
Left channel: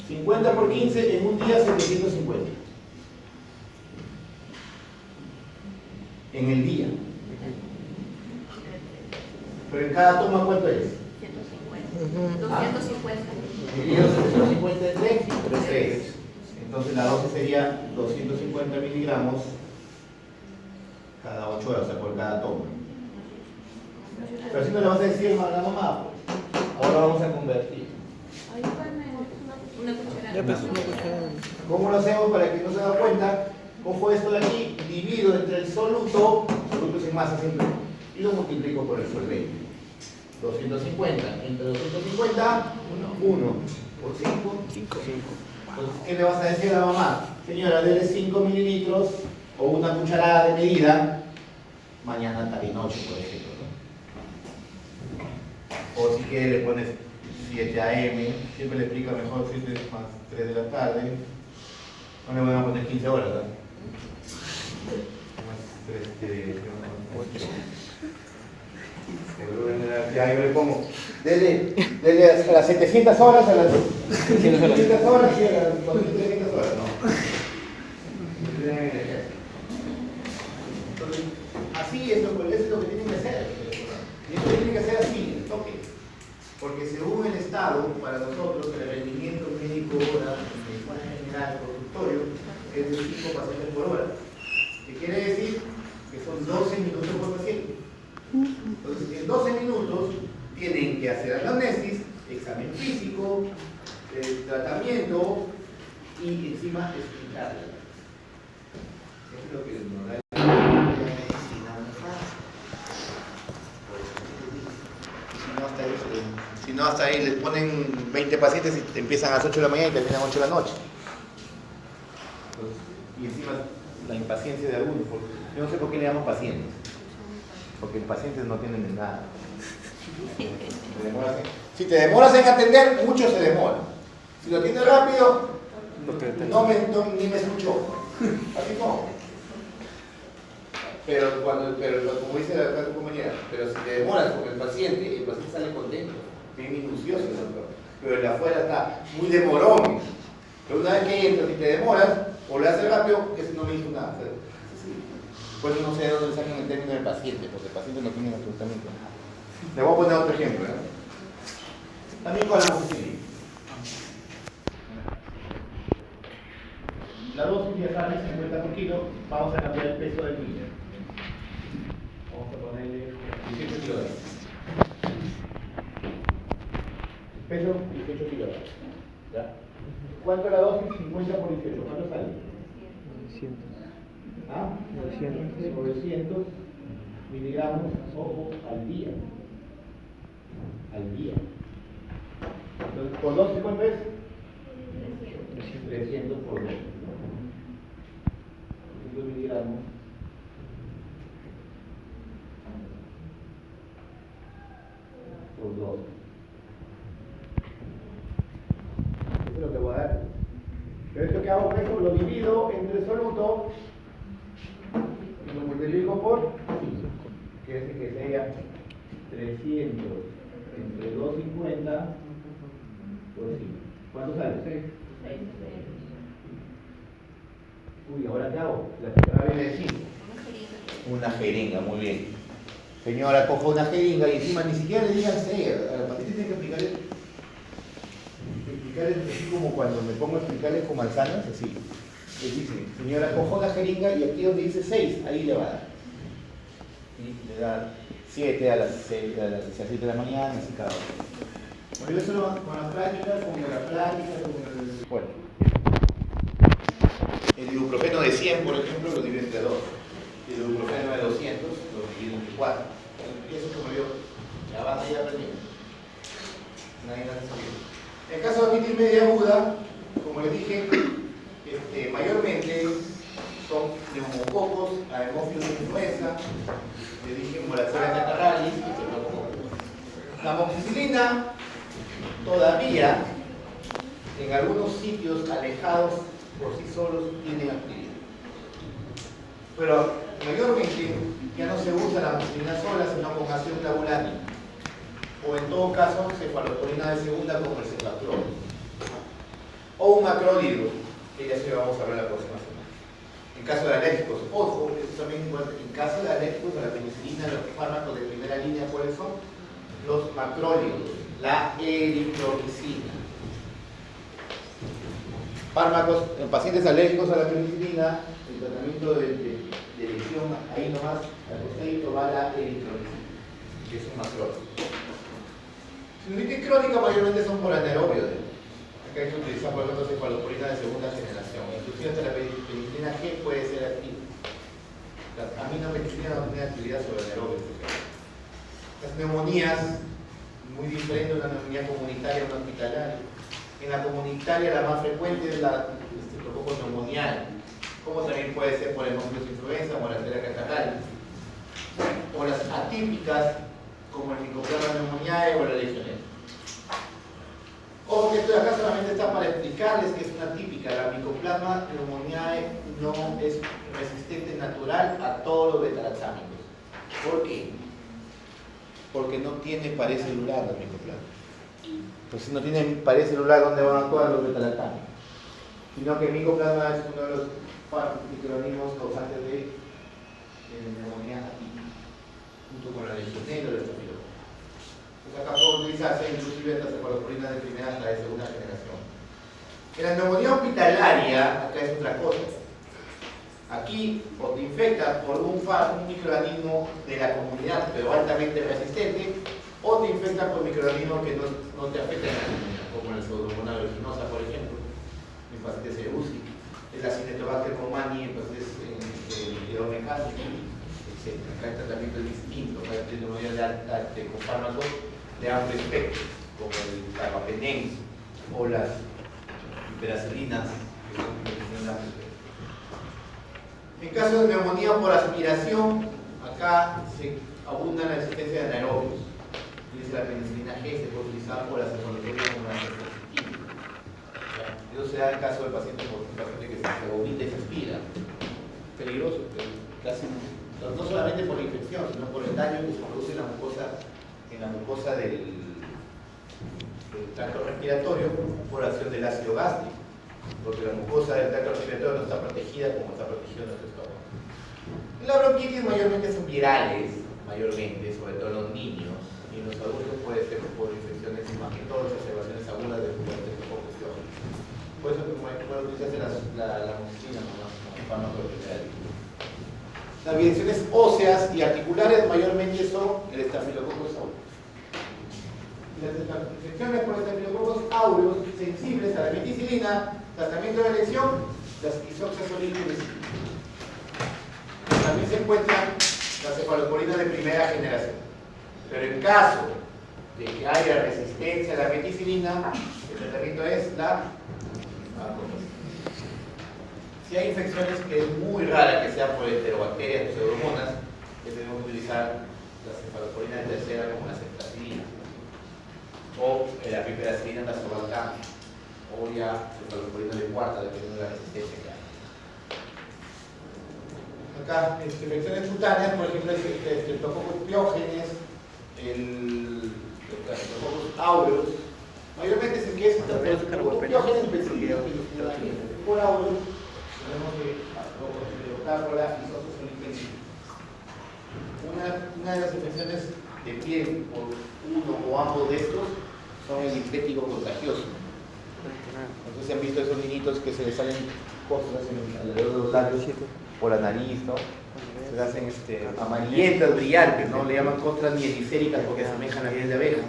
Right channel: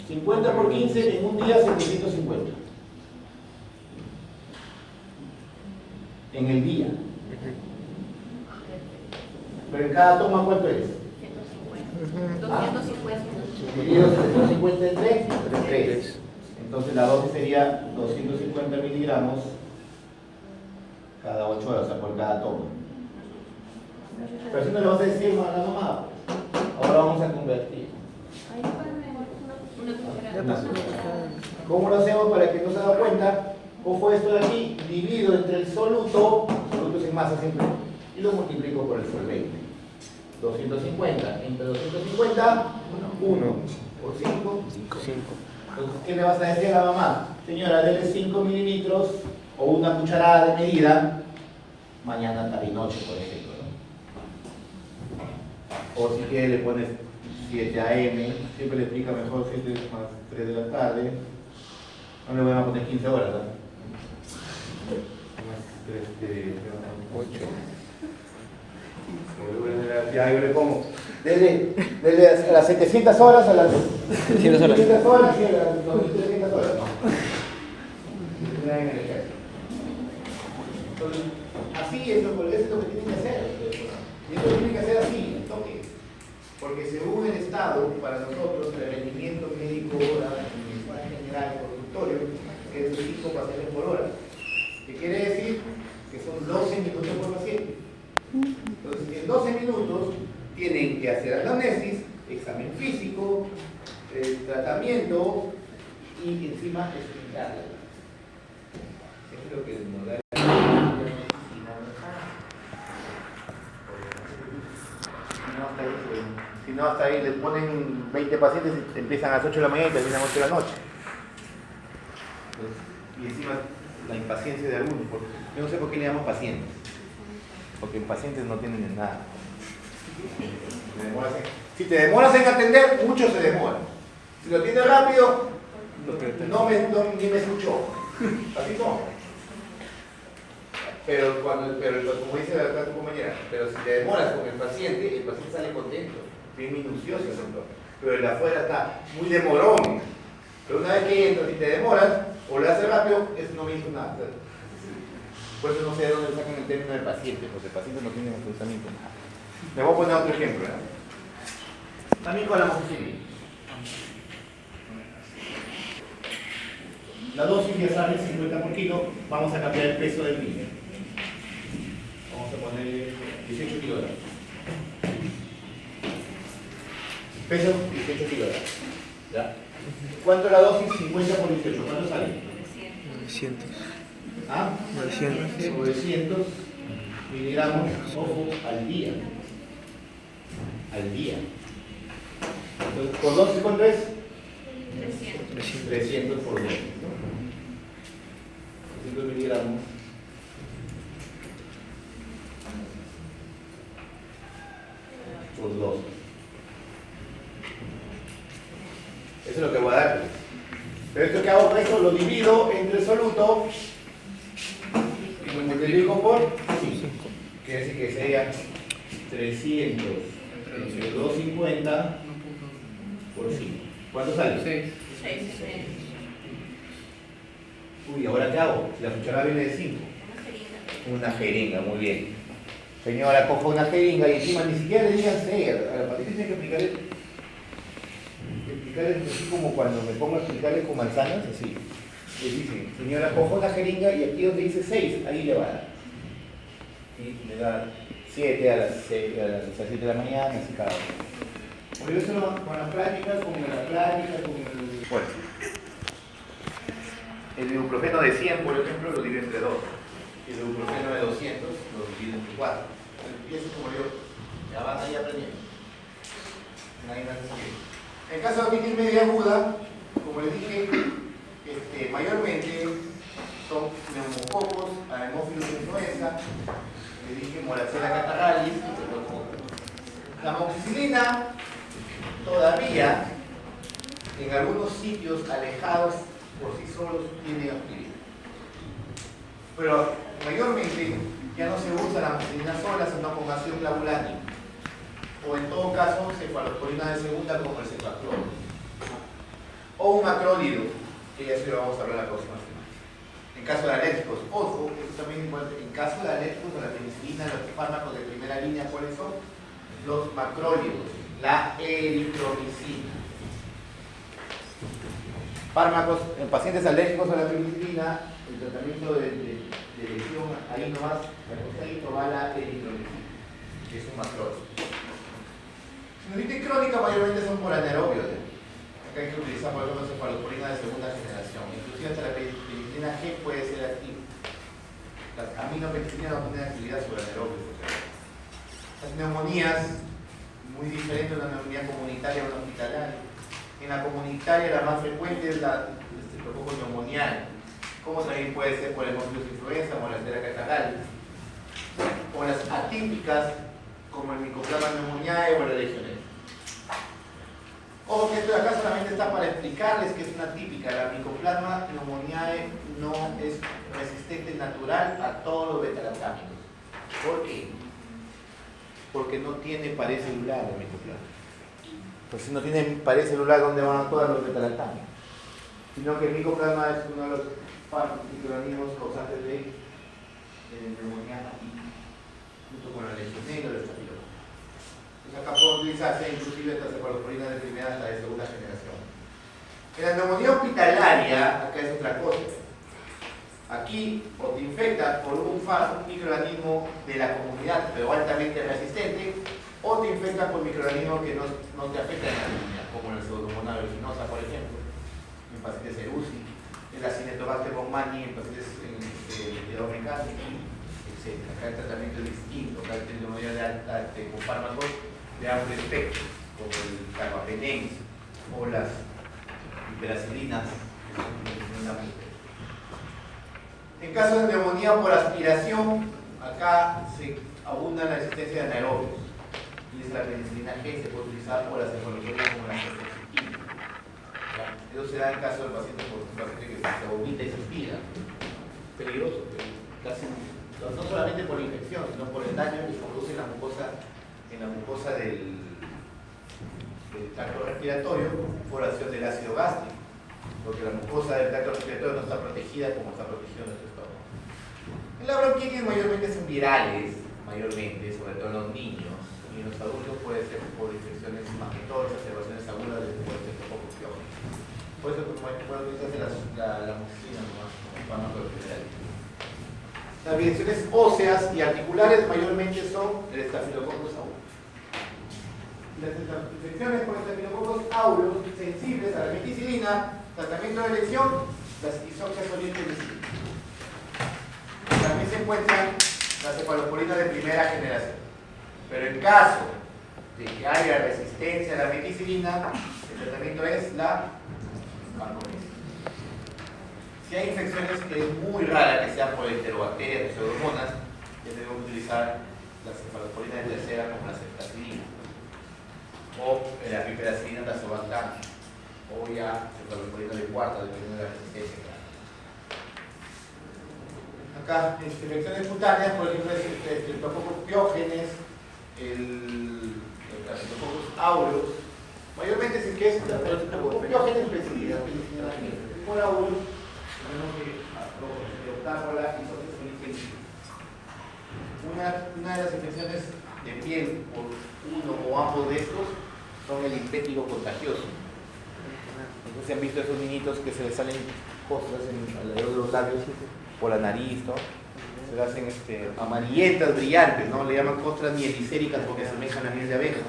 50 por 15 en un día, 750. En el día. Pero en cada toma, ¿cuánto es? 250. Dividido 750 entre 3. Entonces la dosis sería 250 miligramos cada 8 horas, o sea, por cada toma. Pero si no le vas a decir a la mamá, ahora vamos a convertir. Una cucharada. ¿Cómo lo hacemos para que no se haga cuenta? Cojo esto de aquí, divido entre el soluto es en masa siempre, y lo multiplico por el solvente. 250 entre 250, 1 por 5, 5. Entonces, ¿qué le vas a decir a la mamá? Señora, dele 5 mililitros o una cucharada de medida mañana, tarde y noche, por ejemplo, ¿no? O si quiere le pones 7 AM, siempre le explica mejor 7 más 3 de la tarde. No le voy a poner 15 horas, ¿verdad? Ya yo le pongo, dele a las 700 horas, a las 700 horas y a las 2300 horas, no. Entonces, así es lo que tienen que hacer. Y esto tiene que hacer así, el toque. Porque según el Estado, para nosotros, el rendimiento médico hora, en medicina general, consultorio, es de 5 pacientes por hora. ¿Qué quiere decir? Que son 12 minutos por paciente. Entonces, en 12 minutos tienen que hacer anamnesis, examen físico, tratamiento y encima explicarla. Eso es lo que nos da si no, hasta ahí les ponen 20 pacientes y empiezan a las 8 de la mañana y terminan a las 8 de la noche. Entonces, y encima la impaciencia de algunos. Yo no sé por qué le llamamos pacientes. Porque en pacientes no tienen nada. Si te demoras en atender, mucho se demora. Si lo atiendes rápido, ni me escuchó. Así no. Pero como dice acá tu compañera, pero si te demoras con el paciente sale contento, bien minucioso el doctor. Pero el de afuera está muy demorón. Pero una vez que entras y te demoras, o lo haces rápido, no le hizo nada. Por eso no sé de dónde sacan el término de paciente, porque el paciente no tiene absolutamente nada. Le voy a poner otro ejemplo. También con la amoxicilina. La dosis ya sale 50 por kilo, vamos a cambiar el peso del niño. Vamos a ponerle 18 kilogramos. Peso 18 kilogramos. ¿Ya? ¿Cuánto es la dosis? 50 por 18. ¿Cuánto sale? 900. ¿Ah? 900 miligramos, ojo, al día. Al día. Entonces, ¿por dosis cuánto es? 300 por dosis. 300 miligramos. Por dosis. Eso es lo que voy a dar. Pero esto que hago, eso lo divido entre el soluto y lo multiplico por 5. Quiere decir que sería 300 entre 250 por 5. ¿Cuánto sale? 6. Uy, ¿ahora qué hago? Si la cucharada viene de 5. Una jeringa, muy bien. Señora, coja una jeringa y encima ni siquiera le digan 6. A la paciente tiene que explicarle así como cuando me pongo a explicarles con manzanas, así. Les dicen, señora, coja una jeringa y aquí donde dice 6, ahí le va a dar. Y le da 7 a las 7 de la mañana, así cada uno. Por eso con las prácticas, con la plática, con el... Bueno. El ibuprofeno de 100, por ejemplo, lo divide entre 2. Y el ibuprofeno de 200 lo divide entre 4. Y eso, como digo, ya van ahí aprendiendo. Nadie va a salir. En el caso de otitis media aguda, como les dije, mayormente son neumococos, aemófilos de influenza, les dije Moraxella catarrhalis y Streptococcus. La amoxicilina todavía en algunos sitios alejados por sí solos tiene actividad. Pero mayormente ya no se usa la amoxicilina sola, sino con ácido clavulánico. O en todo caso, cefalosporina de segunda como el cefaclor. O un macrólido, que ya se lo vamos a hablar la próxima semana. En caso de alérgicos, ojo, eso también es importante. En caso de alérgicos a la penicilina, los fármacos de primera línea, ¿cuáles son? Los macrólidos, la eritromicina. Fármacos en pacientes alérgicos a la penicilina, el tratamiento de lesión, ahí nomás, al costadito va la eritromicina, que es un macrólido. Sinusitis crónica mayormente son por anaerobios. Acá hay que utilizar, por ejemplo, cefalosporina de segunda generación. Inclusive hasta la penicilina G puede ser activa. Las aminopenicilinas no tienen actividad sobre anaerobios. Las neumonías, muy diferente de una neumonía comunitaria a una hospitalaria. En la comunitaria la más frecuente es la Streptococcus pneumoniae, como también puede ser por hemófilos influenza o la Moraxella catarrhalis. O las atípicas, como el Mycoplasma pneumoniae o la Legionella. Ojo que esto de acá solamente está para explicarles que es una típica. La Mycoplasma pneumoniae no es resistente natural a todos los beta-lactámicos. ¿Por qué? Porque no tiene pared celular la Mycoplasma. Pues si no tiene pared celular, ¿dónde van a actuar los beta-lactámicos? Sino que el Mycoplasma es uno de los microorganismos causantes de neumonía atípica, junto con la Legionella o el Estafilococcus. Acá puede utilizarse inclusive hasta cefalosporina de primera hasta de segunda generación. En la neumonía hospitalaria, acá es otra cosa. Aquí o te infectas por un microorganismo de la comunidad, pero altamente resistente, o te infectas por microorganismos que no te afectan en la comunidad, como la pseudomonas aeruginosa, por ejemplo, en pacientes de UCI, el Acinetobacter baumannii en pacientes de mecánica, etc. Acá el tratamiento es distinto, acá hay neumonía con fármacos de amplio espectro, como el carbapenem o las hiperacilinas, que son de amplio espectro. En caso de neumonía por aspiración, acá se abunda la existencia de anaerobios. Dice la penicilina G se puede utilizar por la cefalosporina como una anticonceptiva. Eso se da en caso del paciente que se vomita y se aspira. Peligroso, casi, no solamente por la infección, sino por el daño que se produce en la mucosa del tracto respiratorio por acción del ácido gástrico, porque la mucosa del tracto respiratorio no está protegida como está protegido nuestro estómago. La bronquitis mayormente son virales, sobre todo en los niños, y en los adultos puede ser por infecciones, más que todo exacerbaciones agudas de Streptococcus pyogenes. Por eso puede utilizarse la amoxicilina nomás como fármaco especial. Las evidencias óseas y articulares mayormente son el Staphylococcus aureus. Las infecciones por Staphylococcus aureus sensibles a la meticilina, tratamiento de elección, las isoxazolines. También se encuentran las cefalosporinas de primera generación. Pero en caso de que haya resistencia a la meticilina, el tratamiento es la vancomicina. Si hay infecciones que es muy rara que sean por enterobacterias o pseudomonas, debemos utilizar la cefalosporina de tercera como la ceftazidina o la piperacilina tazobactam o ya cefalosporina de cuarta dependiendo de la resistencia. Acá, infecciones cutáneas, por ejemplo, el Streptococcus pyogenes, el Staphylococcus aureus, mayormente es el que es el Streptococcus pyogenes por aureus. Tenemos que optar por la isoxazolines. Una de las infecciones de piel por uno o ambos de estos son el infléctico contagioso. Entonces se han visto esos niñitos que se les salen costras alrededor de los labios por la nariz, ¿no? Se les hacen amarillentas, brillantes, ¿no? Le llaman costras mielicéricas porque asemejan a miel de abeja.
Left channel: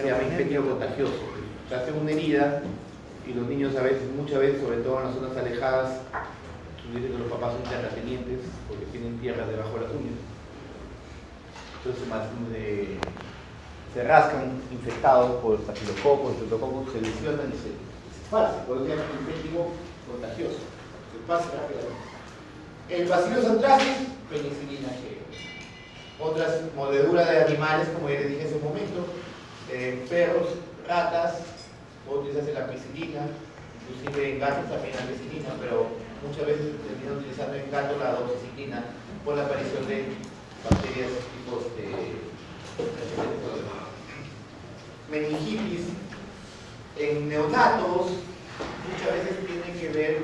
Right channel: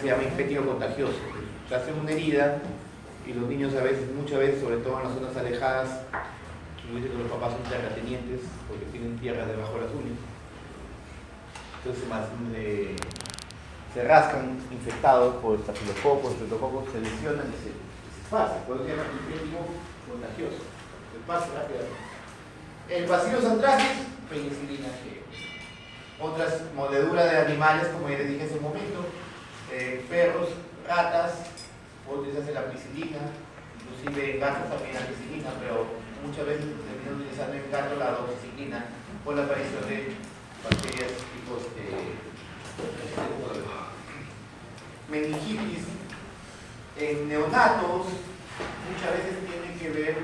Se llama infléctico contagioso. Se hace una herida y los niños a veces, muchas veces, sobre todo en las zonas alejadas, dicen que los papás son terratenientes porque tienen tierra debajo de las uñas. Entonces se rascan infectados por estafilococos, se lesionan y se pasa, por eso se llama infectivo contagioso, se pasa rápidamente. El Bacillus anthracis, penicilina G. Otras mordeduras de animales, como ya les dije hace un momento, perros, ratas, utilizarse la ampicilina, inclusive en gatos también la ampicilina, pero muchas veces se termina utilizando en gatos la doxiciclina por la aparición de bacterias tipo meningitis. En neonatos muchas veces tiene que ver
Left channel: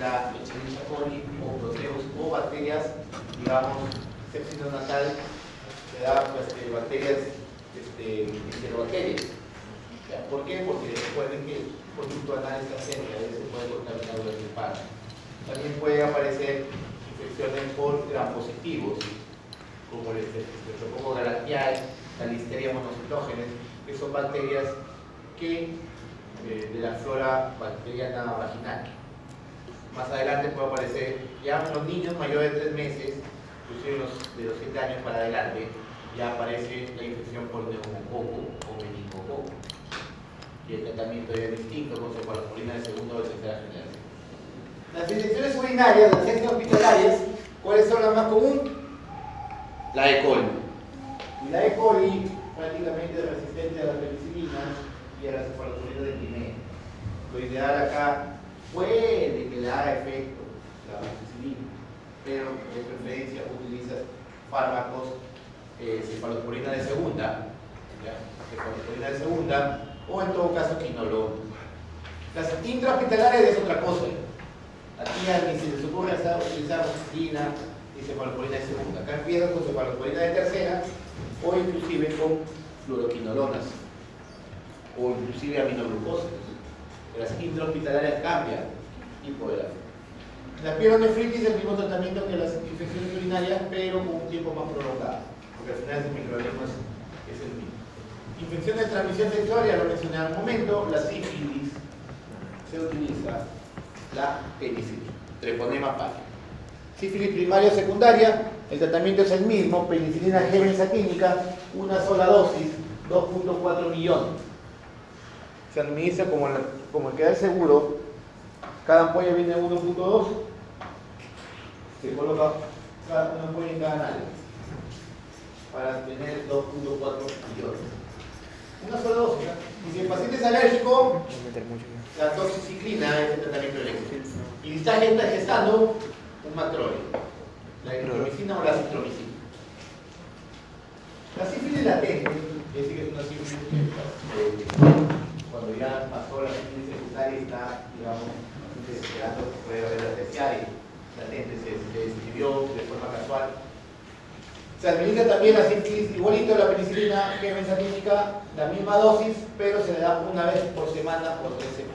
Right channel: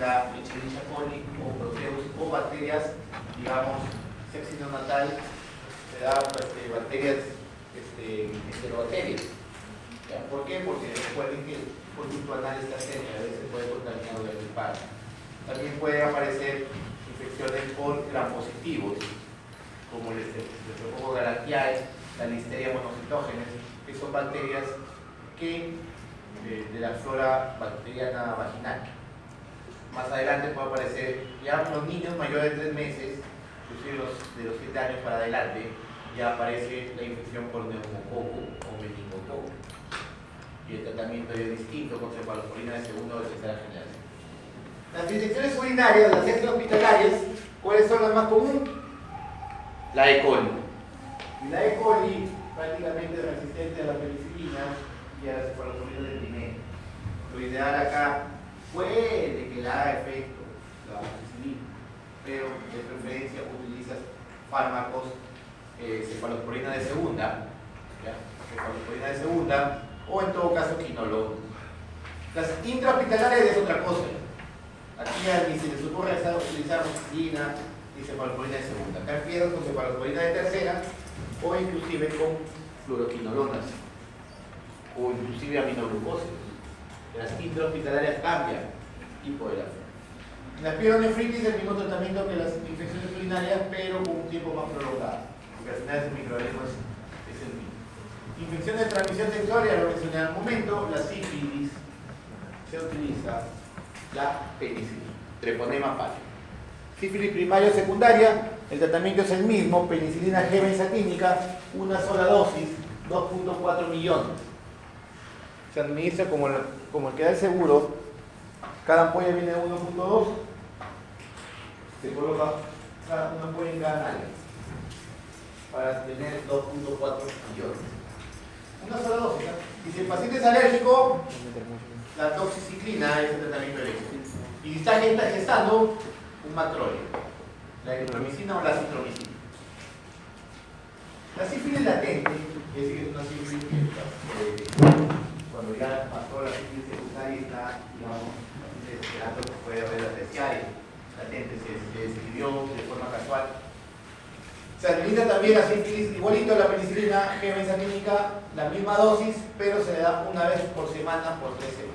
la Echerichia coli o proteus o bacterias, digamos, sepsis neonatal, se da bacterias, enterobacterias. ¿Por qué? Porque recuerden que el conducto anal está cerca, a veces puede contaminar durante el parto. También pueden aparecer infecciones por gram positivos, como el Streptococcus galactiae, la Listeria monocitógenes, que son bacterias que de la flora bacteriana vaginal. Más adelante puede aparecer ya en los niños mayores de 3 meses, inclusive de los 7 años para adelante, ya aparece la infección por neumococo o meningococo. Y el tratamiento es distinto con cefalosporina de segunda o de tercera generación. Las infecciones urinarias, las extrahospitalarias, ¿cuáles son las más comunes? La E. coli. Y la E. coli prácticamente resistente a la penicilina y a la cefalosporina de primera. Lo ideal acá puede que le haga efecto la penicilina, pero de preferencia utilizas fármacos cefalosporina de segunda, cefalosporina de segunda, o en todo caso quinolona. Las intrahospitalarias es otra cosa. Aquí ni se les ocurre utilizar amoxicilina ni cefalosporina de segunda. Acá empiezan con cefalosporina de tercera o inclusive con fluoroquinolonas o inclusive aminoglucosa. Las intrahospitalarias cambian tipo de la flora. En la pielonefritis el mismo tratamiento que las infecciones urinarias, pero con un tiempo más prolongado, porque al final ese microorganismo es el mismo. Infecciones de transmisión sexual, ya lo mencioné al momento, la sífilis, se utiliza la penicilina, treponema pallidus. Sífilis primaria o secundaria, el tratamiento es el mismo, penicilina G benzatínica, una sola dosis, 2.4 millones. Se administra como el que da el seguro, cada ampolla viene de 1.2, se coloca una ampolla en cada nalga para tener 2.4 millones. Una sola dosis. Y si el paciente es alérgico, la doxiciclina es el tratamiento de éxito. Y si está gestando, un macrolio, la eritromicina o la citromicina. La sífilis latente, es decir, que es una sífilis cuando ya pasó la sífilis secundaria y está, digamos, desesperando que puede haber la terciaria, latente, se describió de forma casual. Se administra también la sífilis, igualito a la penicilina G benzatínica, la misma dosis, pero se le da una vez por semana por 3 semanas.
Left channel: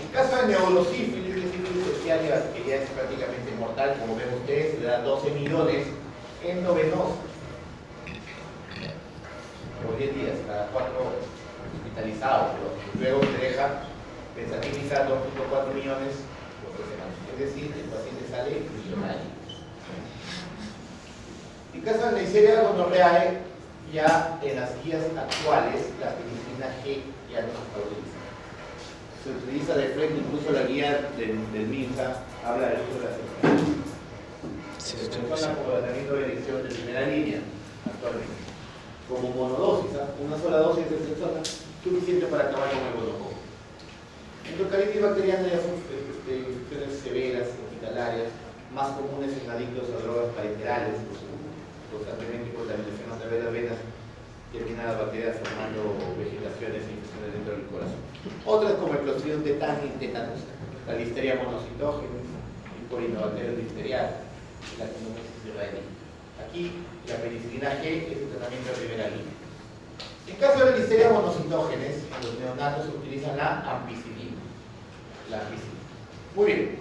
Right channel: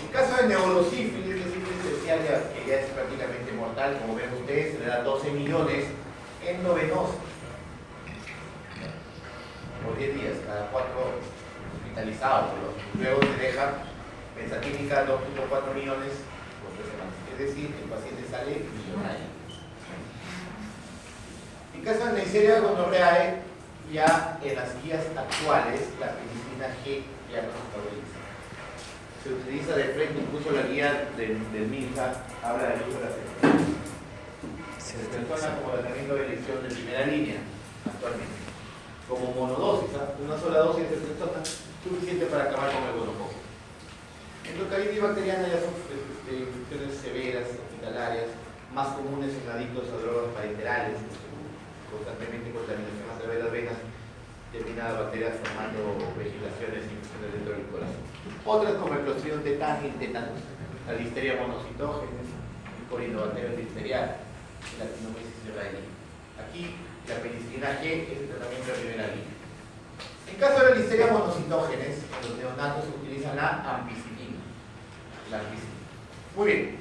En caso de neurosífilis, de sífilis terciaria, que ya es prácticamente mortal, como ven ustedes, se le da 12 millones endovenosos por 10 días, cada 4 hospitalizados. Luego se deja benzatínica 2.4 millones por 3 semanas. Es decir, el paciente sale millonario. En caso de Neisseria gonorrhoeae, ya en las guías actuales, la penicilina G ya no se está utilizando. Se utiliza de frente, incluso la guía del MINSA habla del uso de la ceftriaxona. Ceftriaxona como tratamiento de elección de primera línea, actualmente. Como monodosis, una sola dosis de ceftriaxona, suficiente para acabar con el gonococo. Endocaritis bacteriana ya son infecciones severas, hospitalarias, más comunes en adictos a drogas parenterales, constantemente contaminación a través de las venas, determinadas bacterias formando vegetaciones e infecciones dentro del corazón. Otras como el Clostridium tetanus, la Listeria monocitógenes, el Corynebacterium listeriae, la Actinomyces cerevisiae. Aquí la penicilina G es el tratamiento de primera línea. En caso de Listeria monocitógenes, en los neonatos se utiliza la ampicilina. Muy bien,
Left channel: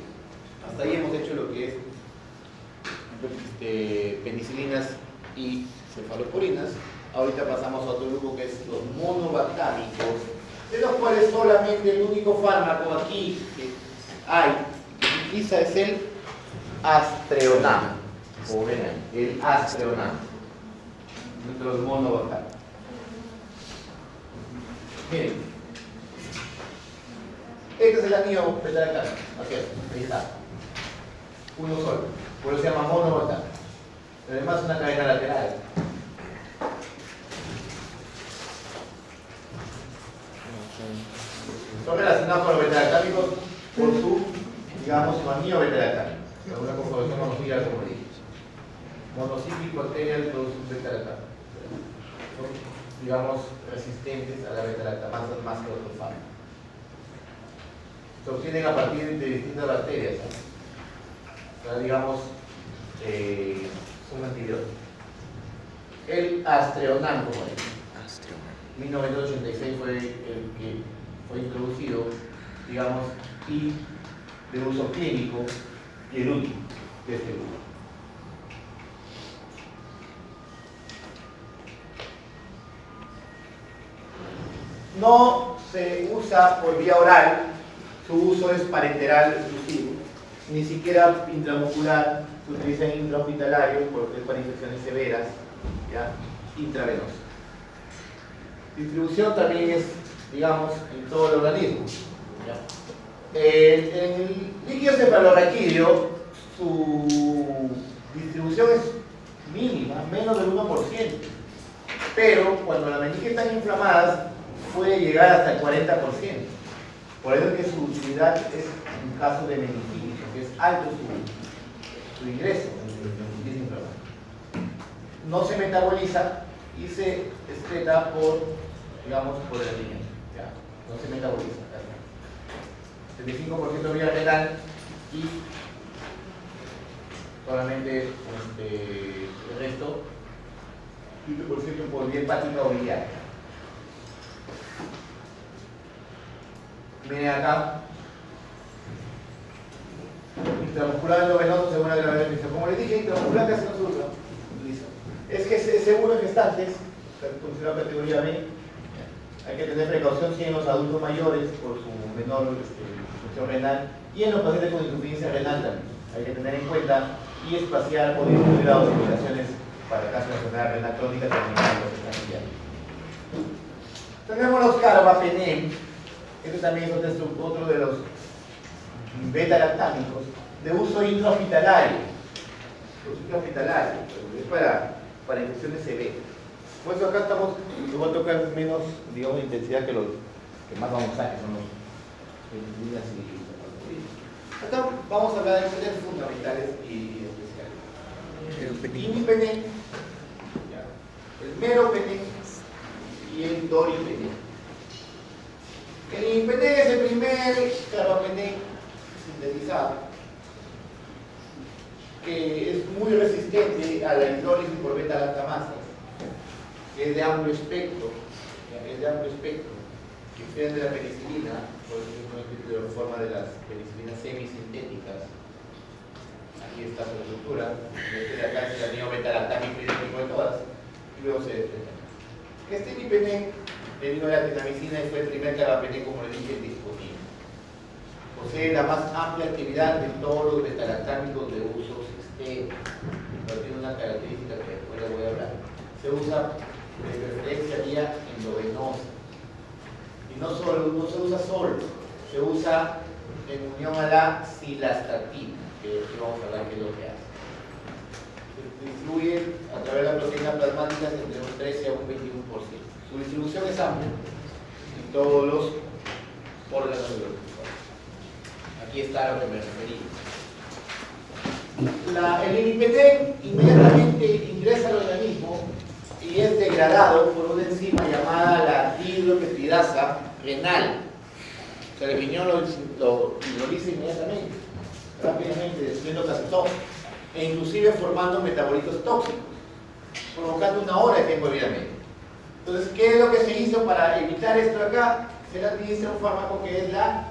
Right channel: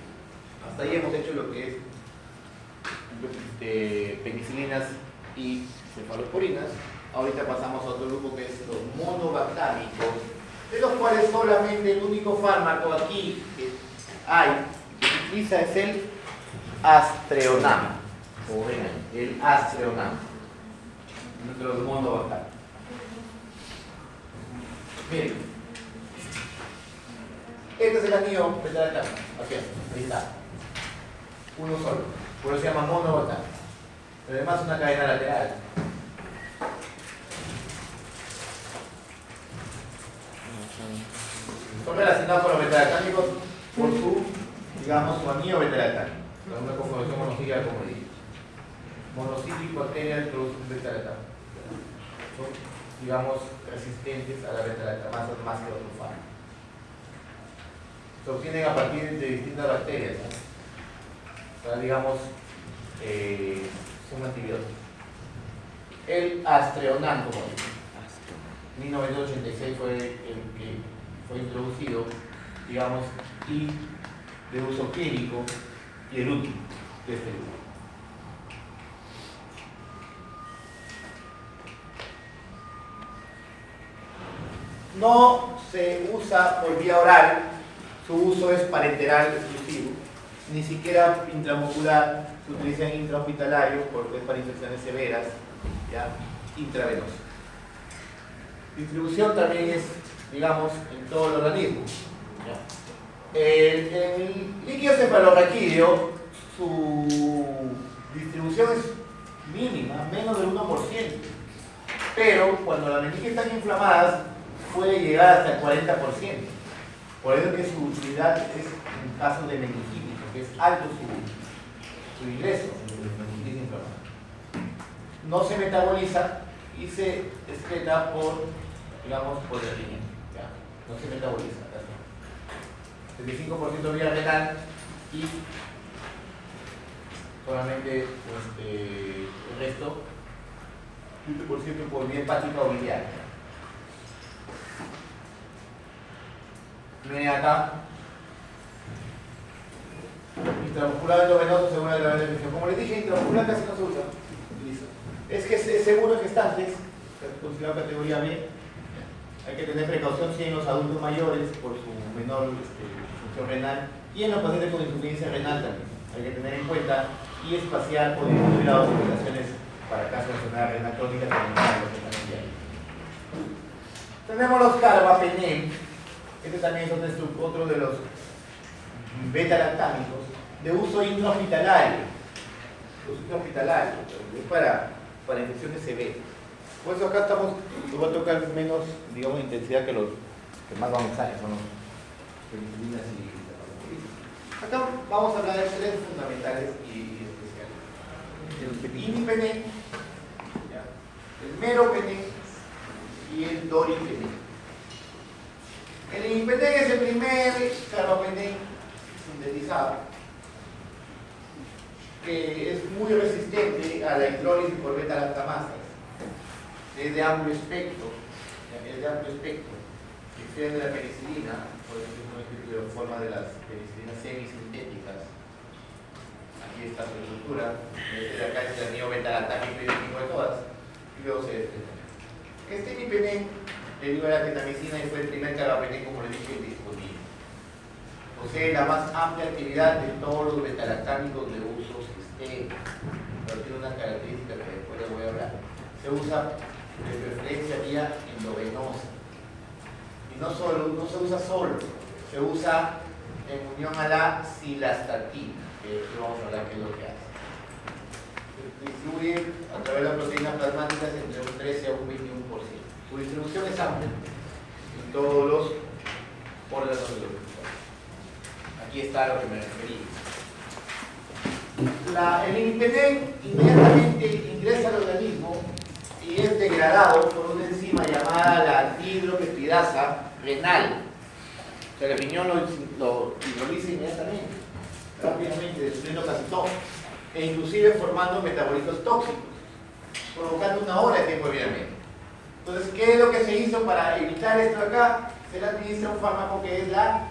hasta ahí hemos hecho lo que es penicilinas y cefalosporinas. Ahorita pasamos a otro grupo que es los monobactámicos de los cuales solamente el único fármaco aquí que hay, que se utiliza es el Aztreonam, como ven ahí, el Aztreonam, nuestro monovacal. Miren, este es el anillo beta-lactano, así es, ahí está, uno solo, por eso se llama monovacal, pero además es una cadena lateral. Son relacionados con los beta-lactámicos por su, digamos, su anillo beta-lactámico. Es una composición monocíclica, como dije. Monocíclico arterial produce un beta-lactámico. Son, digamos, resistentes a la beta-lactamasa más que otros fármacos. Se obtienen a partir de distintas bacterias, ¿no? Para, digamos, son antibióticos. El Aztreonam, como dije. 1986 fue el que fue introducido, digamos, y de uso clínico y el último de este grupo. No se usa por vía oral, su uso es parenteral exclusivo, ni siquiera intramuscular, se utiliza en intrahospitalario porque es para infecciones severas, ¿ya? Intravenoso. Distribución también es, digamos, en todo el organismo. El líquido cefalorraquídeo, su distribución es mínima, menos del 1%. Pero cuando las meninges están inflamadas, puede llegar hasta el 40%. Por eso es que su utilidad es en caso de meningitis, porque es alto su ingreso en meningitis inflamada. No se metaboliza y se excreta por, digamos, por el alimento. ¿Ya? No se metaboliza. 75% vía renal y solamente el resto, 15% por vía hepática o biliar. Miren acá, intramuscular endovenoso según la gravitación. Como les dije, intramuscular casi no se usa. Es que seguro en gestantes, considerado categoría B, hay que tener precaución si en los adultos mayores por su menor función renal y en los pacientes con insuficiencia renal también. Hay que tener en cuenta y espaciar o disminuir las recomendaciones para casos de enfermedad renal crónica Tenemos los carbapenem, este también es otro de los beta-lactámicos de uso intrahospitalario. Es para infecciones severas. Por eso acá estamos, lo voy a tocar menos, digamos, intensidad que los que más vamos a usar, son los penicilinas y acá vamos a hablar de tres fundamentales y especiales. El imipenem, el meropenem y el doripenem. El imipenem es el primer carbapenem sintetizado, que es muy resistente a la hidrólisis por beta-lactamasa. Es de amplio espectro, diferente de la penicilina, por ejemplo, de la forma de las penicilinas semisintéticas. Aquí está su estructura, acá es el anillo beta-lactámico idéntico de todas, y luego se desprende. Este imipenem deriva de la tetamicina y fue el primer carbapenem, como les dije, disponible. Posee la más amplia actividad de todos los beta-lactámicos de uso sistémico, pero tiene una característica que después les voy a hablar. Se usa de preferencia vía endovenosa. Y no se usa solo, se usa en unión a la cilastatina, que vamos a hablar qué es lo que hace. Se distribuye a través de las proteínas plasmáticas entre un 13 a un 21%. Su distribución es amplia en todos los órganos biológicos. Aquí está a lo que me referí. El imipenem inmediatamente ingresa al organismo y es degradado por una enzima llamada la hidroxipeptidasa renal. O sea, el riñón lo hidroliza inmediatamente, rápidamente, destruyendo casi todo, e inclusive formando metabolitos tóxicos, provocando una hora de tiempo de vida media. Entonces, ¿qué es lo que se hizo para evitar esto acá? Se le administra un fármaco que es la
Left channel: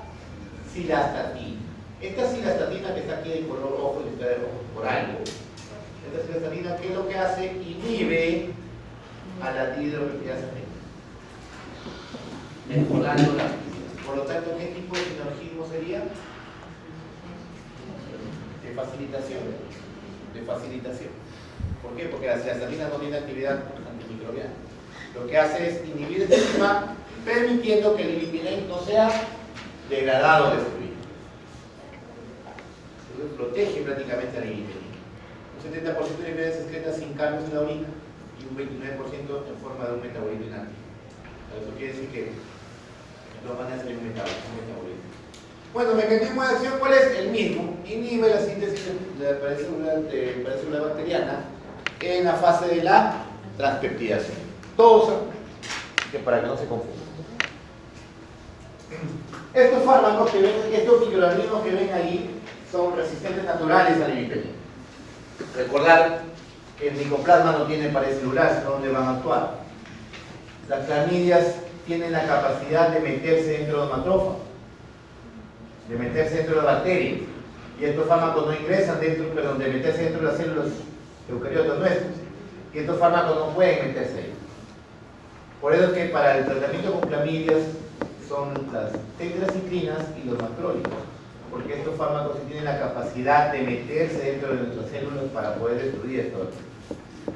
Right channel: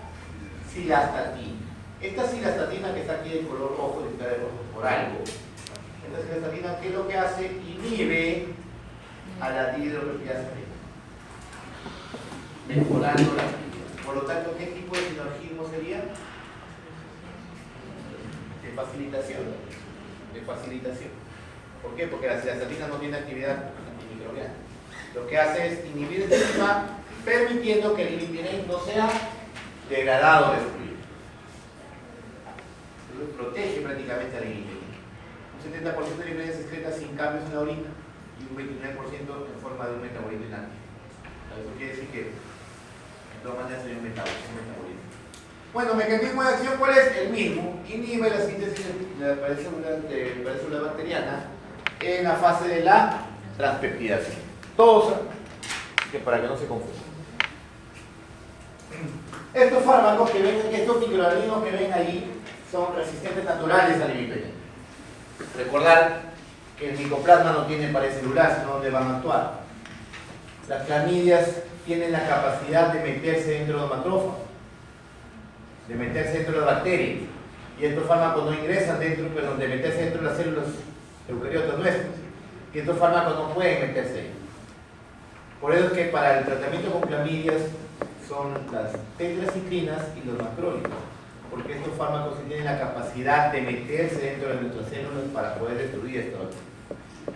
cilastatina. Esta cilastatina que está aquí de color rojo, está de rojo por algo. Esta cilastatina, ¿qué es lo que hace? Inhibe a la hidroxipeptidasa renal. mejorando la actividad. Por lo tanto, ¿qué tipo de sinergismo sería? De facilitación. De facilitación. ¿Por qué? Porque la cilastatina no tiene actividad antimicrobiana. Lo que hace es inhibir el sistema, permitiendo que el lipidem no sea degradado o destruido. Entonces, protege prácticamente al lipidem. Un 70% de lipidem se excreta sin cambios en la orina y un 29% en forma de un metabolito inactivo. Eso quiere decir que de todas maneras hay un metabolismo. Bueno, mecanismo de acción, ¿cuál es? El mismo. Inhibe la síntesis de la pared bacteriana en la fase de la transpeptidación. Todos, que para que no se confunda. Estos fármacos que ven, estos microorganismos que ven ahí, son resistentes naturales al lipidem. Recordar que el micoplasma no tiene pared celular, sino donde van a actuar. Las clamidias tienen la capacidad de meterse dentro de macrófagos, de meterse dentro de bacterias, y estos fármacos no ingresan dentro, perdón, de meterse dentro de las células eucariotas nuestras, y estos fármacos no pueden meterse ahí. Por eso es que para el tratamiento con clamidias son las tetracicrinas y los macrólicos, porque estos fármacos sí tienen la capacidad de meterse dentro de nuestras células para poder destruir esto.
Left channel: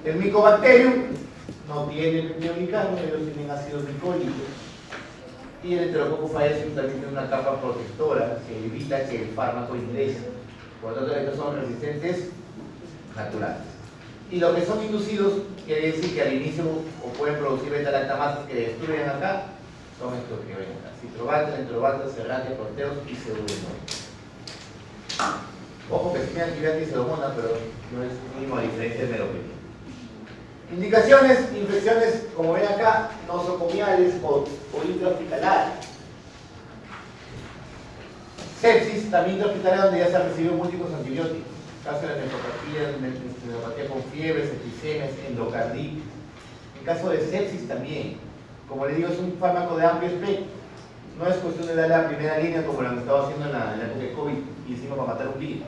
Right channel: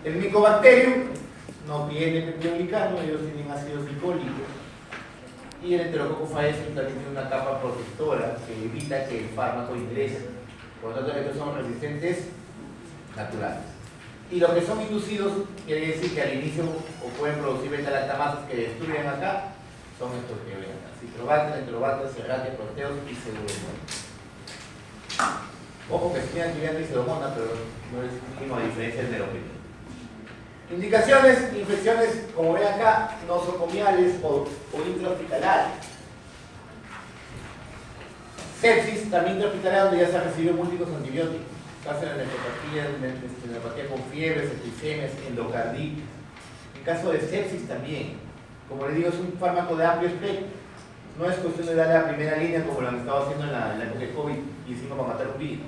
El micobacterium no tiene peptidoglicano, ellos tienen ácidos glicólicos, y el Enterococcus faeces también tiene una capa protectora que evita que el fármaco ingrese. Por lo tanto, estos son resistentes naturales. Y los que son inducidos, quiere decir que al inicio o pueden producir beta-lactamasas que destruyen acá, son estos que ven acá: Citrobacter, Enterobacter, Serratia, Proteus y Pseudomonas. Ojo que sí tiene actividad de Pseudomonas, pero no es mínimo a diferencia del meropenem. Indicaciones: infecciones, como ven acá, nosocomiales o intrahospitalarias. Sepsis, también intrahospitalaria, donde ya se han recibido múltiples antibióticos. Caso de nefropatía con fiebre, septicemias, endocarditis. En caso de sepsis también, como les digo, es un fármaco de amplio espectro. No es cuestión de dar la primera línea como lo han estado haciendo en la época de COVID y hicimos para matar un virus.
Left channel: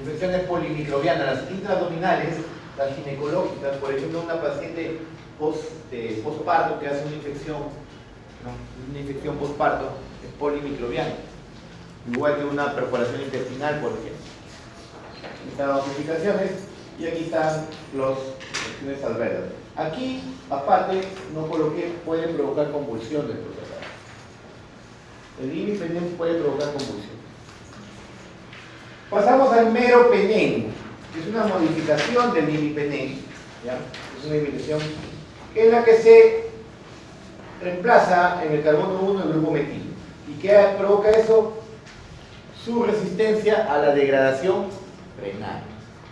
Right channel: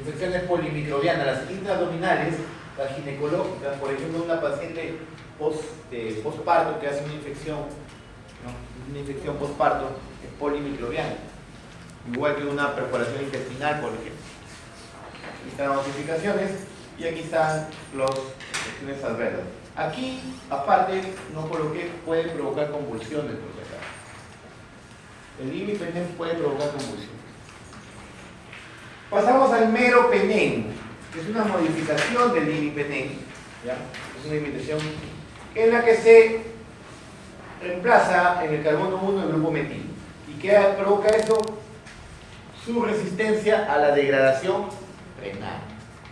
Infecciones polimicrobianas, las intraabdominales, las ginecológicas, por ejemplo, una paciente postparto que hace una infección postparto es polimicrobiana. Igual que una perforación intestinal, por ejemplo. Aquí están las notificaciones y aquí están las infecciones adversas. Aquí, aparte, no coloqué, puede provocar convulsiones, por si acaso. El imipenem puede provocar convulsiones. Pasamos al meropenem, que es una modificación del imipenem, ¿ya? Es una imitación en la que se reemplaza en el carbono 1 el grupo metilo. ¿Y qué provoca eso? Su resistencia a la degradación renal.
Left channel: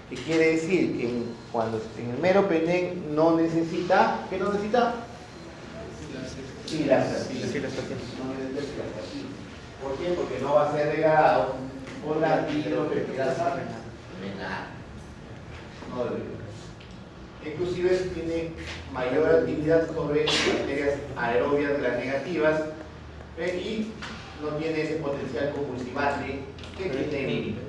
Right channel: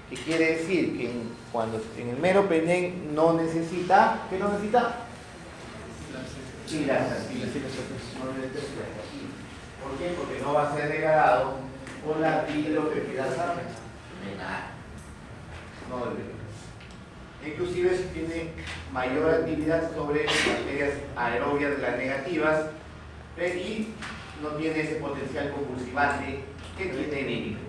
¿Qué quiere decir? Que cuando en el meropenem no necesita, ¿qué no necesita? Cilastatina. No necesita cilastatina. ¿Por qué? Porque no va a ser degradado por la dihidropeptidasa renal. No debería. Inclusive tiene mayor actividad sobre bacterias aerobias gram negativas y no tiene ese potencial convulsivante que tiene el imipenem.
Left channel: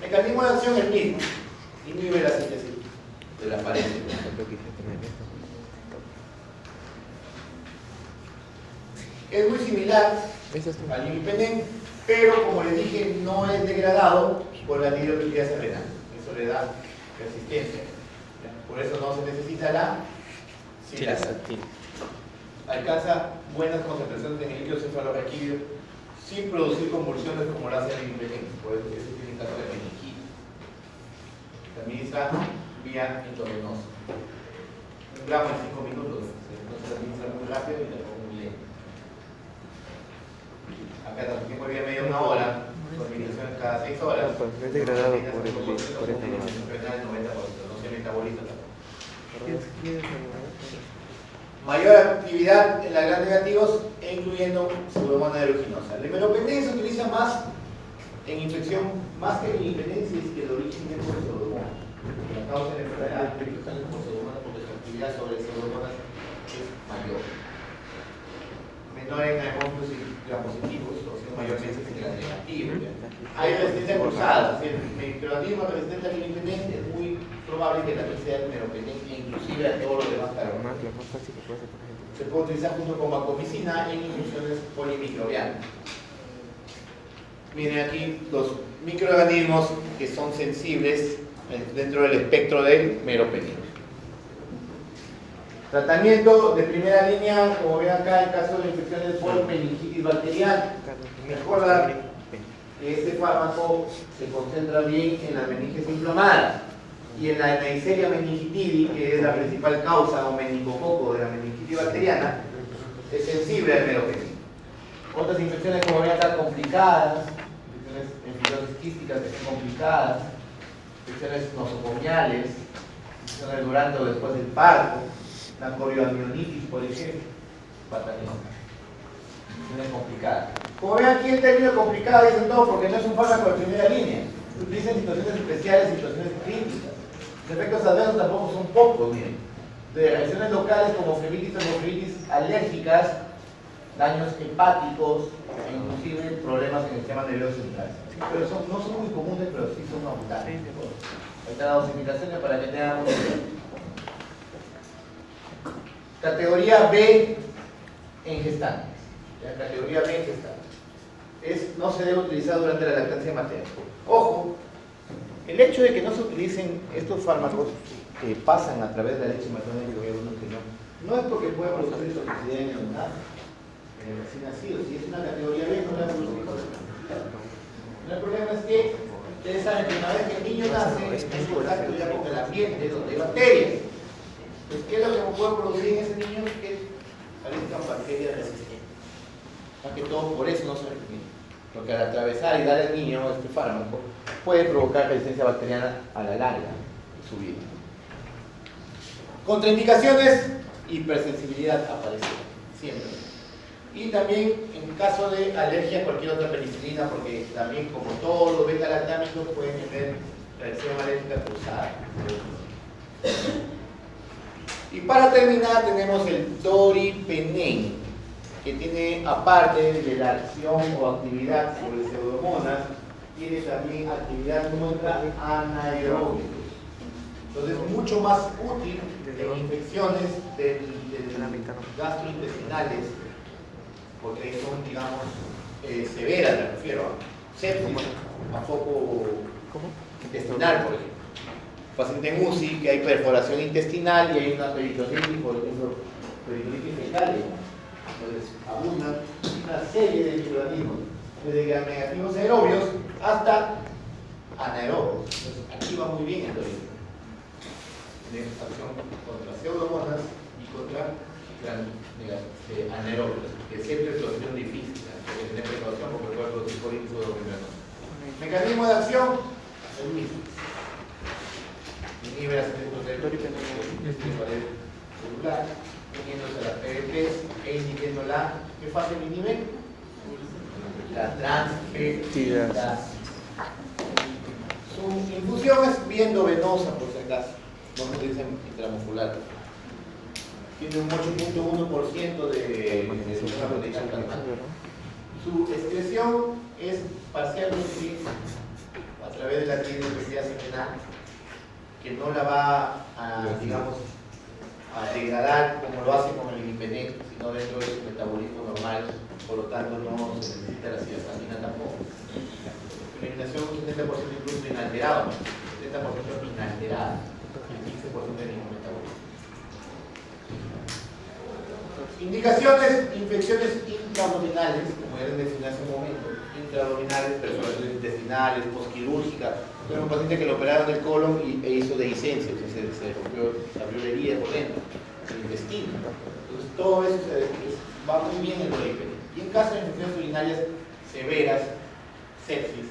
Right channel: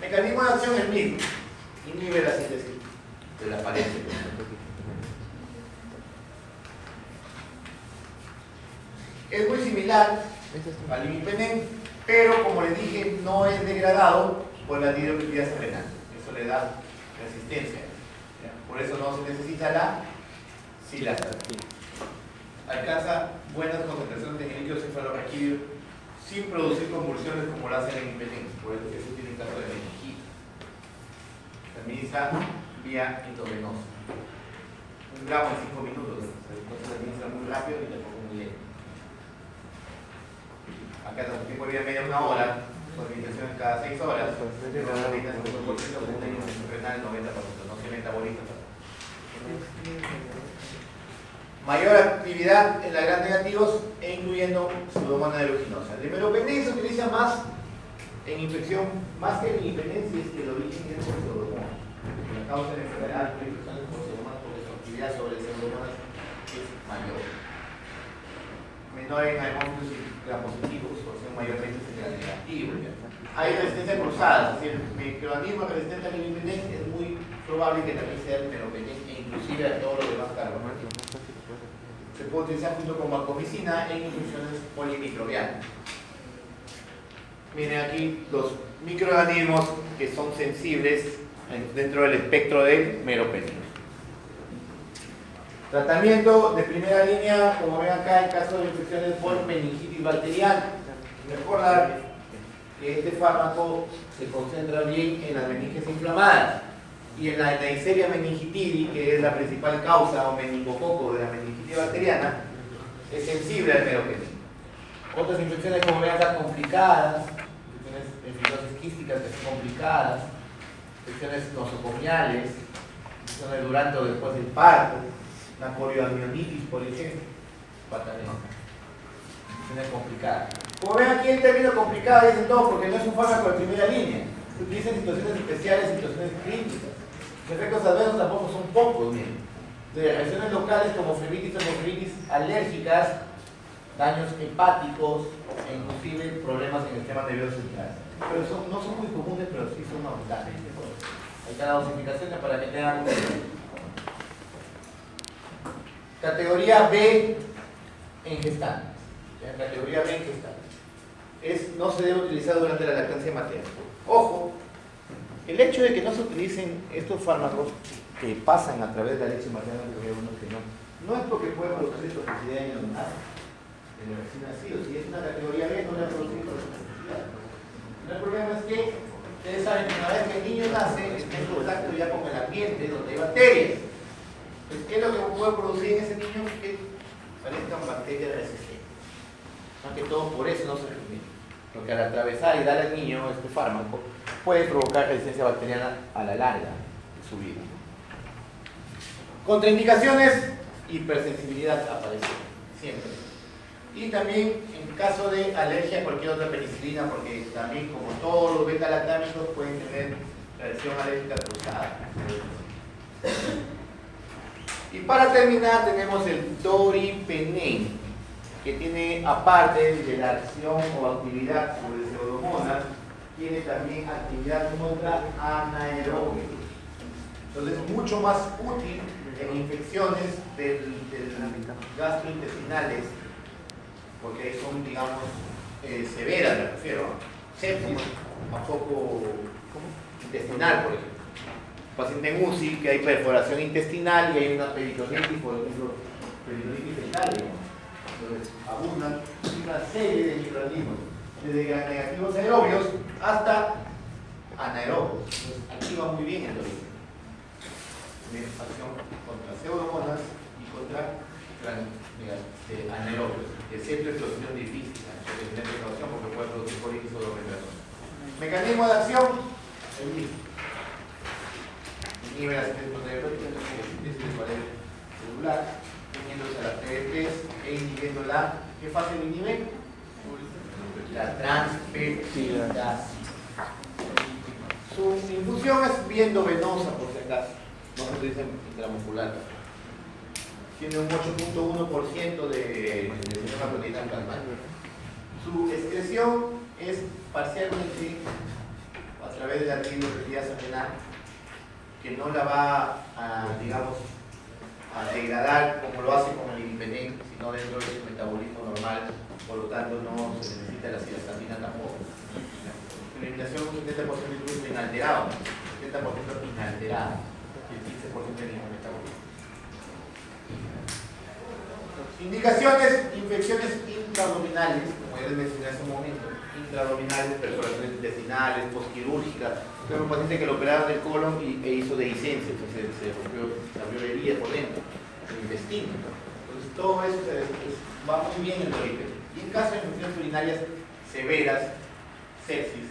Mecanismo de acción es el mismo. Inhibe la síntesis de la pared. Es muy similar al imipenem, pero como les dije, no es degradado por la dihidropeptidasa renal. Eso le da resistencia. ¿Ya? Por eso no se necesita la cilastatina. Alcanza buenas concentraciones de líquido cefalorraquídeo sin producir convulsiones como lo hace el imipenem. Por eso ese tiene el caso de meningitis. También está vía intravenosa. 1 gramo en 5 minutos. No se administra muy rápido ni tampoco muy lento. Acá también tiempo de media una hora, con administración cada 6 horas. Es degradado renal 90%, no se metaboliza tampoco. Mayor actividad en la gram negativos e incluyendo pseudomonas aeruginosa. El meropenem se utiliza más en infección, más que en imipenem, si es que el origen es por pseudomonas. La causa de la enfermedad es por pseudomonas porque su actividad sobre pseudomonas es mayor. Menor en aeromófilos y gram-positivos, o sea, mayormente en gram negativos. Hay resistencia cruzada, es decir, el microorganismo resistente al imipenem es muy probable que también sea el meropenem e inclusive a todos los demás carbonos. Se puede utilizar junto con vancomicina en infusiones polimicrobianas. Miren aquí los microorganismos que son sensibles dentro del espectro del meropenem. Tratamiento de primera línea, como ven acá, en caso de infecciones por meningitis bacteriana. Recordar que este fármaco se concentra bien en las meninges inflamadas y en la Neisseria meningitidis, que es la principal causa o meningococo de la meningitis bacteriana, es sensible al meropenem. Otras infecciones, como ven acá, complicadas, infecciones quísticas que son complicadas, infecciones nosocomiales, infecciones durante o después del parto, la corioamnionitis, por ejemplo, infecciones complicadas. Como ven aquí, el término complicado dicen todo porque no es un fármaco de primera línea. Se utiliza en situaciones especiales, situaciones críticas. Los efectos adversos tampoco son pocos, miren. De reacciones locales como flebitis, hemoflebitis alérgicas, daños hepáticos e inclusive problemas en el sistema nervioso central. Pero no son muy comunes, pero sí son notables. Ahí están las dosificaciones para que tengan una idea. Categoría B en gestantes. ¿Ya? Categoría B en gestantes. No se debe utilizar durante la lactancia materna. Ojo, el hecho de que no se utilicen estos fármacos que pasan a través de la leche materna, digo yo, que no es porque puede producir toxicidad en el neonato, en el recién nacido. Si es una categoría B, no la produce toxicidad. El problema es que ustedes saben que una vez que el niño nace, está en contacto ya con el ambiente donde hay bacterias. Pues, ¿qué es lo que puede producir en ese niño? Que aparezcan bacterias resistentes. Más que todo, por eso no se recomienda. Porque al atravesar y dar al niño este fármaco, puede provocar resistencia bacteriana a la larga de su vida. Contraindicaciones, hipersensibilidad aparece siempre. Y también en caso de alergia a cualquier otra penicilina, porque también, como todos los beta-lactámicos, pueden tener reacción alérgica cruzada. Y para terminar tenemos el doripenem, que tiene, aparte de la acción o actividad sobre pseudomonas, tiene también actividad contra anaeróbicos. Entonces, mucho más útil en infecciones gastrointestinales, porque son, digamos, severas, me refiero, sepsis, a foco intestinal, por ejemplo. Paciente en UCI, que hay perforación intestinal y hay una peritonitis, por ejemplo, peritonitis fecal. Entonces, abundan una serie de microorganismos, desde gram negativos aerobios hasta anaerobios. Entonces, activa muy bien el doripenem. Tiene acción contra pseudomonas y contra anaerobios, que siempre es una opción difícil, hay que tener precaución porque puede producir colitis o dominador. Mecanismo de acción, el mismo. Inhibe las pared celular, uniéndose a las PDPs e inhibiendo ¿qué fase lo inhibe? La transpeptidasa. Su infusión es bien endovenosa, por si acaso, no se utiliza intramuscular. Tiene un 8.1% de una proteína plasmática. Su excreción es parcialmente a través de la trigliceridas renal, que no la va a, digamos, a degradar como lo hace con el glipenem, sino dentro de su metabolismo normal, por lo tanto no se necesita la cilastatina tampoco. La eliminación es un 70% incluso inalterado, 70% inalterado, y el 15% de ningún metabolismo. Indicaciones, infecciones intraabdominales, como ya les mencioné hace un momento, intraabdominales, perforaciones intestinales, postquirúrgicas. Tengo un paciente que lo operaron del colon e hizo dehiscencia, entonces se rompió, se abrió la herida por dentro, el intestino. Entonces todo eso va muy bien en el doripenem. Y en caso de infecciones urinarias severas, sepsis,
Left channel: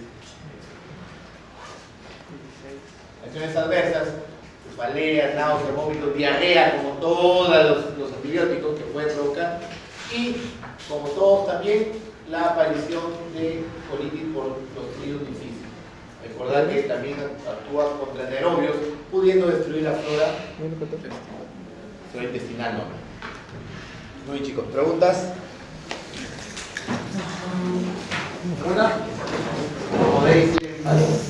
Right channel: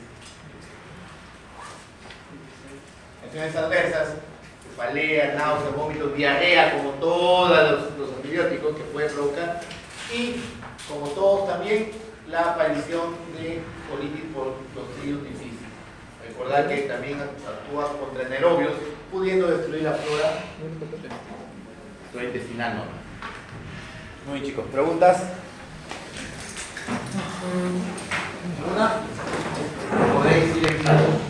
reacciones adversas, cefalea, náusea, vómitos, diarrea, como todos los antibióticos que pueden provocar, y como todos también la aparición de colitis por Clostridium difficile. Recordar que también actúa contra anaerobios, pudiendo destruir la flora intestinal normal. Muy bien, chicos, ¿preguntas? ¿Una? Podéis ir en clase.